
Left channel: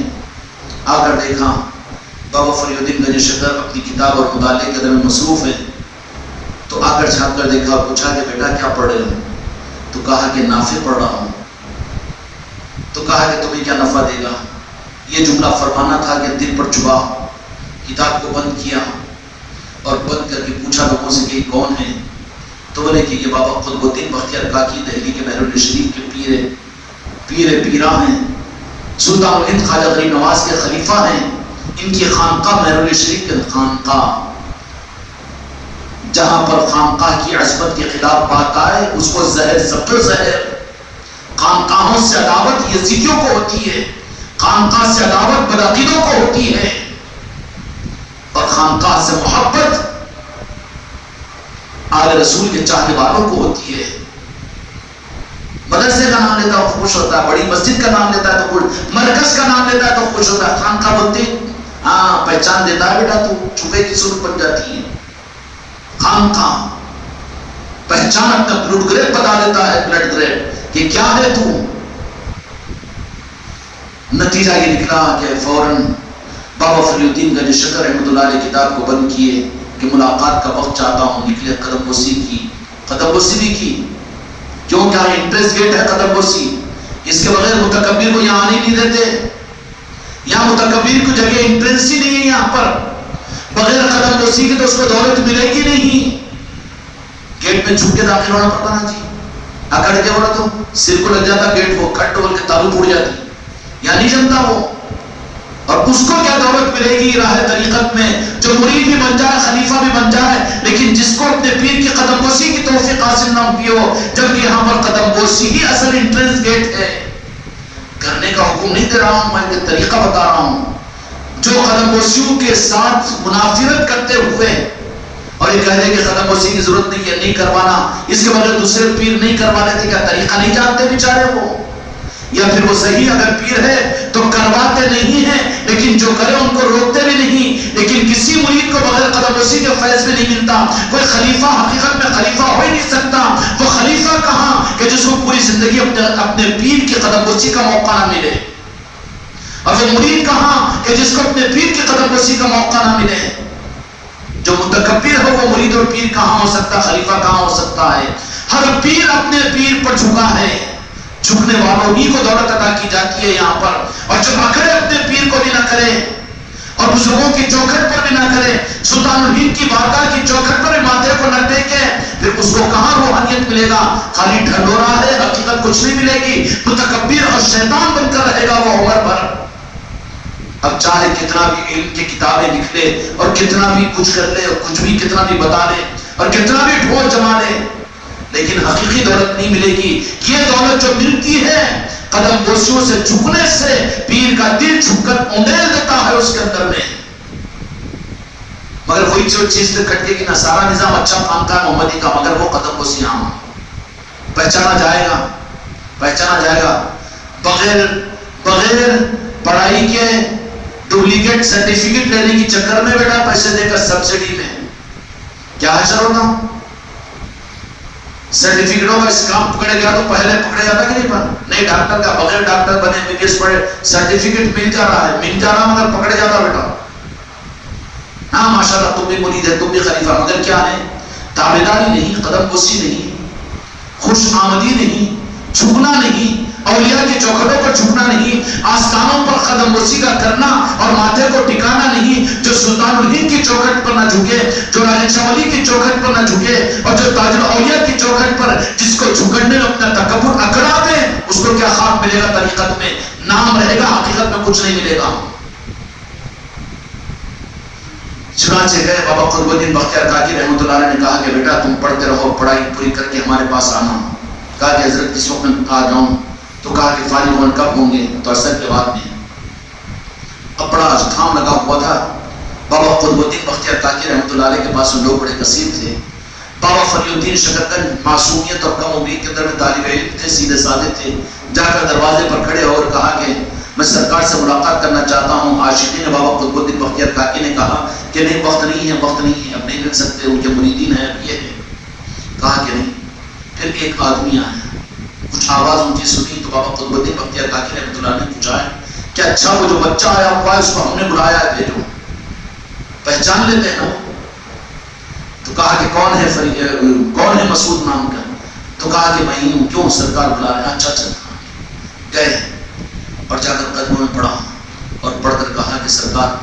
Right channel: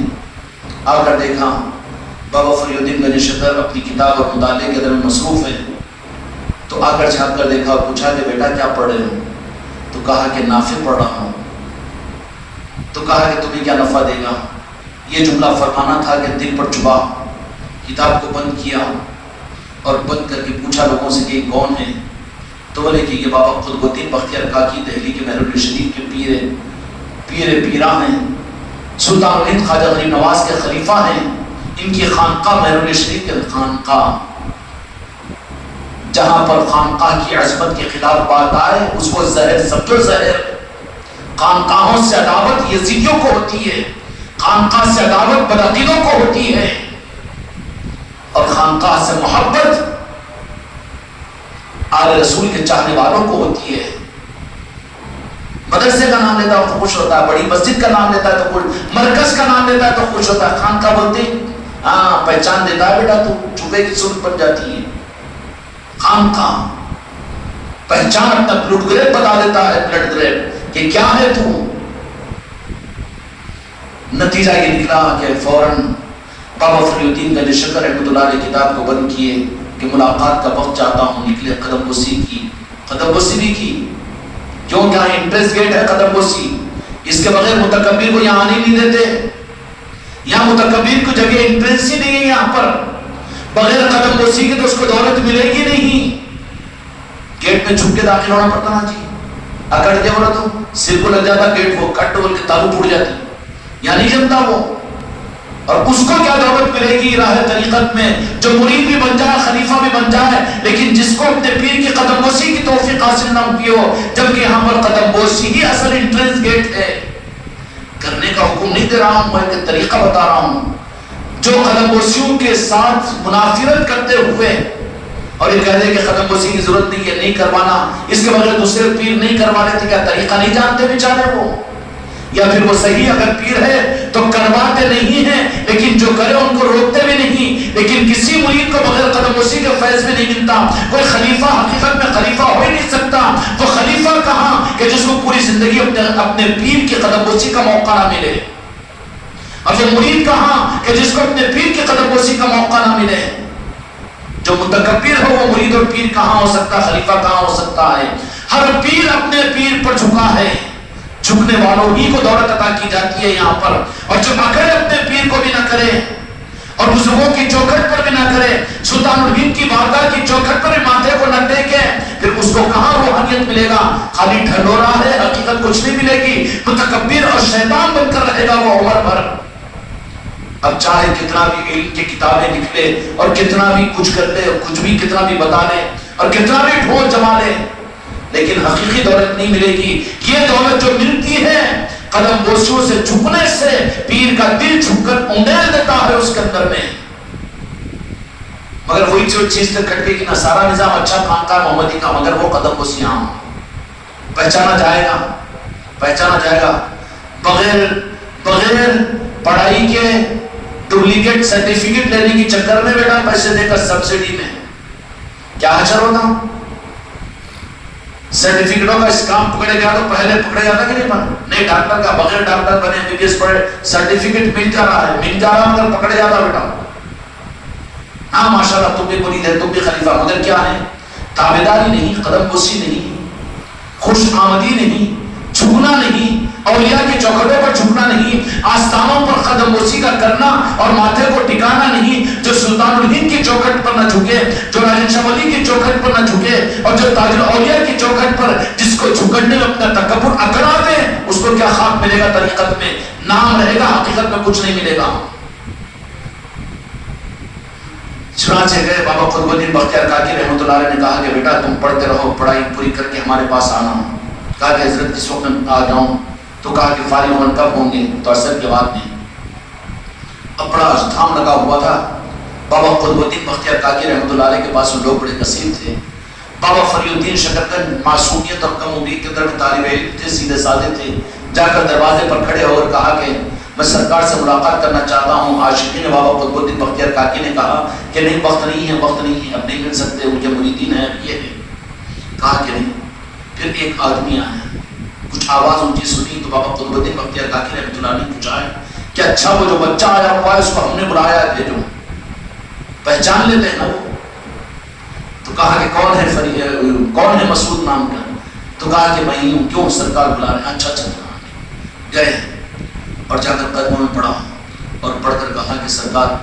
آ کر دیکھا بابا فری الدین گنج شکر اپنی کتاب اور مطالعے کے اندر میں مصروف ہے. تو آ کر جھانک کر دیکھا اور پوچھا کہ بیٹا کیا پڑھ رہے ہو؟ تو کہا کہ نافع پڑھ رہا ہوں. تو کہا کہ تمہیں کیا نفع دے گا؟ یہ جملہ فرمانا تھا کہ دل پر چبھا. کتاب کو بند کیا اور بند کر کے پوچھا لوگوں سے کہ کون ہے؟ تو بولے کہ یہ بابا قطب الدین بختیار کاکی دہلی کے مہرون شریف کے پیر پیرا ہیں، سلطان الہند خواجہ غریب نواز کے خلیفہ ہیں. ان کی خانقاہ مہرون شریف کے خانقاہ، جہاں پر خانقاہ کی عظمت کے خلاف بات آئے اس کو زہر سمجھو، زہر خانقاہوں سے عداوت یزیدیوں کو ہوتی ہے، خانقاہ سے عداوت بدعقیدوں کو ہوتی ہے، اور خانقاہ سے محبت آل رسول کے چاہنے والوں کو ہوتی ہے۔ مدرسے کا نام لیتا ہے تو خوش ہوتا ہے، بڑی مسجد کا نام لیتا ہے تو خوش، مرکز کا نام لیتا ہے تو خوش ہوتا ہے۔ خانقاہ بولتے ہاں پہچان دیتا ہے بیٹا تو چھپے کی صورت بن جاتی ہے۔ خانقاہ پہچان اپنا بلڈ گریپ بتا دیتا ہے، بلڈ گریپ کہ کیا ہے تو۔ نتیجہ یہ نکلا کہ فوراً بابا فری الدین گنج شکر رحمۃ اللہ علیہ کتاب کو بند کیے کہ ملاقات کا وقت چاہتا ہوں، نکلے قدم بوسی کی، قدم بوسی بھی کی، کیوں کیا انٹرسٹ گیٹ ہے قدم بوسی، اس کے بغیر متکبر کو یہاں آنے نہیں دیتے، یہاں متکبر کو جگہ انٹرنس ہی نہیں ہے یہاں پر، بغیر قدم بوسی کی تو اس کو دولت ملے گی نہیں۔ گیٹ میں چھپ کے داخل ہونا پڑتا نا جی، اکڑ کے ہونا تو سر کو لگ جاتا گیٹ، وہ کٹ ڈول کے تالو ٹوٹ جاتی، یا نہیں جانتا وہ۔ اور اس کو کیا دولت ملے گی راہ طریقت میں، جو مرید بھی بن جائے، خلیفہ بھی بن جائے، لیکن جس کو اپنے پیر کی قدم بوسی کی توفیق حاصل نہ کی ہو، جبکہ یہاں پر قدم بوسی ہی اصل انٹرنس گیٹ ہے۔ کرنے کا حکم نہیں دے رہا ہوں، میں ایک طریقہ بتا رہا ہوں۔ جو قدم بوسیوں کے ساتھ منافرت کرتے ہوئے اور یہ کہہ دے کہ قدم بوسی کی ضرورت نہیں ہے، نہیں کروانا، اس کے بغیر دوسرے پیر نہیں کروا لیتے، کیا طریقہ نہیں جانتے بیچارے وہ؟ یا پھر وہ صحیح اگر پیر ہے تو کرواتے نہیں ہیں، لیکن جو کرے ان کو روکتے بھی نہیں، لیکن کسی مرید کو بغیر قدم بوسی کے فیض میں نہیں ملتا۔ کوئی خلیفہ حقیقت میں خلیفہ ہو ہی نہیں سکتا۔ وہ خلیفہ کہاں کہ جس کو پوری زندگی اپنے پیر کی قدم بوسی کا موقع نہ ملے، اور وہ مرید کہاں کہ جس کو اپنے پیر کی قدم بوسی کا موقع نہ ملے۔ جو متکبر ہو وہ مرید اور پیر کہاں ہو سکتا، خلیفہ کہاں ہو سکتا ہے؟ ہر پیر اپنے پیر پر جھکا ہے، جھکنے والوں ہی کو دولت عطا کی جاتی ہے یہاں پر، اور جو اکڑے اپنے پیر کو بھی نہ کرے اور بزرگوں کی چوکھٹ پر بھی نہ کرے، سلطان الہند کی بارگاہ کی چوکھٹ پر بھی ماتھے کو نہ ٹیکے، پھر اس کو کہاں روحانیت ملے گا؟ خالی ڈھنڈورا ہے، حقیقت کچھ نہیں ملے گی، متکبر اور شیطان بن کر رہے گا وہ عمر بھر۔ اب چاہے کتنا بھی علم کی کتابیں لکھ لے اور کتنا بھی کچھ کر لے اور کچھ بھی کتنا بھی بتا لے اور کتنا بھی ڈھول جما لے، لیکن حقیقی دولت نہیں ملے گی۔ یہ دولت جو ملتی ہے قدم بوسیوں سے جھکنے سے، پیر کا دل جھک کر اونیل دیتا ہے اس کے اندر میں۔ مگر وہی جو چیز سے کھٹکے گی، نصارہ نظام اچھا پھانکتا ہے محمدی کا، مگر وہ قدم بوسی ہاں پہچانا جائے گا، پہچانا جائے گا بغیر پڑھائی کے ڈپلیکیٹ سرٹیفکیٹ لینے کی چکر میں بیٹا پیسے دے کر سبسڈی میں کیا حشر ہوتا؟ سرٹیفکیٹوں کا اسکام پکڑے گیا تو پہلے پکڑے جاتا کہ نہیں ڈاکٹر کا بغیر ڈاکٹر بنے ایم بی بی ایس پڑھے سرٹیفکیٹ مل جا رہا ہے، مل جا رہا مگر پکڑے جاتا بیٹا۔ ہاں ماشاءاللہ تم بھی مرید ہے، تم بھی خلیفہ، مگر کیا ہے؟ تابعداری نہیں، قدم بوسی نہیں، خوش آمدی نہیں، جھکنا نہیں، اولیاء کے چوکھٹوں پر جھکنا نہیں، آستانوں پر قدم بوسی کا کرنا اور ماتھے کو ٹکانا نہیں۔ جو سلطان الہند کی چوکھٹ پر نہ جھکے، جو راجن شاہ ولی کی چوکھٹ پر نہ جھکے، اور جو تاج الاولیاء کی چوکھٹ پر جس کو جھکڑنے میں اپنا تکبر اکڑا دے، اس کو کیا خاک ملے گا؟ طریقت میں نام رہے گا، حقیقت میں کچھ نہیں ملے گا۔ چنانچہ گئے بابا قطب الدین بختیار کاکی رحمۃ اللہ علیہ نے کہا کہ بیٹا تم پڑھتے رہو، پڑھائی پوری کر کے ہمارے پاس آنا۔ کہا کہ حضرت کس وقت میں آ جاؤں؟ تو کہا کہ فارغ ہونے کب ہوں گے؟ تو عصر کے بعد میں۔ اب بڑا ازدحام لگا ہوا تھا، بابا قطب الدین بختیار کاکی رحمۃ اللہ علیہ کے پاس لوگ بڑے کثیر تھے۔ بابا فری الدین شکرگنج معصومیت اور کم عمری کے اندر طالب علم تھے، سیدھے سادے تھے، جا کر دروازے پر کھڑے اور کہا کہ میں سرکار سے ملاقات کرنا چاہتا ہوں۔ عاشقین بابا قطب الدین بختیار کاکی نے کہا کہ نہیں، وقت نہیں ہے، وقت نہیں ہے، اب نہیں مل سکتے، ان کے مریدین ہیں، اب یہ ہے۔ کہا کہ نہیں۔ پھر ایک آدمی آیا، کچھ آواز اونچی سنی تو بابا قطب الدین بختیار کاکی رحمۃ اللہ نے پوچھا ہے کہ اچھا وہ جو بچہ آیا ہوا ہے اس کو ہم نے بلایا ہے، بھیجو، پہچان لیتے ہیں نا۔ تو کہا کہ کون ہے مسعود نام کا؟ تو کہا کہ میں ہوں۔ کیوں سرکار بلا رہے ہیں؟ اچھا اچھا۔ گئے اور جا کر قدموں میں پڑھا اور پڑھ کر کہا کہ سرکار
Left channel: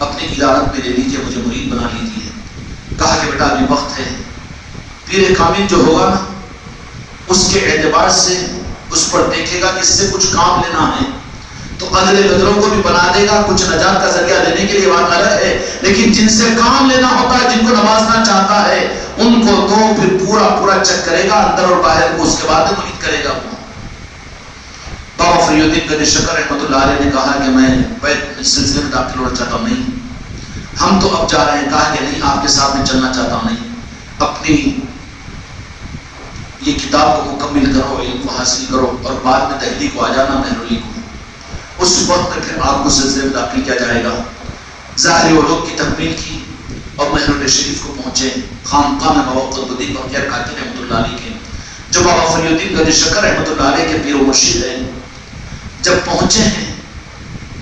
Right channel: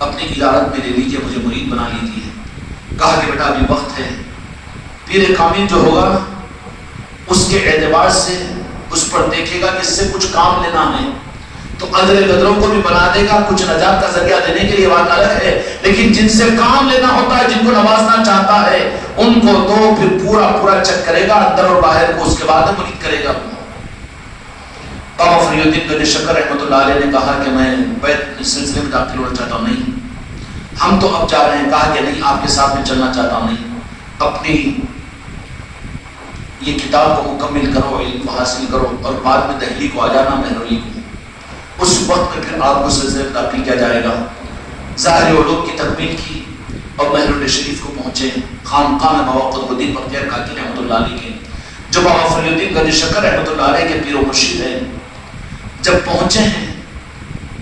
اپنی ادارت میں لے لیجیے، مجھے مرید بنا لیجیے۔ کہا کہ بیٹا ابھی وقت ہے، پیر کامل جو ہوگا نا اس کے اعتبار سے اس پر دیکھے گا کہ اس سے کچھ کام لینا ہے تو قدرے قدروں کو بھی بنا دے گا، کچھ نجات کا ذریعہ دینے کے لیے بات نہ رہے، لیکن جن سے کام لینا ہوتا ہے، جن کو نوازنا چاہتا ہے، ان کو تو پھر پورا چیک کرے گا اندر اور باہر کو، اس کے بعد مرید کرے گا۔ بابا فرید الدین گنج شکر رحمۃ اللہ علیہ نے کہا کہ میں بیت سلسلے میں داخل ہونا چاہتا ہوں. نہیں ہم تو اب جا رہے ہیں. کہا کہ نہیں آپ کے ساتھ میں چلنا چاہتا ہوں. نہیں اپنی یہ کتاب کو مکمل کرو, علم کو حاصل کرو اور بعد میں دہلی کو آ جانا, مہرولی کو. اس وقت میں پھر آپ کو سلسلے میں داخل کیا جائے گا. ظاہر علوم کی تکمیل کی اور مہرولی شریف کو پہنچے. خانقاہ میں بابا قطب الدین بختیار کاکی رحمۃ اللہ علیہ کے, جو بابا فرید الدین گنج شکر رحمۃ اللہ علیہ کے پیر و مرشد ہیں, جب پہنچے ہیں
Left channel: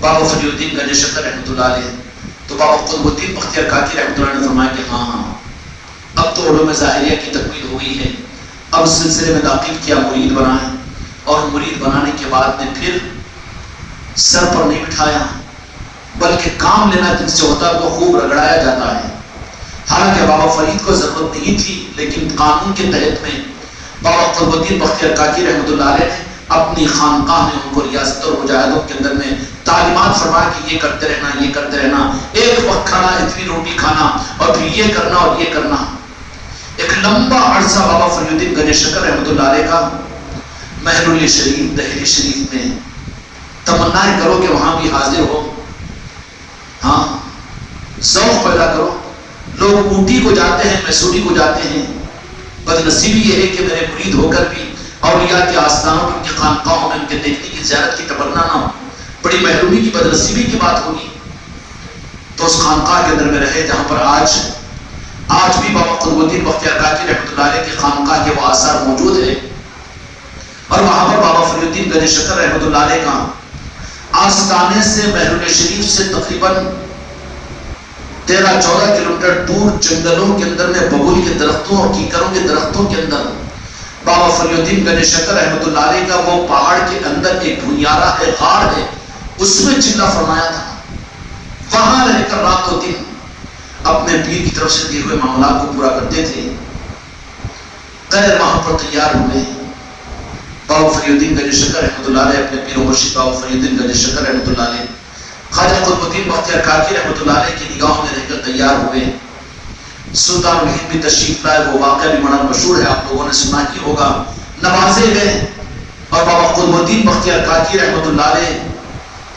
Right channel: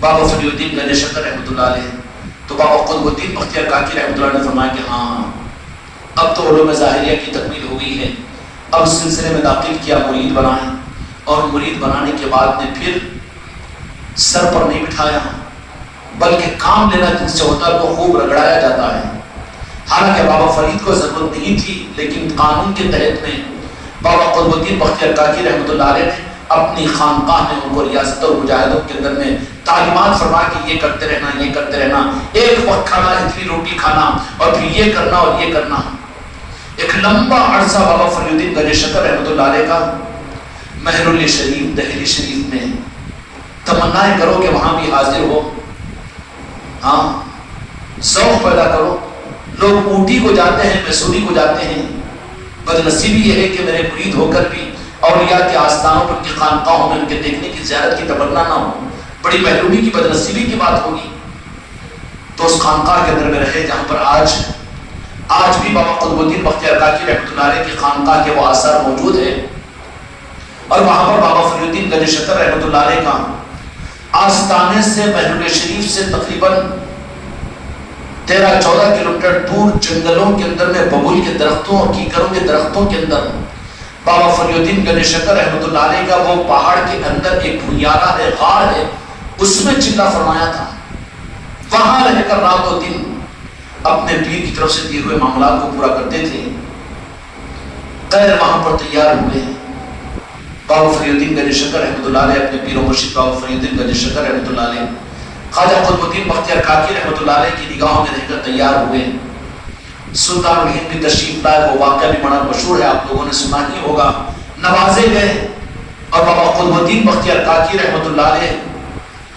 بابا فرید الدین گنج شکر رحمۃ اللہ علیہ, تو بابا قطب الدین بختیار کاکی رحمۃ اللہ علیہ نے فرمایا کہ ہاں اب تو علوم ظاہریہ کی تکمیل ہو گئی ہے, اب سلسلے میں داخل کیا, مرید بنائیں. اور مرید بنانے کے بعد نے پھر سر پر نہیں بٹھایا بلکہ کام لینا جن سے ہوتا ہے تو خوب رگڑایا جاتا ہے. حالانکہ بابا فرید کو ضرورت نہیں تھی, لیکن قانون کے تحت میں بابا قطب الدین بختیار کاکی رحمۃ اللہ علیہ نے اپنی خانقاہ میں ان کو ریاست اور مجاہدوں کے اندر میں تعلیمات فرما کہ یہ کرتے رہنا, یہ کرتے رہنا, ایک وقت کھانا, اتنی روٹی کھانا, اور پھر یہ کرنا اور یہ کرنا. ایک لمبا عرصہ بابا فرید الدین گنج شکر رحمۃ اللہ علیہ کا مہرولی شریف, دہلی شریف میں تمنائیں کرو کہ وہاں بھی حاضر ہو. ہاں ذوق پیدا کرو. لوگ اوٹی کو جاتے ہیں, میسوری کو جاتے ہیں. بدنصیبی یہ ہے کہ میرے مرید ہو کر بھی اولیاء کے آستانوں پر, ان کی خانقاہوں میں ان کے دیکھنے کی زیارت کی تمنا نہ ہو. بڑی محرومی کی, بدنصیبی کی بات ہوگی. تو اس خانقاہ کے اندر میں رہے جہاں پر آج بھی بابا قطب الدین بختیار کاکی رحمۃ اللہ علیہ کی خانقاہ کے وہ آثار موجود ہیں. اور وہاں پر بابا فرید الدین گنج شکر رحمۃ اللہ علیہ کا آستانے سے مہرولی شریف سے تقریباً 13-14 کلومیٹر دور جنگلوں کے اندر میں ببول کے درختوں اور کیکروں کے درختوں کے اندر بابا فرید الدین گنج شکر رحمۃ اللہ علیہ کا وہ پہاڑ کے اندر ایک بنیارہ ہے, غار ہے, اس میں چلہ فرمایا تھا. وہاں رہ کر رات و دن اپنے پیر کی طرف سے دیے ہوئے معاملات کو پورا کرتے تھے. غیر وہاں پر تیار ہوئے بابا فرید الدین گنج شکر رحمۃ اللہ علیہ, اپنے پیر و مرشد بابا فرید الدین گنج شکر رحمۃ اللہ علیہ خواجہ قطب الدین بختیار کاکی رحمۃ اللہ علیہ کی نگاہوں میں رہ کر تیار ہوئے. سلطان الہند بھی تشریف لائے, وہ واقعہ بھی بڑا مشہور ہے, آپ لوگوں نے سنا ہی ہوگا. نوازے گئے اور بابا قطب الدین بختیار کاکی رحمۃ اللہ علیہ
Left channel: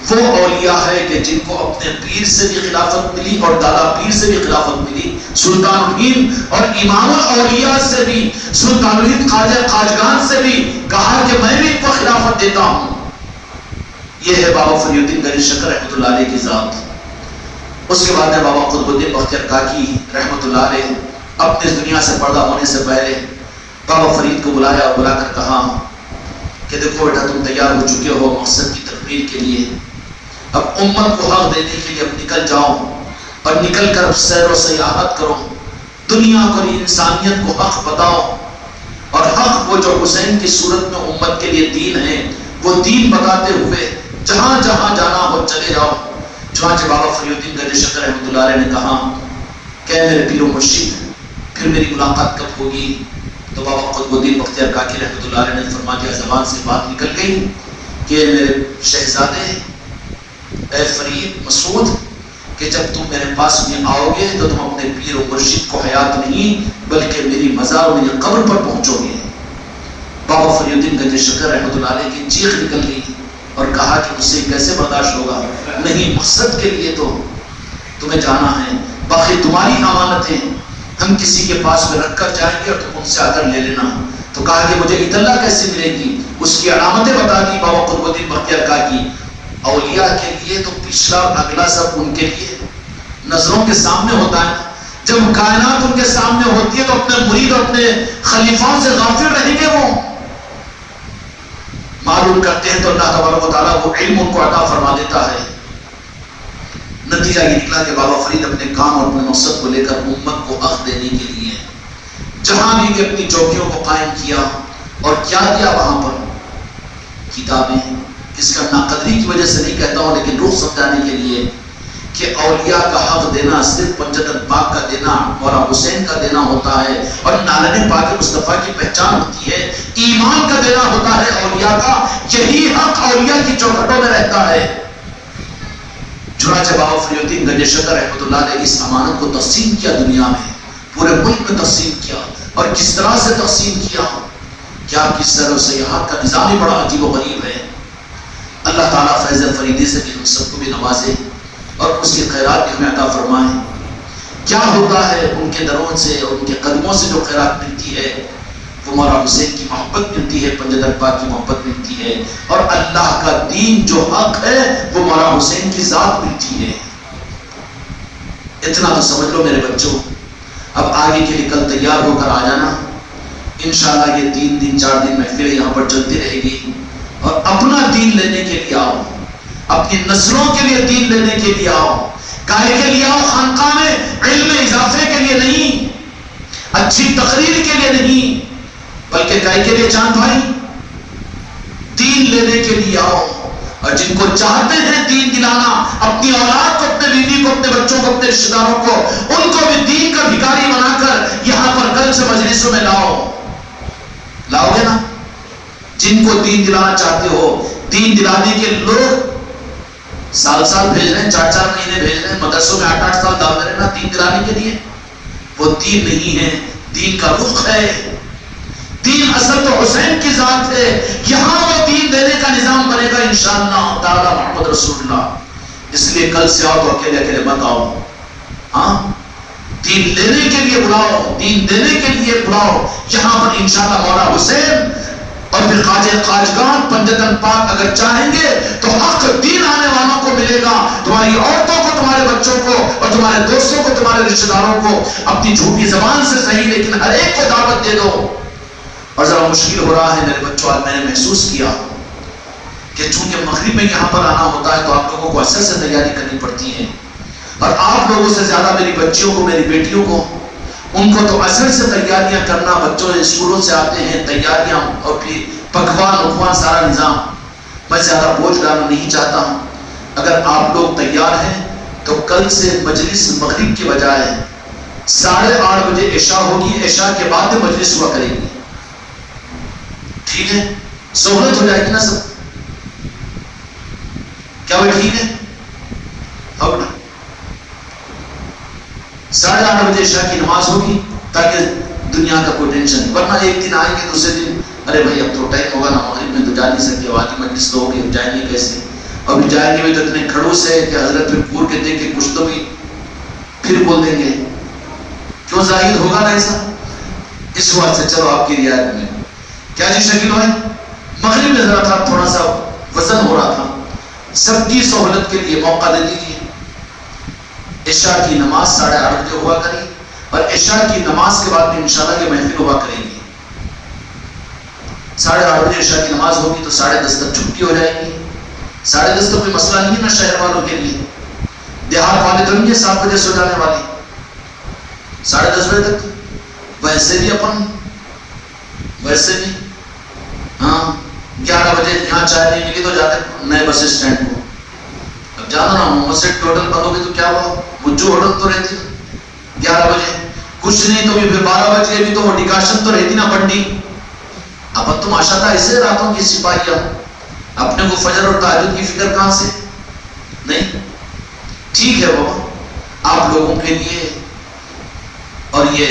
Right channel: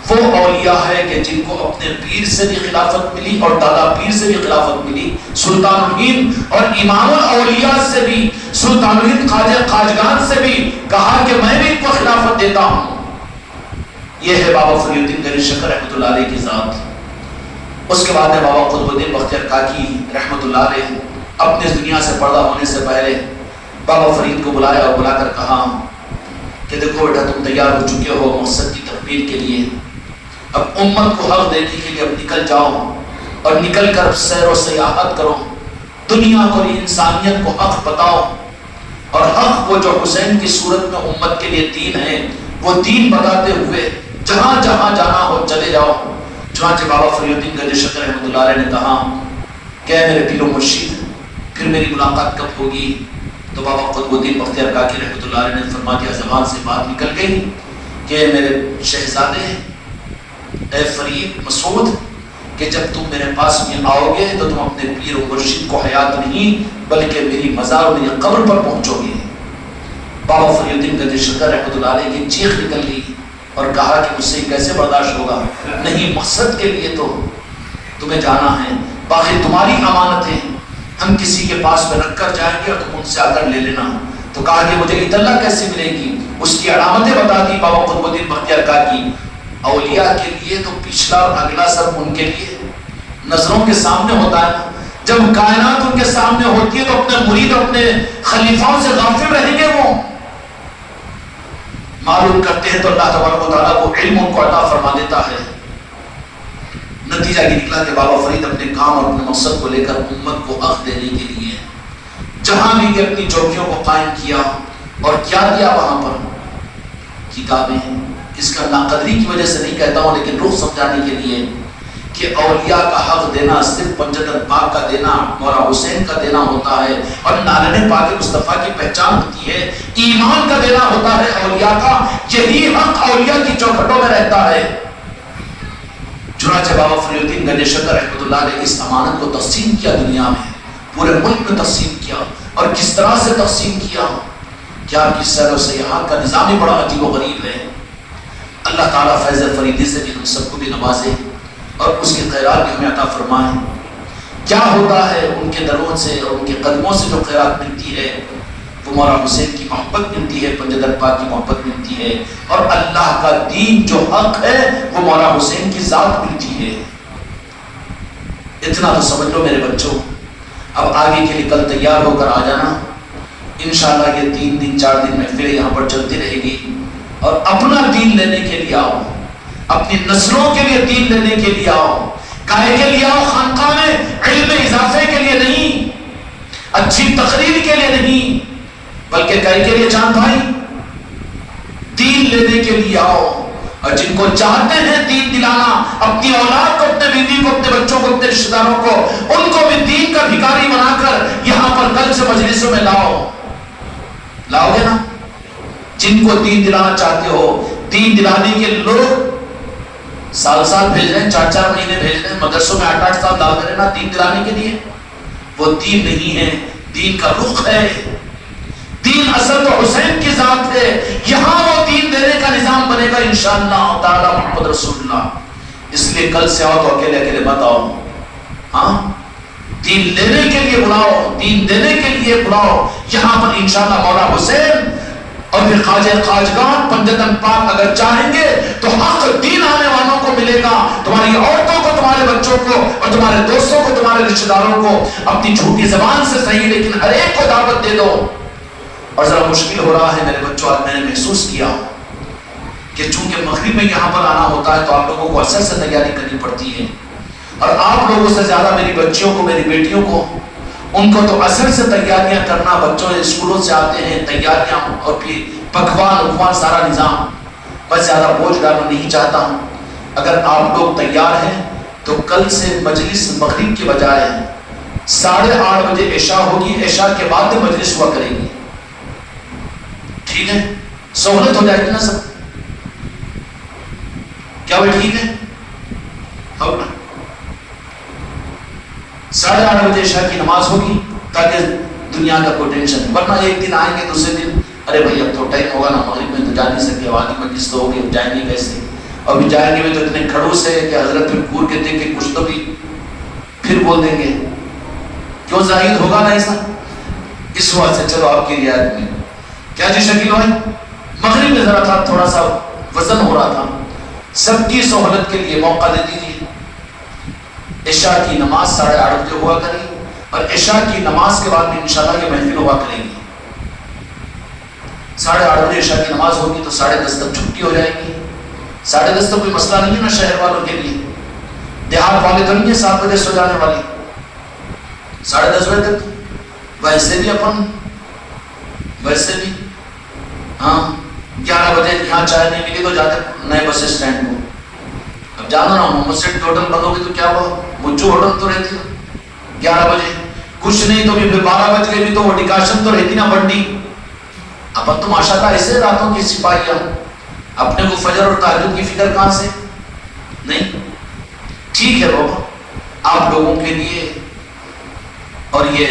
وہ اولیاء ہے کہ جن کو اپنے پیر سے بھی خلافت ملی اور دادا پیر سے بھی خلافت ملی. سلطان الہند اور امام الاولیاء سے بھی, سلطان الہند خواجہ خواجگان سے بھی کہا کہ میں بھی ان کو خلافت دیتا ہوں. یہ ہے بابا فرید الدین گنج شکر رحمۃ اللہ علیہ کی ذات. اس کے بعد میں بابا قطب الدین بختیار کاکی رحمۃ اللہ علیہ اپنے اس دنیا سے پردہ ہونے سے پہلے بابا فرید کو بلایا اور بلا کر کہا کہ دیکھو بیٹا تم تیار ہو چکے ہو مقصد کی تکمیل کے لیے, اب امت کو حق دینے کے لیے اب نکل جاؤ اور نکل کر اب سیر و سیاحت کرو, دنیا کو اور انسانیت کو حق بتاؤ, اور حق کو جو حسین کی صورت میں امت کے لیے دین ہے وہ دین بتاتے ہوئے جہاں جہاں جانا ہو چلے جاؤ. چنانچہ بابا فرید الدین گنج شکر رحمۃ اللہ علیہ نے کہا کہ میرے پیر و مرشد پھر میری ملاقات کب ہوگی؟ تو بابا قطب الدین بختیار کاکی رحمۃ اللہ علیہ نے فرما دیا, زبان سے بات نکل گئی کہ میرے شہزادے اے فرید مسعود کہ جب تم میرے پاس میں آؤ گے تو تم اپنے پیر و مرشد کو حیات نہیں بلکہ میری مزار و میری قبر پر پہنچو گے. بابا فرید الدین گنج شکر رحمۃ اللہ علیہ کی چیخ نکل گئی اور کہا کہ مجھ سے کیسے برداشت ہوگا, نہیں مقصد کے لیے تو تمہیں جانا ہے, باقی تمہاری امانتیں ہم کسی کے پاس میں رکھ کر جائیں گے اور تم ان سے آ کر لے لینا. تو کہا کہ مجھے اطلاع کیسے ملے گی؟ اس کی علامتیں بتا دی بابا قطب الدین بختیار کاکی. اولیاء کے لیے تو پچھلا اور اگلا سب ان کے لیے نظروں کے سامنے ہوتا ہے. جب کائنات ان کے سامنے ہوتی ہے تو اپنے مرید اور اپنے خلیفاؤں سے غافل رہیں گے. وہ معلوم کرتے ہیں تو اللہ تبارک و تعالیٰ وہ علم ان کو عطا فرما دیتا ہے. نتیجہ یہ نکلا کہ بابا فرید اپنے کام اور اپنے مقصد کو لے کر امت کو حق دینے کے لیے جہاں بھی کہ اپنی چوکیوں کو قائم کیا اور کیا کیا وہاں پر کتابیں. اس کا ناقدری کی وجہ سے نہیں کہتا ہوں لیکن روح سمجھانے کے لیے کہ اولیاء کا حق دینا صرف پنجتن پاک کا دینا مولا حسین کا دینا ہوتا ہے اور نالن پاک مصطفیٰ کی پہچان ہوتی ہے, ایمان کا دینا ہوتا ہے اولیاء کا. یہی حق اولیاء کی چوکھٹوں میں رہتا ہے. چنانچہ بابا فرید الدین گنج شکر رحمۃ اللہ علیہ اس امانت کو تقسیم کیا, دنیا میں پورے ملک میں تقسیم کیا. اور کس طرح سے تقسیم کیا؟ کیا کی سیر و سیاحت کا نظام ہی بڑا عجیب و غریب ہے. تعالیٰ فیض فریدی سے بھی ہم سب کو بھی نوازے اور اس کے خیرات بھی ہمیں عطا فرمائے۔ کیا ہوتا ہے ان کے دروں سے اور ان کے قدموں سے جو خیرات ملتی ہے، وہ مولا حسین کی محبت ملتی ہے، پنجدر پاک کی محبت ملتی ہے، اور اللہ کا دین جو حق ہے وہ مولا حسین کی ذات ملتی ہے۔ اتنا تو سمجھ لو میرے بچوں۔ اب آگے کے لیے کل تیار ہو کر آ جانا، انشاءاللہ یہ 3 دن 4 دن محفلیں یہاں پر چلتی رہے گی، اور اپنا دین لینے کے لیے آؤ، اپنی نسلوں کے لیے دین لینے کے لیے آؤ۔ کائے کے لیے آؤ خانقاہ میں؟ علم اضافے کے لیے نہیں، اچھی تقریر کے لیے نہیں، بلکہ کائے کے لیے چاند بھائی دین لینے کے لیے آؤ۔ اور جن کو چاہتے ہیں دین دلانا، اپنی اولاد کو، اپنے بیوی کو، اپنے بچوں کو، اپنے رشتہ داروں کو، ان کو بھی دین کا بھکاری بنا کر یہاں پر کل سے مجلسوں میں لاؤ گے نا؟ جن کو دین دلانا چاہتے ہو، دین دلانے کے لوگ سال بھیج رہے ہیں، 4 مہینے بھیج رہے ہیں مدرسوں میں، 8 سال داخل رہے نا دین دلانے کے لیے، وہ دین نہیں ہے، دین کا رخ ہے۔ دین اصل تو حسین کی ذات ہے، یہاں وہ دین دینے کا نظام بنے گا انشاءاللہ تعالی محمد رسول اللہ۔ اس لیے کل سے آؤ تو اکیلے مت آؤ، ہاں دین لینے کے لیے بلاؤ، دین دینے کے لیے بلاؤ۔ یہاں پر انشاءاللہ مولا حسین اور پھر خواجہ خواجگان پنجتن پاک اگر چاہیں گے تو حق دین آنے والوں کو ملے گا، تمہاری عورتوں کو، تمہارے بچوں کو، اور تمہارے دوستوں کو، تمہارے رشتہ داروں کو۔ اپنی جھوٹی زبان سے صحیح لیکن ہر ایک کو دعوت دے دو۔ اور ذرا مشکل ہو رہا ہے میرے بچوں، آج میں نے محسوس کیا کہ چونکہ مغرب میں یہاں پر آنا ہوتا ہے تو آپ لوگوں کو اثر سے تیاری کرنی پڑتی ہے، اور آپ لوگوں سے زیادہ میری بچیوں کو، میری بیٹیوں کو، ان کو تو اثر سے تیاریاں کرنا، بچوں اسکولوں سے آتے ہیں تیاریاں، اور پھر پکوان سارا نظام، میں زیادہ بوجھ ڈالنا نہیں چاہتا ہوں۔ اگر آپ لوگ تیار ہیں تو کل سے مجلس مغرب کے بجائے 8:30 بجے عشاء ہوگی، عشاء کے بعد مجلس ہوا کرے گی، ٹھیک ہے؟ سہولت ہو جائے گی نا سب؟ کیا وہ ٹھیک ہے؟ ہوگا 8:30 بجے عشاء کی نماز ہوگی تاکہ دنیا کا کوئی ٹینشن، ورنہ ایک دن آئیں گے دوسرے دن ارے بھائی اب تو ٹائم ہوگا نا، مغرب میں تو جا نہیں سکتے، آدھی مجلس تو ہوگی، جائیں گے کیسے؟ ابھی جائیں گے بھی تو اتنے کھڑوس ہے کہ حضرت پھر گور کے دیکھ کے کچھ تو بھی پھر بول دیں گے، کیوں ظاہر ہوگا نا ایسا؟ اس وقت سے چلو آپ کی رعایت میں کیا جی شکیل ہوئے مغرب میں ذرا تھا تھوڑا سا وزن ہو رہا تھا، سب کی سہولت کے لیے موقع دے دیجیے۔ عشاء کی نماز 8:30 بجے ہوا کرے، اور عشاء کی نماز کے بعد بھی انشاءاللہ یہ محفل ہوا کرے گی۔ 8:30 بجے عشاء کی نماز ہوگی تو 10:30 تک چھٹی ہو جائے گی۔ 10:30 تو کوئی مسئلہ نہیں ہے نا شہر والوں کے لیے، دیہات والے تو نہیں ہے 7 بجے سو جانے والے، 10:30 بجے تک ویسے بھی ہاں 11 بجے یہاں چائے نہیں ملی تو جاتے نئے بس اسٹینڈ کو۔ اب جانا نا مسجد ہوٹل بند ہوگی تو کیا ہوا، مجھو ہوٹل تو رہتی نا 11 بجے، کچھ نہیں تو پھر 12 بج گئے بھی تو وہ ڈیکاشن تو رہتی نا بنڈی۔ اب تو ماشاءاللہ ایسے راتوں کی سپاہیاں، اپنے کو فجر اور تہجد کی فکر کہاں سے؟ نہیں ٹھیک ہے بابا آپ لوگوں کے لیے، اور یہ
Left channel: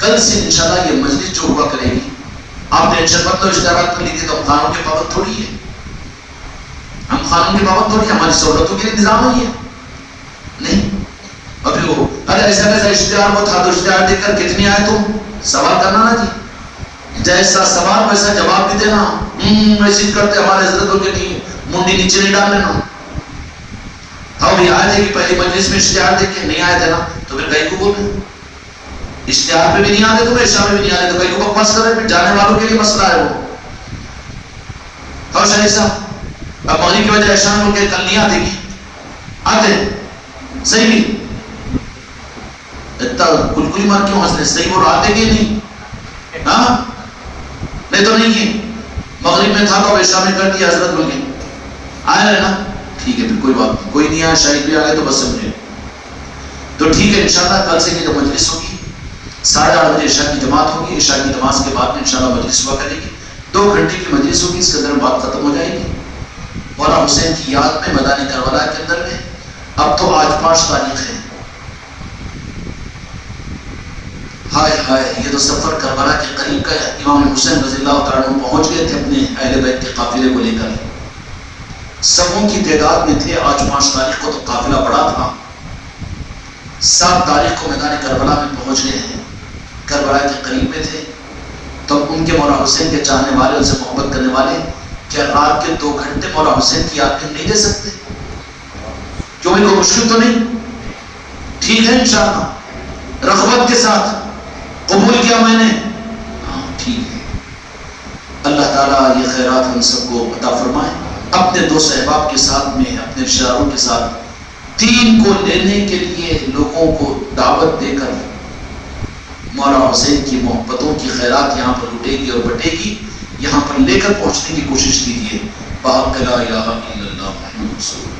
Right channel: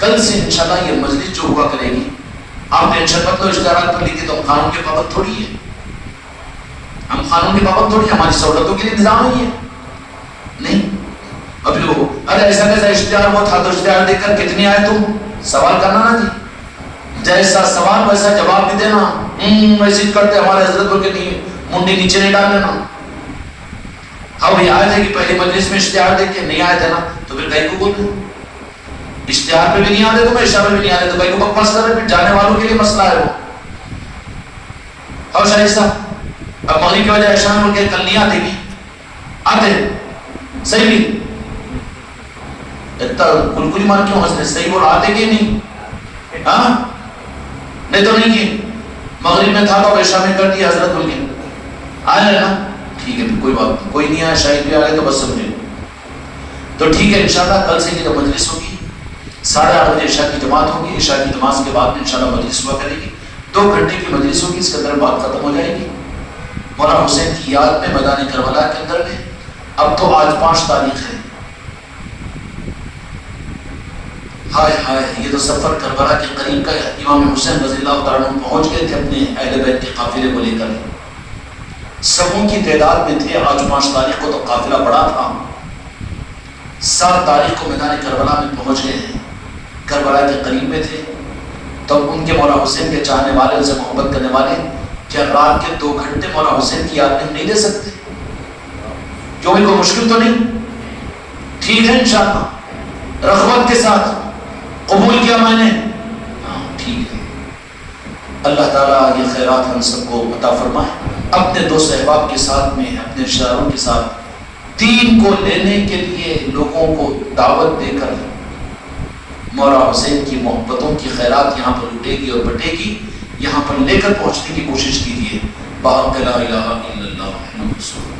کل سے انشاءاللہ یہ مجلس جو ہوا کرے گی، آپ ٹینشن مت لو، اشتہارات کو لیجیے تو ہم خانوں کے پابند تھوڑی ہے، ہم خانوں کے پابند تھوڑی، ہماری سہولتوں کے لیے انتظام نہیں ہے، نہیں۔ اور پھر وہ ارے ایسا کیسا اشتہار وہ تھا تو اشتہار دیکھ کر کتنی آئے تم سوال کرنا نا جی، جیسا سوال ویسا جواب بھی دینا، ویسے کرتے ہمارے حضرت کو نہیں منڈی نیچے نہیں ڈال لینا۔ ہاں بھی آئے تھے کہ پہلی مجلس میں اشتہار دیکھ کے نہیں آئے تھے نا تو پھر کہیں کو بول رہے اشتہار پہ بھی نہیں آتے، تمہیں عشاء میں بھی نہیں آتے تو کہیں کو بکواس کر رہے، پھر جانے والوں کے لیے مسئلہ ہے وہ۔ اور شاہی صاحب اب مغرب کی وجہ عشاء میں ان کے کل نہیں آتے گی، آتے صحیح نہیں اتنا کلکلی مار کیوں ہنس رہے، صحیح بول آتے کہ نہیں؟ ہاں نہیں تو نہیں کی مغرب میں تھا تو عشاء میں کر دیا حضرت بول کے آئے رہے نا، ٹھیک ہے پھر کوئی بات نہیں، کوئی نہیں آیا شاہد بھی آگے تو بس سمجھے تو ٹھیک ہے انشاءاللہ کل سے کی جب مجلس ہوگی 8:30 بجے عشاء کی جماعت ہوگی، عشاء کی نماز کے بعد انشاءاللہ مجلس ہوا کرے گی، 2 گھنٹے کی مجلس ہوگی، اس کے اندر بات ختم ہو جائے گی مولا حسین کی یاد میں میدان کربلا کے اندر میں۔ اب تو آج 5 تاریخ ہے، ہائے ہائے یہ تو سفر کربلا کے قریب کا امام حسین رضی اللہ تعالیٰ عنہ پہنچ گئے تھے اپنے اہل بیت کے قافلے کو لے کر، سبوں کی تعداد میں تھے. آج 5 تاریخ کو تو قافلہ بڑا تھا. 7 تاریخ کو میدان کربلا میں پہنچ گئے ہیں. کربلا کے قریب میں تھے. تو ان کے مولا حسین کے چاہنے والے, ان سے محبت کرنے والے, کیا رات کے 2 گھنٹے مولا حسین کی یاد میں ہم نہیں دے سکتے؟ کیوں بھی کوئی مشکل تو نہیں؟ ٹھیک ہے انشاءاللہ, رغبت کے ساتھ قبول کیا میں نے. ہاں ٹھیک ہے. اللہ تعالیٰ یہ خیرات ہم سب کو عطا فرمائے. اپنے دوست احباب کے ساتھ میں, اپنے رشتہ داروں کے ساتھ دین کو لینے کے لیے لوگوں کو دعوت دے کر مولا حسین کی محبتوں کی خیرات یہاں پر اٹھے گی اور بٹے گی, یہاں پر لے کر پہنچنے کی کوشش کیجیے. بحق لا الہ الا اللہ محمد رسول اللہ.